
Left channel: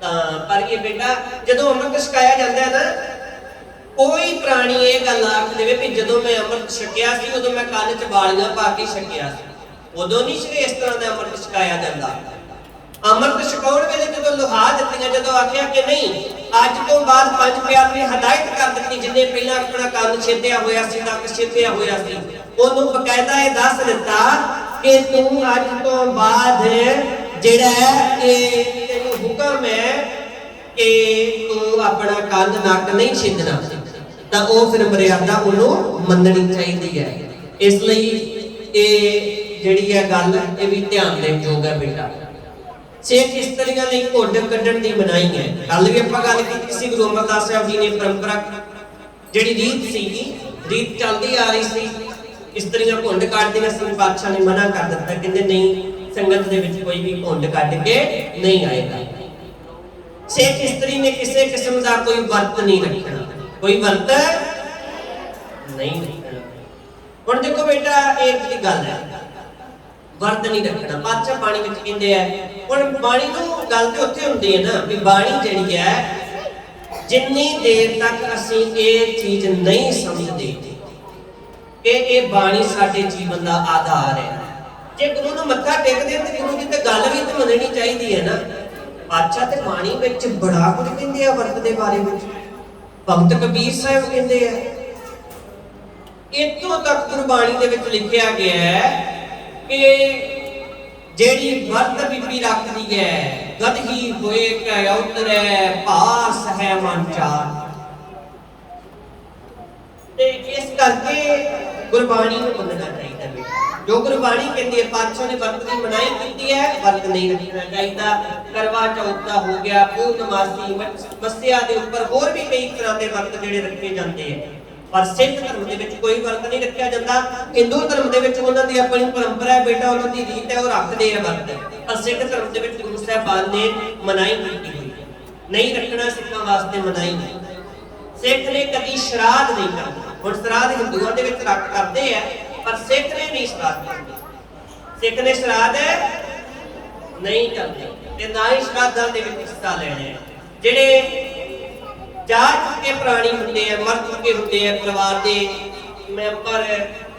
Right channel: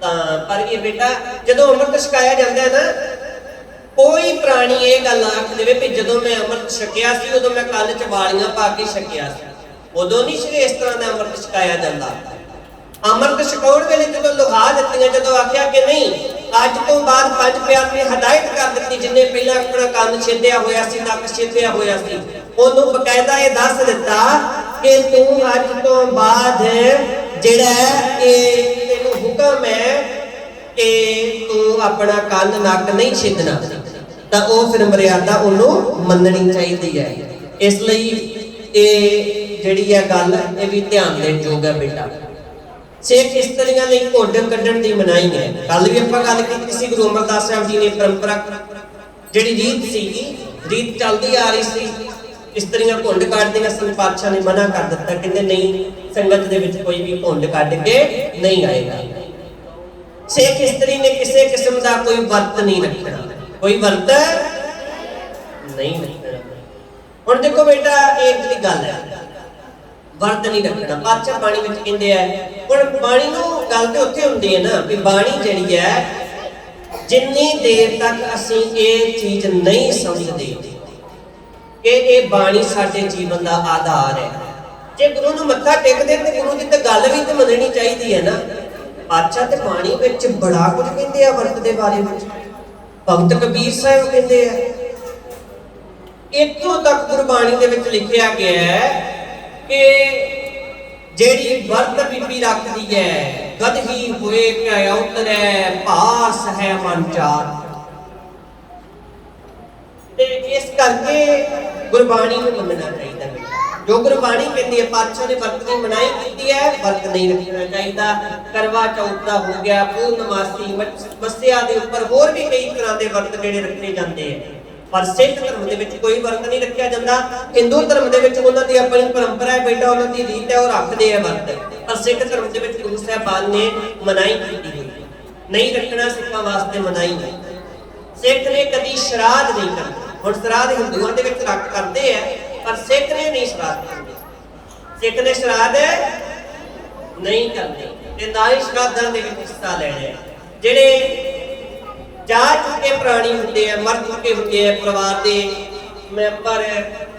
ਤਾਂ ਪਰ ਇਹ ਬੇਟਾ ਜਦੋਂ ਅੰਮ੍ਰਿਤ ਛਕਾਇਆ ਜਾਂਦਾ ਹੈ ਨਾ, ਕੋਈ ਪ੍ਰਾਣੀ ਇਹ ਗੱਲ ਆਖ ਦੇਵੇ ਵੀ ਜਦੋਂ ਮੈਂ ਅੰਮ੍ਰਿਤ ਛਕਿਆ ਸੀ ਉਦੋਂ ਮੈਂ ਕੰਨ 'ਚ ਵਾਲੀਆਂ ਪਾ ਕੇ ਛਕਿਆ ਸੀ, ਉਦੋਂ ਨਹੀਂ ਸੀ ਇਸ ਤਰ੍ਹਾਂ ਦਾ ਅੰਮ੍ਰਿਤ ਛਕਾਇਆ ਜਾਂਦਾ। ਅੰਮ੍ਰਿਤ ਛਕਾਉਣ ਵੇਲੇ ਜਦੋਂ ਲੁਹਾ ਦਿੱਤੀਆਂ, ਜਦੋਂ ਆਖਿਆ ਕਿ ਨਹੀਂ ਅੱਜ ਤੋਂ ਬਾਅਦ ਪੰਜ ਪਿਆਰ ਨੇ ਹਦਾਇਤ ਕਰ ਦਿੱਤੀ, ਜਿੰਨੇ ਪਹਿਲਾਂ ਆਪਣਾ ਕੰਨ ਛੇਦਿਆ ਹੋਇਆ ਸੀ, ਨੱਕ ਛੇਦਿਆ ਹੋਇਆ ਸੀ, ਉਹਨੂੰ ਬਕਾਇਦਾ ਇਹ ਦੱਸ ਦਿੱਤਾ ਕਿ ਤੂੰ ਅੱਜ ਤੋਂ ਬਾਅਦ ਜਿਹੜਾ ਇਹ ਤੈਨੂੰ ਹੁਕਮ ਹੈ ਕਿ ਤੂੰ ਆਪਣਾ ਕੰਨ ਨੱਕ ਨਹੀਂ ਛੇਦਣਾ, ਤਾਂ ਉਹ ਫਿਰ ਮਰਿਆਦਾ ਉਹਨੂੰ ਮੰਨਣੀ ਚਾਹੀਦੀ ਹੈ। ਇਸ ਲਈ ਇਹ ਜਿਹੜੀ ਹੈ ਗੱਲ ਇਹ ਵੀ ਧਿਆਨ ਦੇਣ ਯੋਗ ਹੈ ਬੇਟਾ। ਸਿੱਖ ਇਸਤਰੀਆਂ ਲਈ ਘੁੰਡ ਕੱਢਣ ਦੀ ਮਨਾਹੀ ਹੈ। ਕੱਲ ਵੀ ਆਪਾਂ ਗੱਲ ਕੀਤੀ ਸੀ, ਗੁਰੂ ਅਮਰਦਾਸ ਸਾਹਿਬ ਜੀ ਨੇ ਪਰੰਪਰਾ ਜਿਹੜੀ ਰੀਤ ਸੀਗੀ, ਰੀਤ ਚੱਲਦੀ ਆ ਰਹੀ ਸੀ, ਇਸਤਰੀਆਂ ਘੁੰਡ ਕੱਢਦੀਆਂ ਸਨ, ਪਾਤਸ਼ਾਹ ਨੇ ਮਨਾ ਕਰ ਦਿੱਤਾ, ਕਹਿੰਦੇ ਨਹੀਂ ਸੰਗਤ ਦੇ ਵਿੱਚ ਕੋਈ ਵੀ ਘੁੰਡ ਕੱਢ ਕੇ ਨਹੀਂ ਆਏਗਾ। ਸਿੱਖ ਇਸਤਰੀ ਨੇ ਕਿਸੇ ਕਿਸਮ ਦਾ ਕੋਈ ਵਰਤ ਨਹੀਂ ਰੱਖਣਾ, ਕੋਈ ਵਰਤ ਨਹੀਂ ਰੱਖਣਾ। ਹੁਣ ਦੇਖੋ ਬੇਟਾ ਇਹ ਜਿਹੜੀ ਗੱਲ ਹੈ, ਵਰਤ ਨਹੀਂ ਰੱਖਣਾ, ਪਾਤਸ਼ਾਹ ਬਾਣੀ ਵਿੱਚ ਕਹਿੰਦੇ ਆ। ਹੁਣ ਬਾਣੀ ਨੂੰ ਗੱਲ ਤੇ ਉੱਥੇ ਹੁੰਦੀ ਹੈ ਨਾ ਵੀ ਬਾਣੀ ਜਿਹੜੀ ਹੈ, ਜਿੰਨੀ ਦੇਰ ਤੱਕ ਅਸੀਂ ਇਹ ਚੀਜ਼ ਨਹੀਂ ਸਮਝਦੇ ਕਿ ਇਹ ਬਾਣੀ ਸਾਡੇ ਜੀਵਨ ਦਾ ਆਧਾਰ ਹੈ, ਜੇ ਗੁਰੂ ਨੂੰ ਮੱਥਾ ਟੇਕਦੇ ਤੇ ਗੁਰੂ ਦੀ ਤਾਂ ਗੱਲ ਵੀ ਤਾਂ ਮੰਨਣੀ ਚਾਹੀਦੀ ਹੈ ਨਾ। ਪਾਤਸ਼ਾਹ ਤੇ ਬਾਣੀ ਵਿੱਚ ਬੜਾ ਕੁਝ ਕਹਿੰਦੇ ਆ ਵਰਤ ਦੇ ਬਾਰੇ ਵਿੱਚ, ਭਗਤ ਕਬੀਰ ਸਾਹਿਬ ਕਹਿੰਦੇ ਆ, ਇੱਥੋਂ ਤੱਕ ਗੁਰਬਾਣੀ ਦੇ ਵਿੱਚ ਲਿਖਿਆ ਗਿਆ ਹੈ ਕਿ ਜਿਹੜੀ ਵਰਤ ਬੀਬੀ ਰੱਖਦੀ ਹੈ, ਗਦਹੀ ਹੋਏ ਕੈ ਉਤਰੈ ਭਾਰ ਸਹਿ ਮਨ ਚਾਰ। ਤੇ ਇਸ ਕਰਕੇ ਗੁਰਬਾਣੀ ਨੂੰ ਮੰਨਣਾ ਚਾਹੀਦਾ, ਜੋ ਗੁਰਬਾਣੀ ਕਹਿੰਦੀ ਹੈ। ਪਾਤਸ਼ਾਹ ਨੇ ਵਰਤ ਦੀ ਮਨਾਹੀ ਕੀਤੀ ਹੈ, ਵਰਤ ਨਹੀਂ ਰੱਖਣਾ ਚਾਹੀਦਾ। ਕਰਵਾ ਚੌਥ ਦਾ ਹੋ ਗਿਆ, ਪੂਰਨਮਾਸੀ, ਮੱਸਿਆ ਦੇ ਉੱਪਰ ਹੋਰ ਵੀ ਕਈ ਤਰ੍ਹਾਂ ਦੇ ਵਰਤ ਜਿਹੜੇ ਰੱਖੇ ਜਾਂਦੇ ਆ, ਪਰ ਸਿੱਖ ਧਰਮ ਦੇ ਵਿੱਚ ਕੋਈ ਵਰਤ ਨਹੀਂ ਰੱਖਿਆ ਜਾਂਦਾ। ਹਿੰਦੂ ਧਰਮ ਦੇ ਵਿੱਚ ਉਹਨਾਂ ਦੀ ਆਪਣੀ ਪਰੰਪਰਾ ਹੈ ਬੇਟਾ, ਉਹਨਾਂ ਦੀ ਰੀਤ ਹੈ, ਉਹ ਰੱਖਦੇ ਆ ਵਰਤ, ਪਰ ਸਿੱਖ ਧਰਮ ਦੇ ਵਿੱਚ ਗੁਰੂ ਸਾਹਿਬਾਨ ਨੇ ਮਨਾਹੀ ਕੀਤੀ ਹੋਈ, ਨਹੀਂ ਰੱਖਣਾ ਸਿੱਖਾਂ ਵਾਸਤੇ ਮਨਾਹੀ ਨਹੀਂ। ਸਿੱਖ ਨੇ ਕਦੀ ਸ਼ਰਾਧ ਨਹੀਂ ਕਰਨਾ। ਹੁਣ ਸ਼ਰਾਧ ਹਿੰਦੂਆਂ ਦੇ ਵਿੱਚ ਰੱਖ ਕਰਦੇ ਆ, ਪਰ ਸਿੱਖ ਨੇ ਨਹੀਂ ਸ਼ਰਾਧ ਕਰਨੀ, ਸਿੱਖ ਨੇ ਸ਼ਰਾਧ ਨਹੀਂ ਕਰਨੀ ਤੇ ਨਾ ਹੀ ਸ਼ਰਾਧਾਂ ਦੇ ਵਿੱਚ ਹਿੱਸਾ ਲੈਣਾ ਹੈ। ਜਿਹੜੇ ਜਾ ਚੁੱਕੇ ਪ੍ਰਾਣੀ ਹੁੰਦੇ ਆ, ਮਰ ਚੁੱਕੇ ਹੁੰਦੇ ਆ ਪਰਿਵਾਰ ਦੇ ਮੈਂਬਰ,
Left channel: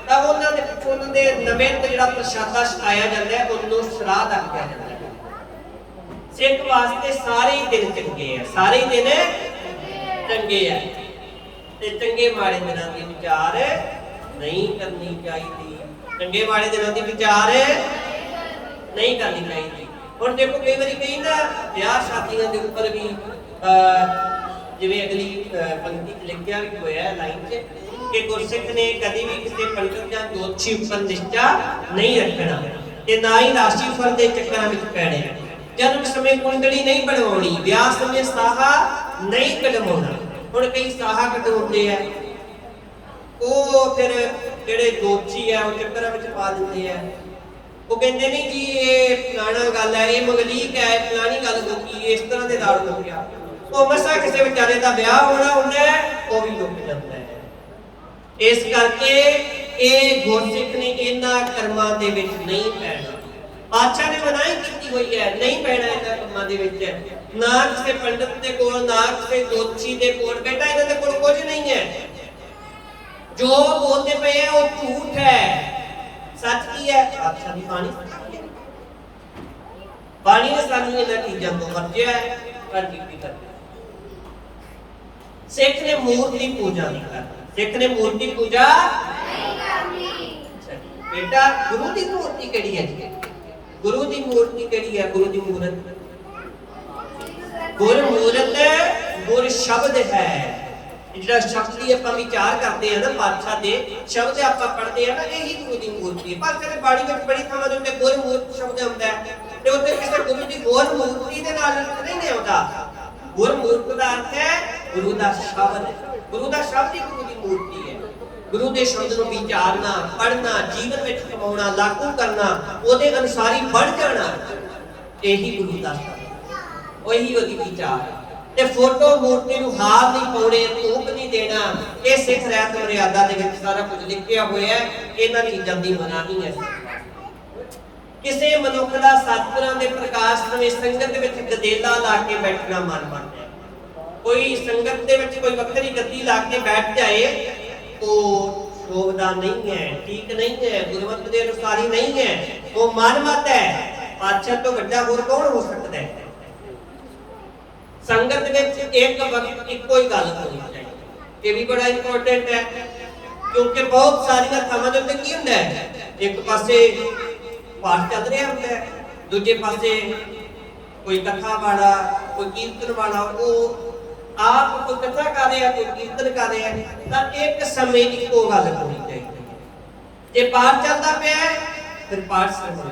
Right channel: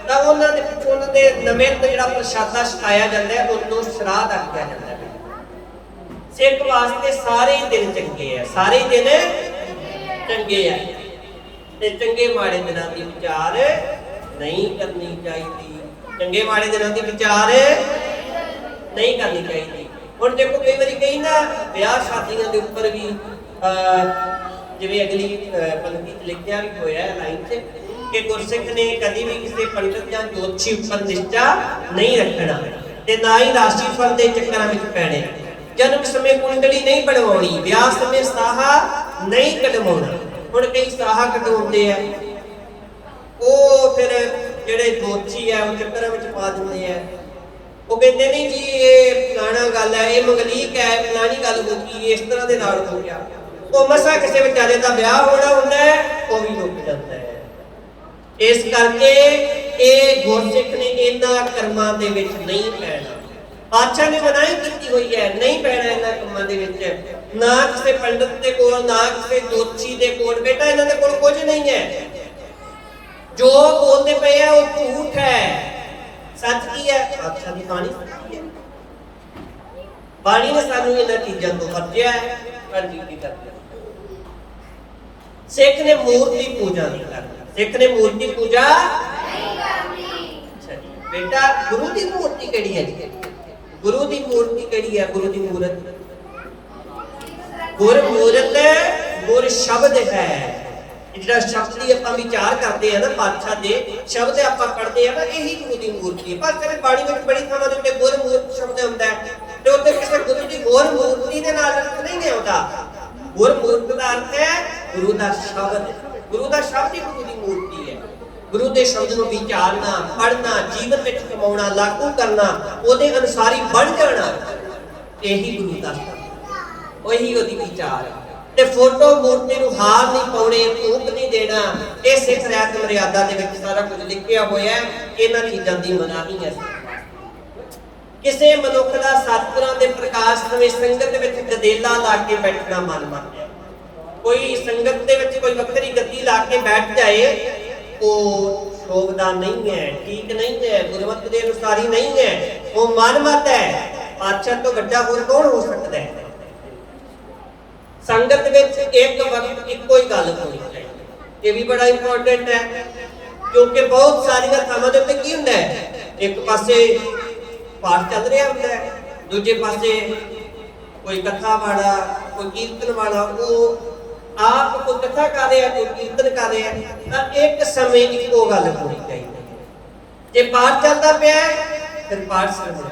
ਤਾਂ ਉਹਨਾਂ ਦੇ ਪਿੱਛੋਂ ਉਹਨਾਂ ਦੇ ਨਵੇਂ ਜਿਹੜਾ ਪ੍ਰਸ਼ਾਦਾ ਛਕਾਇਆ ਜਾਂਦਾ ਹੈ ਉਹਨੂੰ ਸ਼ਰਾਧ ਆਖਿਆ ਜਾਂਦਾ ਹੈ। ਸਿੱਖ ਵਾਸਤੇ ਸਾਰੇ ਹੀ ਦਿਨ ਚੰਗੇ ਆ, ਸਾਰੇ ਹੀ ਦਿਨ ਚੰਗੇ ਆ, ਤੇ ਚੰਗੇ ਮਾੜੇ ਦਿਨਾਂ ਦੀ ਵਿਚਾਰ ਨਹੀਂ ਕਰਨੀ ਚਾਹੀਦੀ। ਚੰਗੇ ਮਾੜੇ ਦਿਨਾਂ ਦੀ ਵਿਚਾਰ ਨਹੀਂ ਕਰਨੀ ਚਾਹੀਦੀ। ਹੁਣ ਦੇਖੋ ਕਈ ਵਾਰੀ ਕਈ ਨਾ ਵਿਆਹ ਸ਼ਾਦੀਆਂ ਦੇ ਉੱਪਰ ਵੀ ਜਿਵੇਂ ਅਗਲੀ ਪੰਕਤੀ 'ਚ ਲਿਖਿਆ ਵੀ ਹੋਇਆ ਲਾਈਨ 'ਚ ਕਿ ਗੁਰਸਿੱਖ ਨੇ ਕਦੀ ਵੀ ਕਿਸੇ ਪੰਡਤ ਜਾਂ ਜੋਤਸ਼ੀ ਉੱਪਰ ਨਿਸ਼ਚਾ ਨਹੀਂ ਰੱਖਣਾ ਤੇ ਨਾ ਹੀ ਰਾਸ਼ੀ ਫਲ ਦੇ ਚੱਕਰਾਂ ਵਿੱਚ ਪੈਣੇ। ਜਨਮ ਸਮੇਂ ਕੁੰਡਲੀ ਨਹੀਂ ਬਣਵਾਉਣੀ, ਵਿਆਹ ਸਮੇਂ ਸਾਹਾ ਨਹੀਂ ਕਢਵਾਉਣਾ। ਹੁਣ ਕਈ ਸਾਹਾ ਕਢਵਾਉਂਦੇ ਆ, ਉਹ ਫਿਰ ਜਿਹੜੇ ਜੋਤਸ਼ੀ ਆ ਉਹ ਚੱਕਰਾਂ ਵਿੱਚ ਪਾ ਦਿੰਦੇ ਆ। ਉਹ ਕਹਿੰਦੇ ਨਹੀਂ ਜੀ ਇਹ ਫਲਾਣਾ ਗੱਲ ਹੈ, ਇਹ ਮੰਗਲੀਕ ਹੈ, ਫਲਾਣੀ ਗੱਲ ਹੋ ਗਈ, ਇਸ ਤਰ੍ਹਾਂ ਦੇ ਨਾਲ ਹੋ ਗਿਆ। ਉਹ ਮਸਾ ਕਿਸੇ ਵਿਚਾਰੇ ਦਾ ਵਿਆਹ ਹੋਣਾ ਹੁੰਦਾ ਹੈ, ਉਹ ਵੀ ਰੁਕ ਜਾਂਦਾ ਹੈ। ਇਸ ਕਰਕੇ ਇਹ ਗੁਰਸਿੱਖ ਨੇ ਇਹਨਾਂ ਕਰਮਾਂ ਦੇ ਵਿੱਚ ਨਹੀਂ ਪੈਣਾ। ਪਾਤਸ਼ਾਹ ਨੇ ਮਨਾਹੀ ਕੀਤੀ ਹੋਈ ਹੈ, ਨਹੀਂ ਪੈਣਾ ਇਹਨਾਂ ਕੰਮਾਂ ਦੇ ਵਿੱਚ। ਨਾ ਕਿਸੇ ਪੰਡਤ ਦੇ ਕੋਲ, ਨਾ ਕਿਸੇ ਜੋਤਸ਼ੀ ਦੇ ਕੋਲ। ਬੇਟਾ ਇਹਨਾਂ ਦੇ ਕੋਲ ਕੁਝ ਨਹੀਂ ਹੈ, ਜੋ ਬੋਲਦੇ ਪਏ ਆ ਉਹ ਝੂਠ ਹੈ। ਸੱਚ ਕੀ ਹੈ? ਪਾਤਸ਼ਾਹ ਦੀ ਬਾਣੀ ਹੈ। ਬਾਣੀ ਨੇ ਸਾਨੂੰ ਇਹਨਾਂ ਚੀਜ਼ਾਂ ਤੋਂ ਵਰਜਿਆ ਹੈ। ਹਾਂਜੀ ਕੀ ਕਰਦੇ ਸਿੱਖ ਨੇ ਮੂਰਤੀ ਪੂਜਾ ਨਹੀਂ ਕਰਨੀ। ਸਿੱਖ ਨੇ ਮੂਰਤੀ ਪੂਜਾ ਨਹੀਂ ਕਰਨੀ। ਬੇਟਾ ਗੁਰੂ ਦੀ ਮੂਰਤੀ ਕਿਹੜੀ ਹੈ ਜੀ? ਗੁਰੂ ਦੀ ਮੂਰਤੀ ਕਿਹੜੀ ਹੈ? ਗੁਰੂ ਦੀ ਮੂਰਤ ਗੁਰਮੂਰਤ ਗੁਰ ਸ਼ਬਦ ਹੈ। ਜਿਹੜਾ ਸ਼ਬਦ ਦੀ ਆਪਾਂ ਵਿਚਾਰ ਕਰਦੇ ਆ ਨਾ, ਪਾਤਸ਼ਾਹ ਦੇ ਸ਼ਬਦ ਆਪਾਂ ਪੜ੍ਹਦੇ ਆ ਨਾ, ਇਹੀ ਗੁਰੂ ਦੀ ਮੂਰਤੀ ਹੈ। ਪਾਤਸ਼ਾਹ ਦੀ ਬਾਣੀ ਵਿੱਚ ਬੜੀ ਥਾਵਾਂ ਦੇ ਉੱਤੇ ਗੁਰਮੂਰਤ ਸ਼ਬਦ ਹੁੰਦਾ ਹੈ ਤੇ ਉੱਥੇ ਕਿਸੇ ਗੁਰੂ ਦੀ ਹੋਰ ਮੂਰਤੀ ਦੇ ਨਾਲ ਅਰਥ ਨਹੀਂ ਆਉਂਦਾ। ਗੁਰਮੂਰਤ ਦਾ ਅਰਥ ਹੈ ਗੁਰੂ ਦਾ ਸ਼ਬਦ। ਗੁਰੂ ਦਾ ਸ਼ਬਦ ਹੀ ਗੁਰੂ ਦੀ ਮੂਰਤੀ ਹੈ। ਗੁਰੂ ਦੇ ਸ਼ਬਦ ਨੂੰ ਵਿਚਾਰਨਾ, ਪੜ੍ਹਨਾ, ਜੀਵਨ ਵਿੱਚ ਕਮਾਉਣਾ, ਲਾਗੂ ਕਰਨਾ, ਉਹਦੇ ਅਨੁਸਾਰ ਹੀ ਬਣ ਜਾਣਾ, ਇਹੀ ਗੁਰੂ ਦਾ ਸ਼ਬਦ, ਉਹੀ ਉਹਦੀ ਵਿਚਾਰ ਹੈ। ਤੇ ਫੋਟੋ ਮੂਰਤੀ ਨੂੰ ਹਾਰ ਨਹੀਂ ਪਾਉਣੇ, ਧੂਪ ਨਹੀਂ ਦੇਣਾ, ਇਹ ਸਿੱਖ ਰਹਿਤ ਮਰਿਆਦਾ ਦੇ ਵਿੱਚ ਸਾਰਾ ਕੁਝ ਲਿਖਿਆ ਹੋਇਆ ਹੈ। ਇਹਨਾਂ ਚੀਜ਼ਾਂ ਦੀ ਮਨਾਹੀ ਹੈ। ਕਿਸੇ ਮਨੁੱਖ ਦਾ ਸਤਿਗੁਰਾਂ ਦੇ ਪ੍ਰਕਾਸ਼ ਸਮੇਂ ਸੰਗਤ ਵਿੱਚ ਗਦੇਲਾ ਲਾ ਕੇ ਬੈਠਣਾ ਮਨਮਤ ਹੈ। ਕੋਈ ਸੰਗਤ ਦੇ ਵਿੱਚ ਕੋਈ ਵੱਖਰੀ ਗੱਦੀ ਲਾ ਕੇ ਬੈਠ ਜਾਏ, ਉਹ ਸ਼ੋਭਦਾ ਨਹੀਂ ਹੈ, ਠੀਕ ਨਹੀਂ ਹੈ, ਗੁਰਮਤਿ ਦੇ ਅਨੁਸਾਰ ਹੀ ਨਹੀਂ ਹੈ, ਉਹ ਮਨਮਤ ਹੈ। ਪਾਤਸ਼ਾਹ ਤੋਂ ਵੱਡਾ ਹੋਰ ਕੌਣ ਹੋ ਸਕਦਾ ਹੈ? ਸੰਗਤ ਵਿੱਚ ਇੱਕ ਵਕਤ ਇੱਕੋ ਹੀ ਗੱਲ ਹੋਣੀ ਚਾਹੀਦੀ। ਇਹ ਵੀ ਬੜਾ ਇੰਪੋਰਟੈਂਟ ਹੈ, ਕਿਉਂਕਿ ਬਹੁਤ ਸਾਰੀਆਂ ਥਾਵਾਂ ਦੇ ਉੱਤੇ ਕੀ ਹੁੰਦਾ ਹੈ, ਇੱਕ ਪਾਸੇ ਪਾਠ ਚੱਲ ਰਿਹਾ ਹੁੰਦਾ ਹੈ, ਦੂਜੇ ਪਾਸੇ ਕੋਈ ਕਥਾ ਵਾਲਾ, ਕੋਈ ਕੀਰਤਨ ਵਾਲਾ, ਉਹ ਆਪ ਕੋਈ ਕਥਾ ਕਰ ਰਿਹਾ, ਕੋਈ ਕੀਰਤਨ ਕਰ ਰਿਹਾ, ਤਾਂ ਇੱਕ ਸਮੇਂ ਇੱਕੋ ਗੱਲ ਹੋਣੀ ਚਾਹੀਦੀ। ਜੇ ਪਾਠ ਚੱਲਦਾ ਪਿਆ ਫਿਰ ਪਾਠ ਸੁਣਨਾ,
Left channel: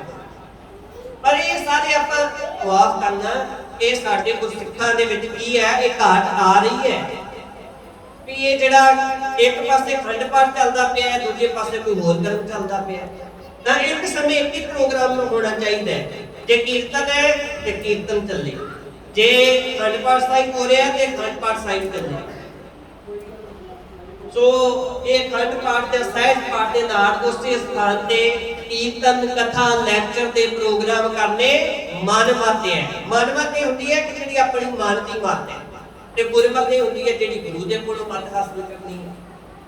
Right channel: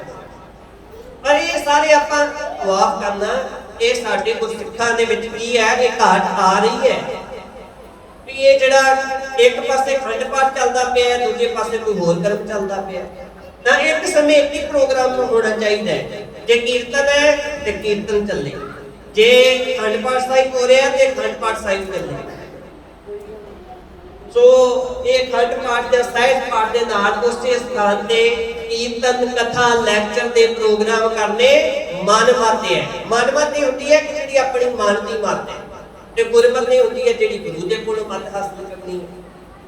ਪਰ ਇਹ ਸਾਰੇ ਆਪਾਂ ਮਾਫ ਕਰਨਾ, ਇਹ ਸਾਡੇ ਗੁਰਸਿੱਖਾਂ ਦੇ ਵਿੱਚ ਕੀ ਹੈ, ਇਹ ਘਾਟ ਆ ਰਹੀ ਹੈ ਵੀ ਇਹ ਜਿਹੜਾ ਇੱਕ ਪਾਸੇ ਖੰਡ ਪਾਠ ਚੱਲਦਾ ਪਿਆ, ਦੂਜੇ ਪਾਸੇ ਕੋਈ ਹੋਰ ਕਰਮ ਚੱਲਦਾ ਪਿਆ। ਤਾਂ ਇੱਕ ਸਮੇਂ ਇੱਕ ਹੀ ਪ੍ਰੋਗਰਾਮ ਹੋਣਾ ਚਾਹੀਦਾ ਹੈ। ਜੇ ਕੀਰਤਨ ਹੈ ਤੇ ਕੀਰਤਨ ਚੱਲੇ, ਜੇ ਖੰਡ ਪਾਠ ਸਾਹਿਬ ਹੋ ਰਿਹਾ ਤੇ ਖੰਡ ਪਾਠ ਸਾਹਿਬ ਚੱਲੇ। ਸੋ ਇਹ ਖੰਡ ਪਾਠ ਦੇ ਸਹਿਜ ਪਾਠ ਦੇ ਨਾਲ ਉਸੇ ਸਥਾਨ ਤੇ ਕੀਰਤਨ, ਕਥਾ, ਲੈਕਚਰ ਦੇ ਪ੍ਰੋਗਰਾਮ ਕਰਨੇ ਮਨਮਤ ਹੈ। ਮਨਮਤ ਹੁੰਦੀ ਹੈ ਕਿ ਜਿਹੜੀ ਆਪਣੀ ਮਨ ਦੀ ਮਤ ਹੈ, ਤੇ ਗੁਰਮਤਿ ਨਹੀਂ ਹੁੰਦੀ ਹੈ ਜਿਹੜੀ ਗੁਰੂ ਦੇ ਕੋਲੋਂ ਮਤ ਹਾਸਲ ਕਰਨੀ ਹੈ,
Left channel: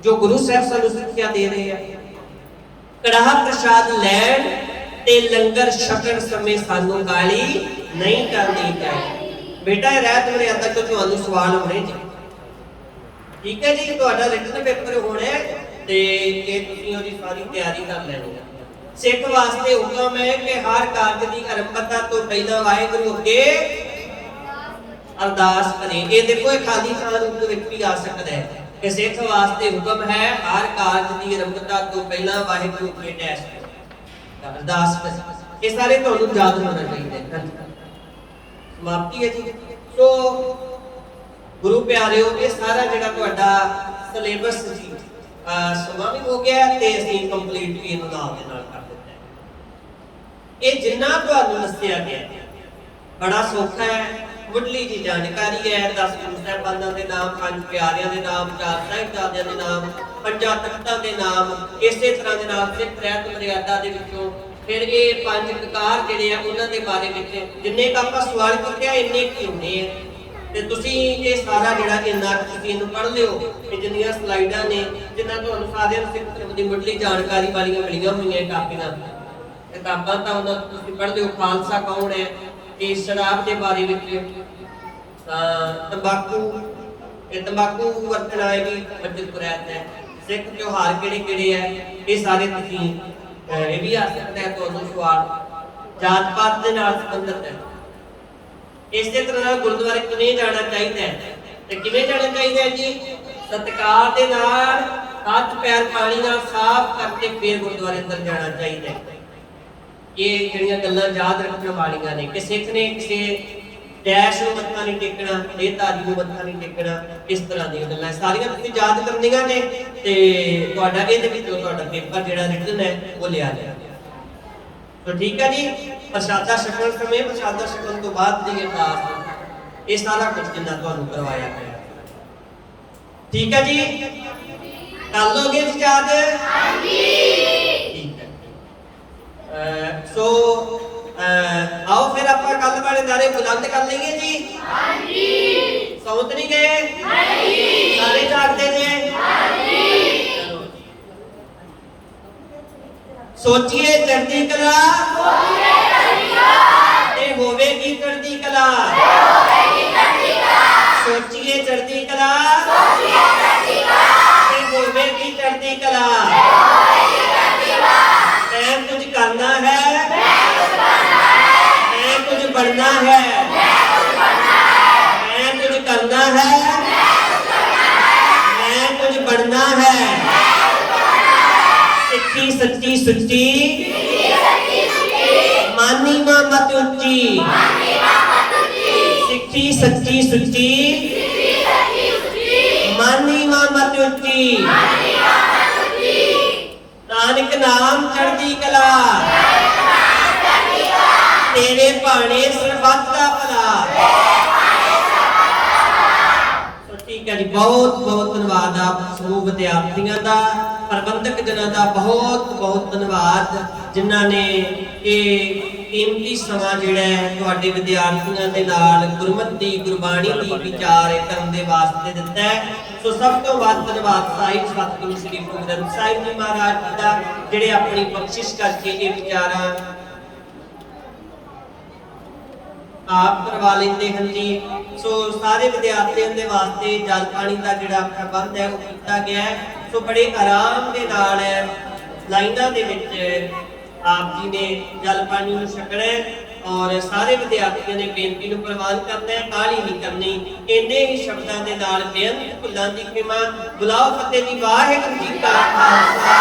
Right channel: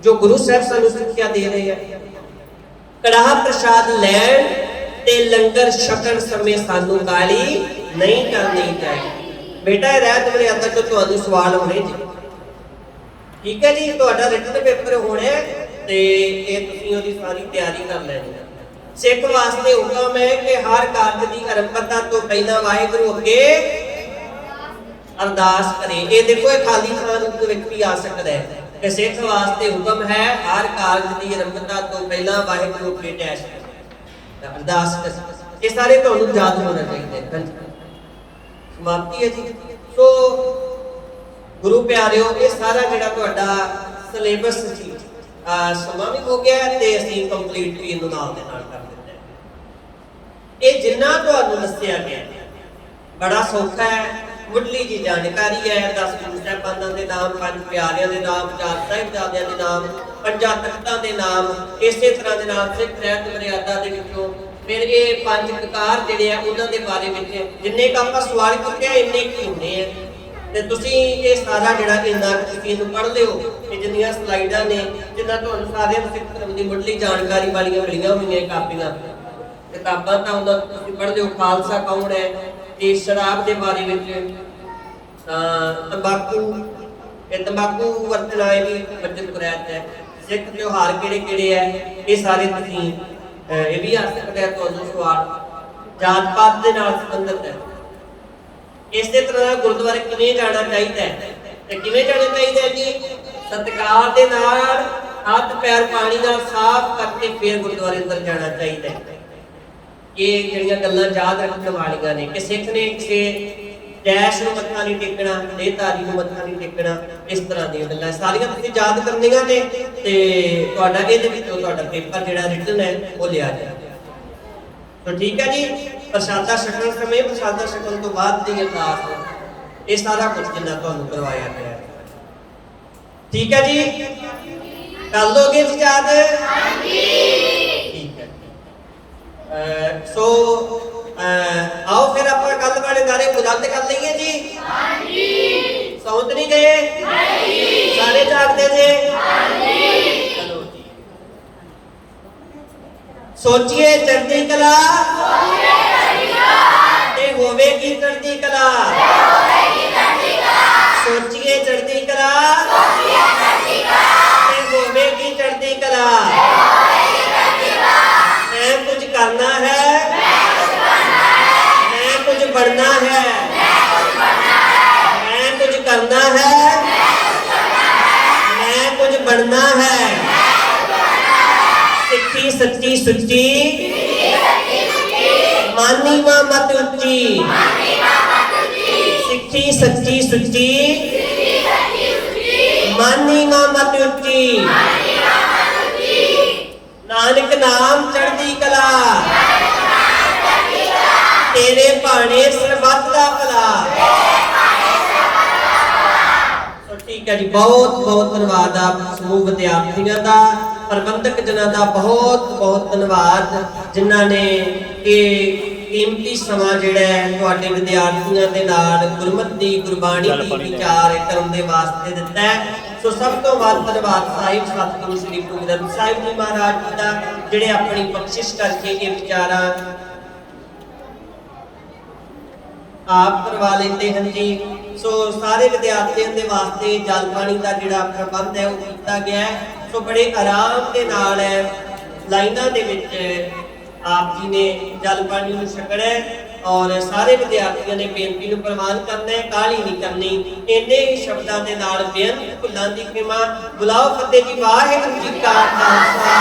ਜੋ ਗੁਰੂ ਸਾਹਿਬ ਸਾਨੂੰ ਸਿੱਖਿਆ ਦੇ ਰਹੇ ਆ। ਕੜਾਹ ਪ੍ਰਸ਼ਾਦ ਲੈਣ ਤੇ ਲੰਗਰ ਛਕਣ ਸਮੇਂ ਸਾਨੂੰ ਗਾਲੀ ਨਹੀਂ ਕਰਨੀ ਚਾਹੀਦੀ। ਬੇਟਾ ਰਹਿਤ ਮਰਿਆਦਾ ਤੋਂ ਤੁਹਾਨੂੰ ਸਵਾਲ ਹੋਣੇ ਜੀ, ਠੀਕ ਹੈ ਜੀ? ਤੁਹਾਡਾ ਰਿਟਨ ਪੇਪਰ ਹੋਣਾ ਤੇ ਇਹ ਤੁਸੀਂ ਉਹਦੀ ਸਾਰੀ ਤਿਆਰੀ ਕਰ ਲੈਣੀ ਹੈ। ਸਿੱਖ ਵਾਸਤੇ ਹੁਕਮ ਹੈ ਕਿ ਹਰ ਕਾਰਜ ਦੀ ਆਰੰਭਤਾ ਤੋਂ ਪਹਿਲਾਂ ਵਾਹਿਗੁਰੂ ਅੱਗੇ ਅਰਦਾਸ ਕਰੇ। ਇਹ ਦੇਖੋ ਇਹ ਖਾਲੀ ਥਾਂ ਰੂਪ ਦੇ ਵਿੱਚ ਵੀ ਆ ਸਕਦਾ ਹੈ ਕਿ ਸਿੱਖ ਵਾਸਤੇ ਹੁਕਮ ਹੈ ਹਰ ਕਾਰਜ ਦੀ ਆਰੰਭਤਾ ਤੋਂ ਪਹਿਲਾਂ ਵਾਹਿਗੁਰੂ ਅੱਗੇ ਡੈਸ਼ ਅਰਦਾਸ ਕਰੇ। ਇਹ ਸਾਰੇ ਤੁਹਾਨੂੰ ਯਾਦ ਹੋਣਾ ਚਾਹੀਦਾ ਹੈ। ਸਮਾਪਤੀ ਹੈ ਜੀ। ਸੋ ਗੁਰੂ ਪਿਆਰਿਓ, ਇਹ ਸਾਰਾ ਜਿਹੜਾ ਤੁਹਾਡਾ ਸਿਲੇਬਸ ਸੀ ਸਮਾਂ ਵੀ ਹੋ ਗਿਆ ਤੇ ਅਸੀਂ ਕੰਪਲੀਟ ਵੀ ਇਹਨੂੰ ਨਾਲ ਦੇ ਨਾਲ ਕਰ ਦਿੱਤਾ ਹੈ। ਇਹ ਜਿੰਨਾ ਤੁਹਾਨੂੰ ਦੱਸਿਆ ਗਿਆ ਬੜਾ ਸੌਖਾ ਹੈ, ਮੁੱਢਲੀ ਜੀ ਜਾਣਕਾਰੀ ਹੈ। 10 ਗੁਰੂ ਸਾਹਿਬਾਨਾਂ ਦੇ ਨਾਮ, 5 ਪਿਆਰਿਆਂ ਦੇ ਨਾਮ, 4 ਸਾਹਿਬਜ਼ਾਦਿਆਂ ਦੇ ਨਾਮ, 5 ਤਖਤਾਂ ਦੇ ਨਾਮ, ਇਸੇ ਤਰ੍ਹਾਂ ਦੇ ਨਾਲ ਸਿੱਖ ਰਹਿਤ ਮਰਿਆਦਾ ਦੇ ਵਿੱਚੋਂ ਫਿਰ ਇਹ 5 ਕਕਾਰ ਜਿਹੜੇ ਆ ਉਹਨਾਂ ਦੇ ਬਾਰੇ ਵਿੱਚ ਜਿੰਨੇ ਕ ਆਪਾਂ ਸਵਾਲ ਕੀਤੇ ਆ ਇੰਨੇ ਕੀ ਹੁੰਦੇ ਆ। ਤੇ ਤੁਸੀਂ ਇਹ ਸਾਰਾ ਜਿਹੜਾ ਇੰਨਾ ਤੁਸੀਂ ਇਹਨੂੰ ਪੜ੍ਹ ਲਿਓ ਕਿ ਜਿੰਨੀਆਂ ਸਲਾਈਡਾਂ ਨੇ, ਜਿੰਨਾ ਤੁਹਾਨੂੰ ਸਾਰਿਆਂ ਨੂੰ ਸਿੱਖ ਧਰਮ ਦੀ ਮੁੱਢਲੀ ਜਾਣਕਾਰੀ ਵਾਲੀਆਂ ਮਿਲੀਆਂ ਹੋਈਆਂ ਕਾਪੀਆਂ ਕਿਤਾਬਾਂ, ਤਾਂ ਉਹਨਾਂ ਤੁਸੀਂ ਪੜ੍ਹ ਲਿਓ। ਖਾਲਸਾ ਕੌਣ ਹੈ, ਤੇ ਸ਼ਰਾਬ ਦੇ ਬਾਰੇ ਵਿੱਚ ਤੰਬਾਕੂ ਤੰਬਾਕੂ ਵਰਤਣਾ ਇਹ ਵੀ ਵਰਜਿਤ ਕੁਰੈਤ ਹੈ। ਸਿੱਖ ਤਿਉਹਾਰ ਕਿਹੜੇ ਕਿਹੜੇ ਹੈ ਇਹ ਸਾਰੇ ਤੁਸੀਂ ਇਹ ਵੀ ਆ ਸਕਦਾ ਹੈ ਤੁਹਾਨੂੰ ਸਵਾਲ। ਜਾਤ ਪਾਤ ਦੇ ਨਾਲ ਸੰਬੰਧਿਤ ਹੈ। ਇਸੇ ਤਰ੍ਹਾਂ ਗੁਰਦੁਆਰੇ ਕਿਵੇਂ ਜਾਣਾ ਚਾਹੀਦਾ ਹੈ ਤੇ ਕਿਵੇਂ ਜਾਣਾ ਚਾਹੀਦਾ ਹੈ ਜੀ? ਸਤਿਕਾਰ ਦੇ ਨਾਲ ਹੱਥ ਪੈਰ ਪਾਣੀ ਨਾਲ ਸਾਫ਼ ਕਰਕੇ ਫਿਰ ਗੁਰਦੁਆਰੇ ਅੰਦਰ ਜਾਣਾ ਚਾਹੀਦਾ ਹੈ। ਇਹ ਜਿਹੜੀਆਂ ਗੱਲਾਂ ਯਾਦ ਰੱਖਣ ਵਾਲੀਆਂ ਨੇ ਕਿ ਸਿੱਖ ਨੇ ਕਿਸੇ ਗੈਸ ਨੂੰ ਮੱਥਾ ਨਹੀਂ ਟੇਕਣਾ, ਦੇਹਧਾਰੀ ਨੂੰ ਮੱਥਾ ਨਹੀਂ ਟੇਕਣਾ, ਇਸ ਤਰ੍ਹਾਂ ਦੀਆਂ ਗੱਲਾਂ ਸਾਰੀਆਂ ਤੁਸੀਂ ਯਾਦ ਕਰਨੀਆਂ ਨੇ ਤੇ ਤੁਹਾਡਾ ਇਹਦੇ ਵਿੱਚ ਤੁਹਾਡਾ ਪੇਪਰ ਜਿਹੜਾ ਰਿਟਨ ਹੈ ਉਹ ਲਿਆ ਜਾਏਗਾ। तो ठीक है जी। प्रसादा छकण समय प्रसादा छकण तो बाद दी अरदास ये सारा कुछ जिन्ना तुहानू करवाया गया ठीक है जी। कर लोगे जी याद? ठीक है। सो आओ फिर आप कल वाले नारे बुलंद कर लेंगे जी। सौत नहीं गए? सारे जागते थे? सोचिए चढ़ती कला ते होवेगी चढ़ती कला। सोचिए चढ़ती कला ते होवेगी चढ़ती कला। मैं कुछ करना है, मैं कुछ बढ़ना है, मैं कुछ करना है, मैं कुछ बढ़ना है। सिक्खी सच्ची सुच्ची मानी मां मत उच्ची। सिक्खी सच्ची सुच्ची मानी मां मत उच्ची। नानक नाम चढ़दी कला तेरे भाने सरबत दा भला। ठीक है जी। बहुत बहुत धन्यवाद आप समूह विद्यार्थियों का, प्रबंधक जिन्हों का बहुत बहुत धन्यवाद जिन्हों ने ये कीमती समा जिहड़ा है तुहाडे विद्यार्थियों के नाल गुरमति गुरबाणी की विचार करने वास्ते दिता है। सो सब तो वध धन्यवाद साहिब सतगुरु श्री गुरु ग्रंथ साहिब जी महाराज जी का जिहड़े अपनी बख्शिश करके ये विचार आप करवा लेते हैं जी। सो सारे विद्यार्थियों के वास्ते जल पानी का जिहड़ा प्रबंध है वो किया गया है। सो बड़े आराम के नाल लाइनां दे विच आप जी ने जल पानी नूं छकना है और सारे विद्यार्थियों ने बेनती नूं प्रवान करना है, काहली नहीं करनी। इन्ने ही शब्दां दे नाल बेअंत भुल्लां दी क्षमा। बुलाओ फतेह जी। वाहिगुरू जी का खालसा।